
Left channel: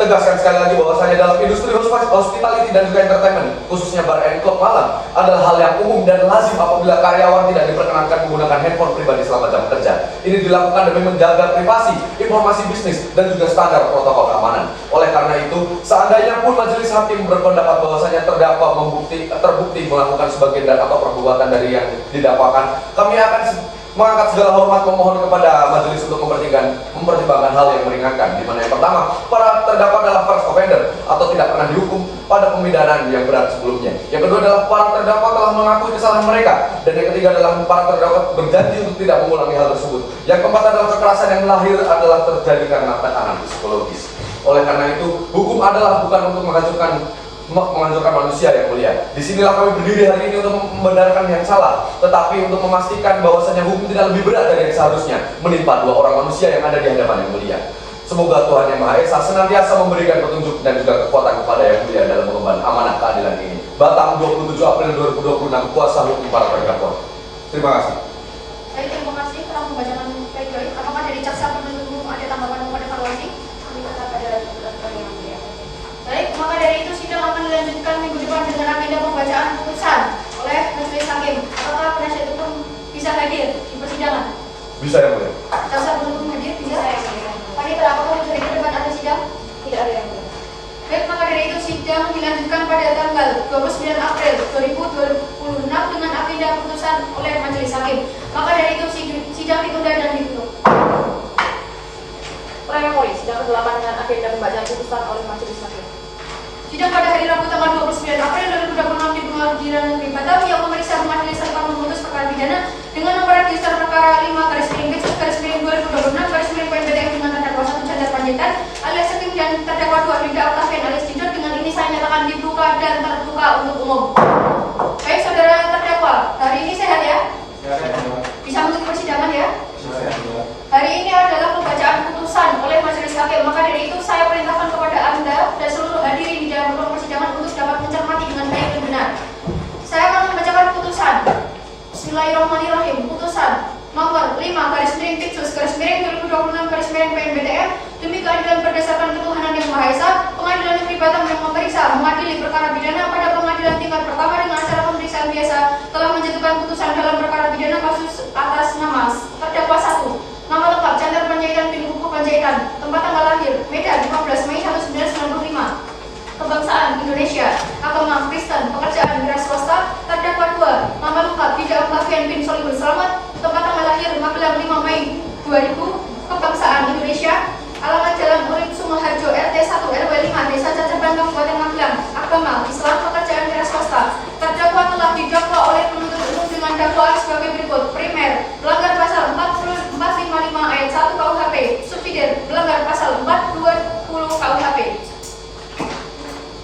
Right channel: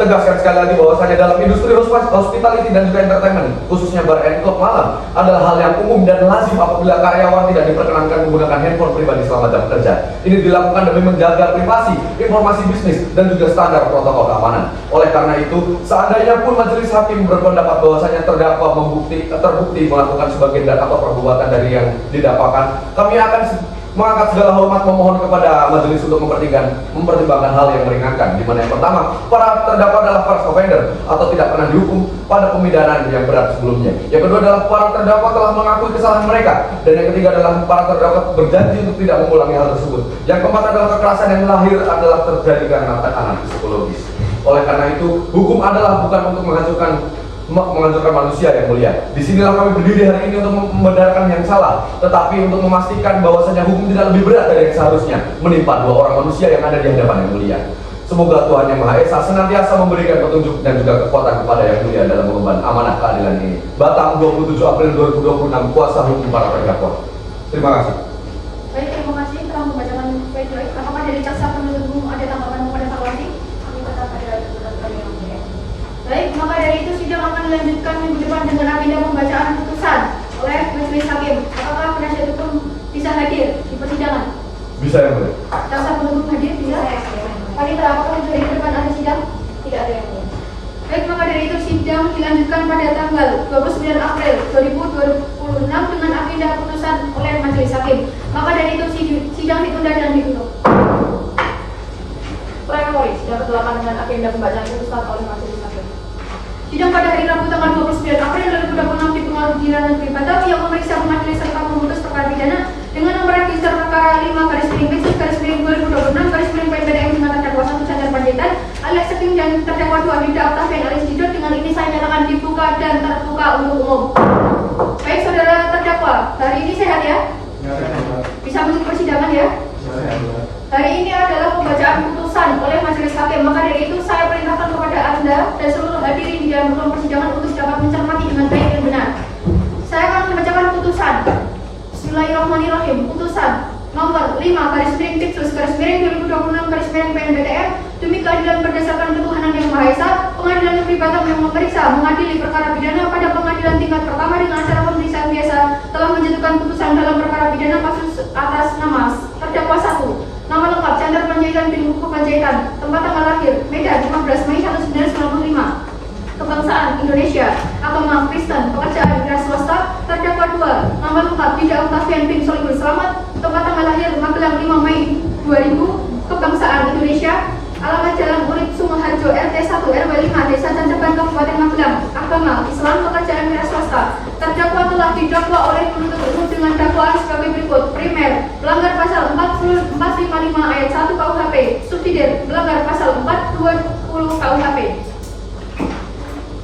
tegaskan sekali lagi bahwasanya dalam industri hospitality dan juga entertainment, khususnya bar and club malam, adalah hal yang umum dan lazim apabila karyawan tidak diperkenankan menggunakan handphone pribadi selama jam kerja. Ini dilakukan demi menjaga privasi, informasi bisnis, dan juga standar protokol keamanan. Oleh karena itu, seandainya pun majelis hakim berpendapat bahwasanya terdakwa terbukti melakukan sebagian dan atau perbuatan dari yang didakwakan, kami akan mengangkat segala hormat memohon kepada majelis untuk mempertimbangkan hal yang meringankan, di mana yang pertama, para terdakwa adalah first offender atau tidak pernah dihukum pada pemidanaan yang berat sebelumnya. Yang kedua adalah para terdakwa telah mengakui kesalahan mereka, dan yang ketiga adalah para terdakwa berjanji untuk tidak mengulangi hal tersebut. Yang keempat adalah kekerasan yang lahir adalah terjadi karena tekanan psikologis. Oleh karena itu, hukum adalah bukan untuk menghancurkan manusia Yang Mulia. Disinilah kami berdiri hari ini untuk membenarkan yang salah, tetapi untuk memastikan bahwasanya hukum tidak lebih berat dari yang seharusnya menimpa dua orang manusia yang ada di hadapan Yang Mulia. Semoga Tuhan Yang Maha Esa senantiasa memberikan petunjuk dan juga kekuatan kepada Yang Mulia dalam mengemban amanah keadilan ini. Batang 27 April 2026, kuasa hukum para terdakwa. Terima kasih. Baik, terima kasih telah membacakan pledoi. Apakah dari jaksa penuntut umum ada tanggapan kepada evaluasi? Baik, maka dari itu sidang akan dilanjutkan minggu depan dengan agenda pembacaan putusan oleh majelis hakim. Apakah penasihat hukum bisa hadir di persidangan? Bisa Yang Mulia. Jaksa penuntut hadir bisa? Panitra, apakah minggu depan ada sidang? Tidak ada yang mulia. Baik, maka dari itu sidang dilanjutkan pada tanggal 29 April 2026 dengan agenda putusan oleh majelis hakim. Maka dari itu sidang ditunda dan ditutup. Plenary sidang ke-8 dengan agenda pembacaan putusan oleh majelis hakim. Sidang pada hari Rabu tanggal 29 April 2026 di Pengadilan Negeri Batawi yang memeriksa majelis hakim memutus perkara pidana dengan nomor register perkara 5/2026/PNBDM dengan terdakwa 1 Chandra Panjaitan alias Seping dan terdakwa 2 Yuda Octavian alias Didot. Dengan ini saya nyatakan dibuka dan terbuka untuk umum. Baik saudara terdakwa, hari ini sehat ya? Bisa mengikuti persidangan ya? Hari ini adalah pembacaan putusan oleh majelis hakim. Maka dari itu saya perintahkan kepada Anda dan seluruh hadirin di dalam ruang persidangan untuk dapat mencermati dengan baik dan benar. Saya akan membacakan putusan. Bismillahirrahmanirrahim. Putusan nomor 5/Tipsus/2026/PNBDM demi keadilan berdasarkan ketuhanan yang Maha Esa, Pengadilan Negeri Batam yang memeriksa mengadili perkara pidana pada pengadilan tingkat pertama dengan acara pemeriksaan biasa telah menjatuhkan putusan dalam perkara pidana kasus atas nama terdakwa 1. Nama lengkap Chandra Panjaitan bin Buku Panjaitan. Tempat tanggal lahir Medan 15 Mei 1995. Kebangsaan Indonesia. Agama Kristen. Pekerjaan wira swasta. Terdakwa 2. Nama lengkap Yuda Octavian bin Solikul Selamat. Tempat tanggal lahir Magelang 5 Mei 2000. Kebangsaan Indonesia. Alamat Jalan Urip Sumoharjo RT 1 RW 5 Desa Cancerban Kabupaten Magelang. Agama Islam. Pekerjaan wira swasta. Terdakwa telah didakwa oleh penuntut umum dengan dakwaan sebagai berikut. Primer, melanggar pasal 455 ayat 1 KUHP. Subsidiar, melanggar pasal 420 KUHP.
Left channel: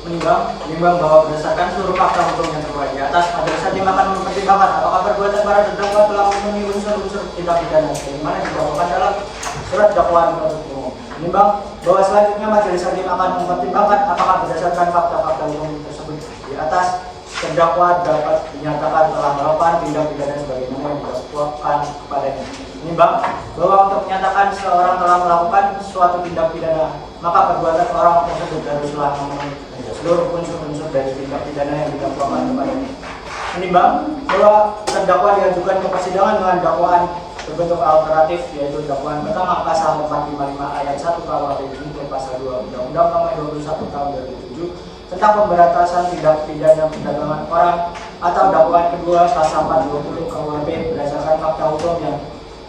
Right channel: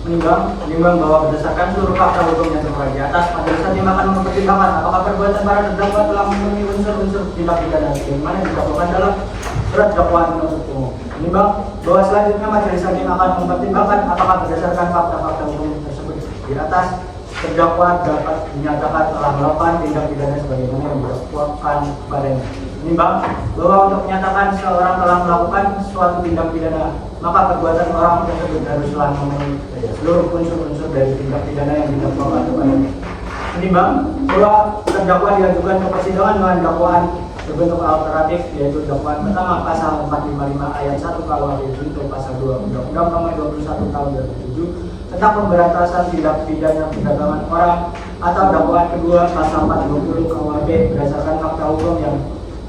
Menimbang bahwa berdasarkan seluruh fakta hukum yang terkait di atas, majelis hakim akan mempertimbangkan apakah perbuatan para terdakwa telah memenuhi unsur-unsur tindak pidana yang mana dilakukan dalam surat dakwaan penuntut umum. Menimbang bahwa selanjutnya majelis hakim akan mempertimbangkan apakah berdasarkan fakta-fakta hukum tersebut di atas terdakwa dapat dinyatakan telah melakukan tindak pidana sebagaimana yang dilakukan kepadanya. Menimbang bahwa untuk menyatakan seseorang telah melakukan suatu tindak pidana, maka perbuatan orang tersebut haruslah memenuhi seluruh unsur-unsur dari tindak pidana yang dilakukan kepadanya. Menimbang bahwa terdakwa diajukan ke persidangan dengan dakwaan berbentuk alternatif, yaitu dakwaan pertama pasal 455 ayat 1 KUHP junto pasal 2 Undang-Undang Nomor 21 Tahun 2007 tentang pemberantasan tindak pidana perdagangan orang, atau dakwaan kedua pasal 450 KUHP berdasarkan fakta hukum yang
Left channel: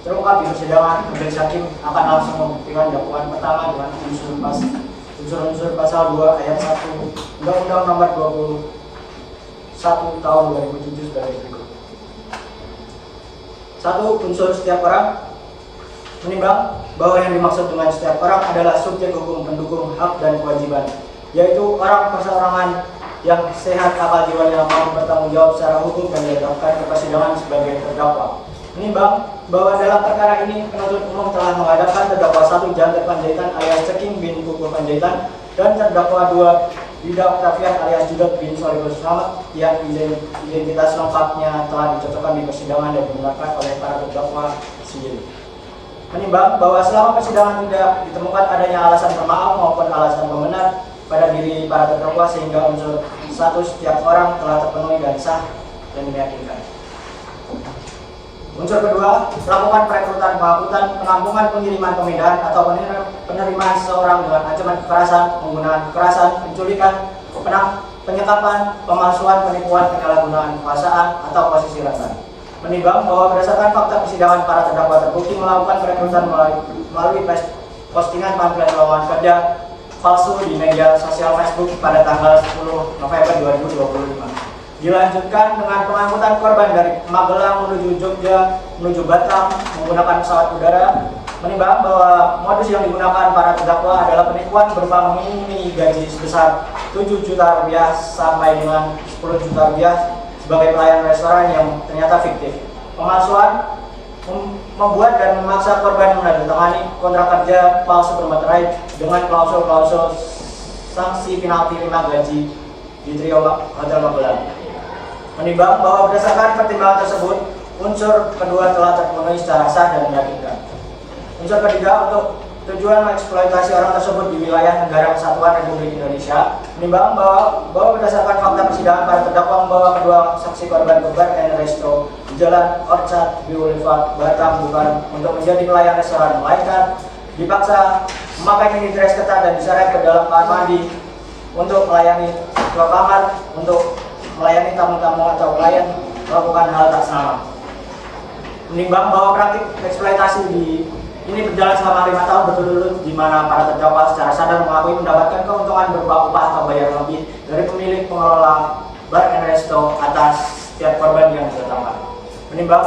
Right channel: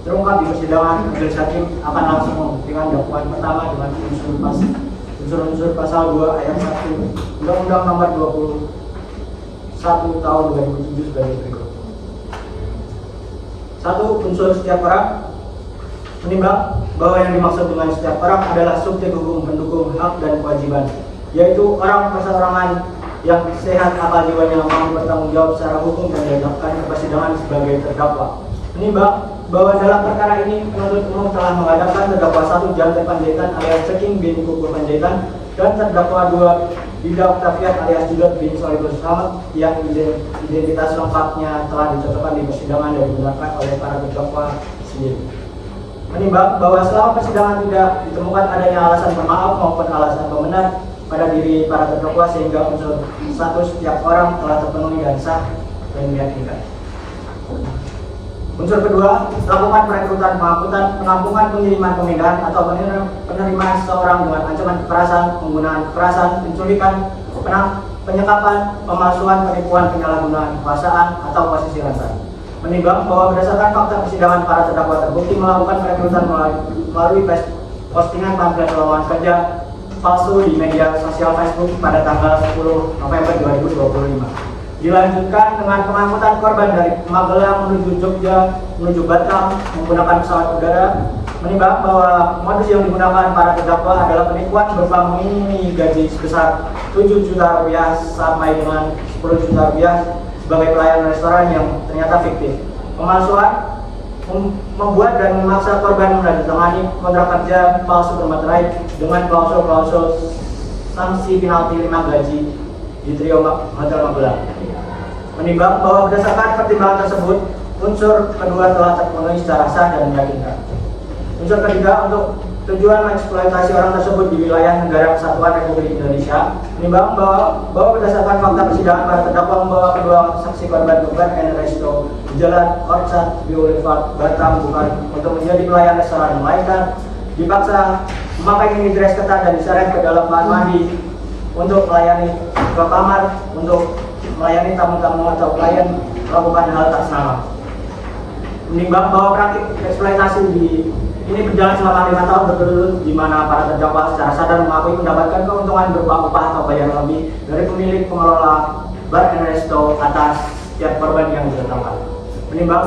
terungkap di persidangan, majelis hakim akan langsung membuktikan dakwaan pertama dengan unsur-unsur pasal 2 ayat 1 Undang-Undang Nomor 21 Tahun 2007 sebagai berikut. 1. Unsur setiap orang. Menimbang bahwa yang dimaksud dengan setiap orang adalah subjek hukum pendukung hak dan kewajiban, yaitu orang perseorangan yang sehat akal jiwanya mampu bertanggung jawab secara hukum dan ditetapkan ke persidangan sebagai terdakwa. Menimbang bahwa dalam perkara ini penuntut umum telah menghadapkan terdakwa 1 Janter Panjaitan alias Ceking bin Kuku Panjaitan dan terdakwa 2 Dida Octavian alias Judot bin Solihus Muhammad yang identitas lengkapnya telah dicocokkan di persidangan dan dibenarkan oleh para terdakwa sendiri. Menimbang bahwa selama persidangan tidak ditemukan adanya alasan pemaaf maupun alasan pembenar pada diri para terdakwa sehingga unsur status setiap orang telah terpenuhi dan sah dan meyakinkan. Unsur kedua, melakukan perekrutan, pengangkutan, penampungan, pengiriman, pemindahan atau penerimaan seseorang dengan ancaman kekerasan, penggunaan kekerasan, penculikan, penyekapan, pemalsuan, penipuan, penyalahgunaan kekuasaan atau posisi rentan. Menimbang bahwa berdasarkan fakta persidangan para terdakwa terbukti melakukan perekrutan melalui postingan pamflet lowongan kerja palsu di media sosial Facebook pada tanggal 10 November 2025. Dilanjutkan dengan pengangkutan korban dari Magelang menuju Jogja menuju Batam menggunakan pesawat udara. Menimbang bahwa modus yang digunakan para terdakwa adalah penipuan berupa mengiming gaji sebesar 7 juta rupiah sampai dengan 10 juta rupiah sebagai pelayan restoran yang ternyata fiktif. Pemalsuan, membuat dan memaksa korban menandatangani kontrak kerja palsu bermaterai dengan klausul-klausul sanksi penalti 5 gaji di Trio Hotel Magelang. Menimbang bahwa berdasarkan pertimbangan tersebut, unsur kedua telah terpenuhi secara sah dan meyakinkan. Unsur ketiga, untuk tujuan mengeksploitasi orang tersebut di wilayah negara kesatuan Republik Indonesia. Menimbang bahwa berdasarkan fakta persidangan para terdakwa membawa kedua saksi korban Gubern and Resto di Jalan Orchard Boulevard Batam bukan untuk menjadi pelayan restoran, melainkan dipaksa memakai mini dress ketat dan diseret ke dalam kamar mandi untuk melayani dua kamar untuk melayani tamu-tamu atau klien melakukan hal tak sengaja. Menimbang bahwa praktik eksploitasi ini berjalan selama 5 tahun berturut-turut di mana para terdakwa secara sadar mengakui mendapatkan keuntungan berupa upah atau bayaran lebih dari pemilik pengelola bar and resto atas setiap korban yang didatangkan. Menimbang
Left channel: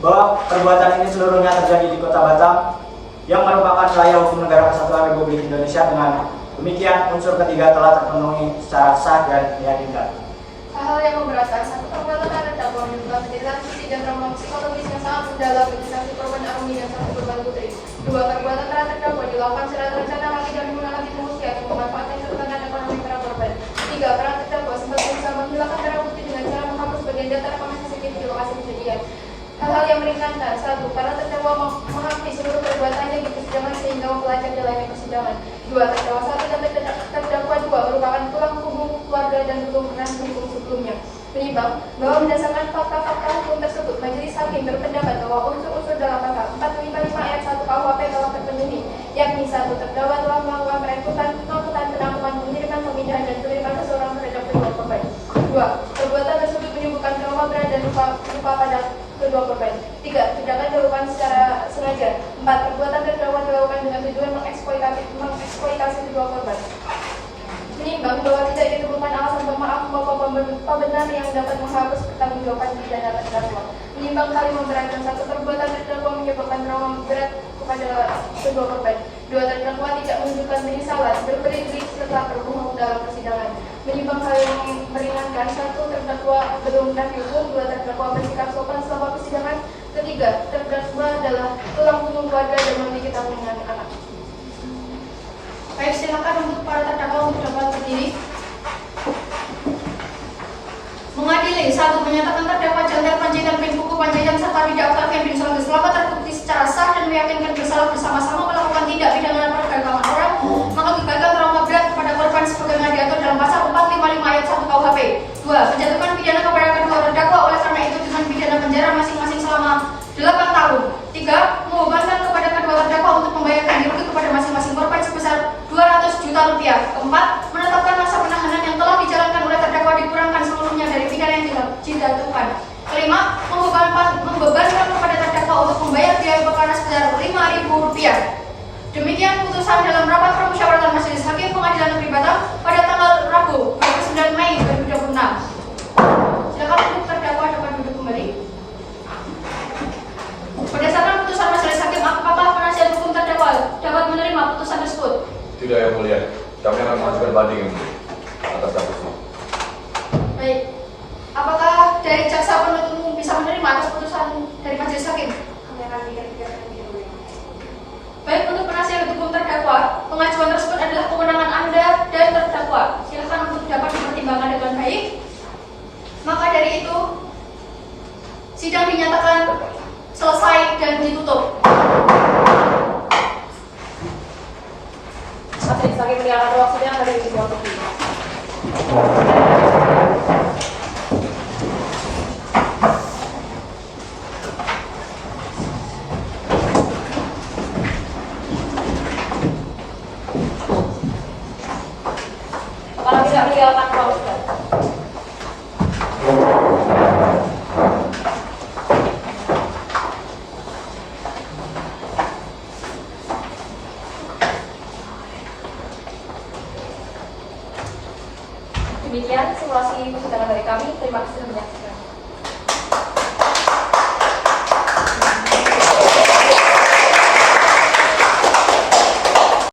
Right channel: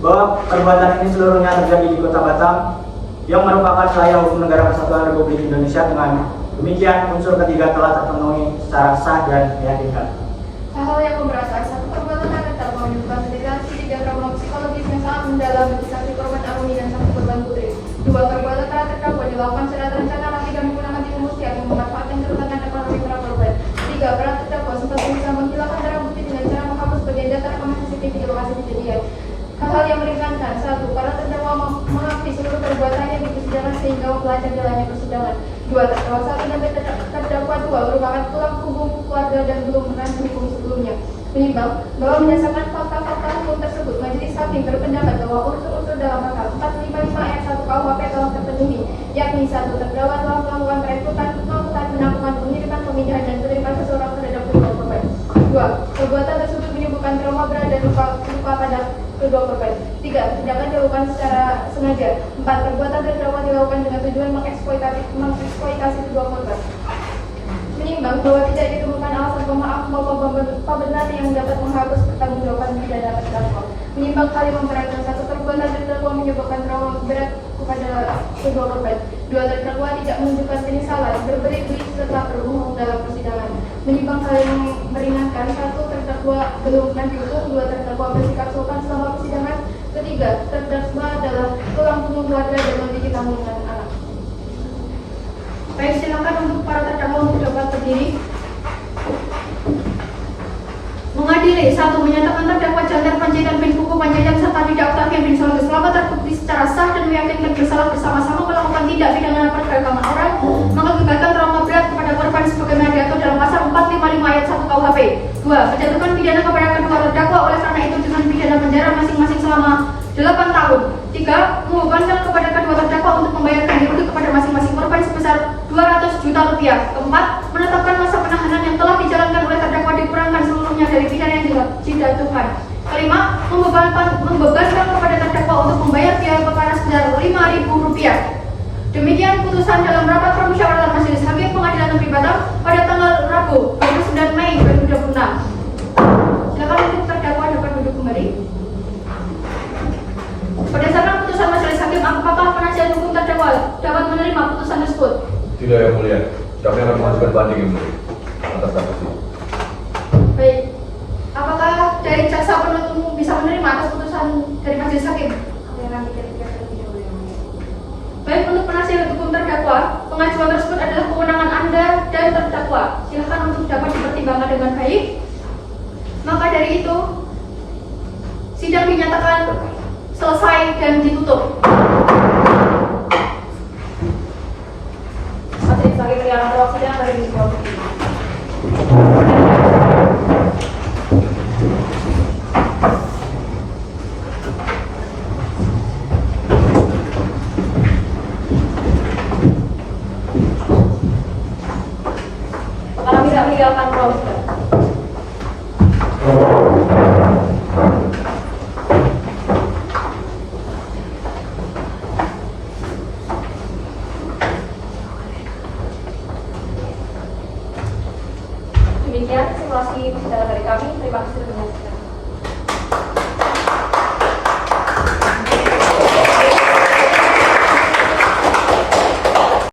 bahwa perbuatan ini seluruhnya terjadi di Kota Batam yang merupakan wilayah hukum negara kesatuan Republik Indonesia. Dengan demikian, unsur ketiga telah terpenuhi secara sah dan meyakinkan. Hal-hal yang memberatkan, satu perbuatan ada terdakwa menyebabkan degradasi tidak trauma psikologis yang sangat mendalam bagi saksi korban Arumi dan saksi korban Putri. 2. Perbuatan terhadap terdakwa dilakukan secara terencana tidak menggunakan tipu muslihat yang memanfaatkan kelemahan ekonomi para korban. 3. Para terdakwa sempat berusaha menghilangkan barang bukti dengan cara menghapus bagian data rekaman CCTV di lokasi kejadian. Hal-hal yang meringankan, 1. Para terdakwa mengakui seluruh perbuatannya di persidangan sehingga memperlancar jalannya persidangan. 2. Terdakwa 1 dan terdakwa 2 merupakan tulang punggung keluarga dan belum pernah dihukum sebelumnya. Menimbang bahwa berdasarkan fakta-fakta hukum tersebut, majelis hakim berpendapat bahwa unsur-unsur dalam pasal 455 ayat 1 KUHP telah terpenuhi, yakni 1. Terdakwa telah melakukan perekrutan, pengangkutan, penampungan, pengiriman, pemindahan dan penerimaan seseorang terhadap kedua korban. 2. Perbuatan tersebut menimbulkan trauma berat dan luka pada kedua korban. 3. Tindakan dilakukan secara sengaja. 4. Perbuatan terdakwa dilakukan dengan tujuan mengeksploitasi kedua korban. Menimbang bahwa tidak ditemukan alasan pemaaf maupun pembenar yang dapat menghapus pertanggungjawaban pidana terdakwa. Menimbang hal yang memberatkan, 1. Perbuatan terdakwa menyebabkan trauma berat kepada kedua korban. 2. Terdakwa tidak menunjukkan penyesalan berbelit-belit setelah terbunuh dalam persidangan. Menimbang hal yang meringankan, 1. Terdakwa belum pernah dihukum. 2. Terdakwa bersikap sopan selama persidangan. Ketiga, terdakwa adalah tulang punggung keluarga dan memiliki tanggungan anak. Baik, silakan untuk para terdakwa untuk dapat berdiri. Mengadili, 1. Menyatakan terdakwa Chandra Panjaitan bin Puku Panjaitan serta didakwa Kevin Solomon selama terbukti secara sah dan meyakinkan bersalah bersama-sama melakukan tindak pidana perdagangan orang, mengakibatkan trauma berat kepada korban sebagaimana diatur dalam pasal 455 ayat 1 KUHP. 2. Menjatuhkan pidana kepada kedua terdakwa oleh karena itu dengan pidana penjara masing-masing selama 8 tahun. 3. Membebankan kepada kedua terdakwa untuk membayar ganti rugi kepada masing-masing korban sebesar 200 juta rupiah. 4. Menetapkan masa penahanan yang telah dijalankan oleh terdakwa dikurangkan seluruhnya dari pidana yang dijatuhkan. 5. Membebankan kepada terdakwa untuk membayar biaya perkara sebesar Rp5.000. Demikian putusan dalam rapat permusyawaratan Majelis Hakim Pengadilan Negeri Batam pada tanggal Rabu 29 Mei 2026. Silakan untuk terdakwa dapat duduk kembali. Berdasarkan putusan Majelis Hakim, apakah penasihat hukum terdakwa dapat menerima putusan tersebut? Tidak, Yang Mulia. Kami akan mengajukan banding, Yang Mulia, atas kasasi. Baik. Apakah dari jaksa penuntut bisa menerima atas putusan dari Majelis Hakim? Baik, untuk penasihat hukum terdakwa, pengajuan tersebut adalah kewenangan Anda dan terdakwa. Silakan untuk dapat dipertimbangkan dengan baik. Maka dari itu, sidang dinyatakan selesai dan ditutup. Majelis Hakim yang ruang sidang dari Provinsi. Pengarah tidak meninggalkan ruang sidang. Demikian simulasi persidangan dari kami. Terima kasih menyaksikan.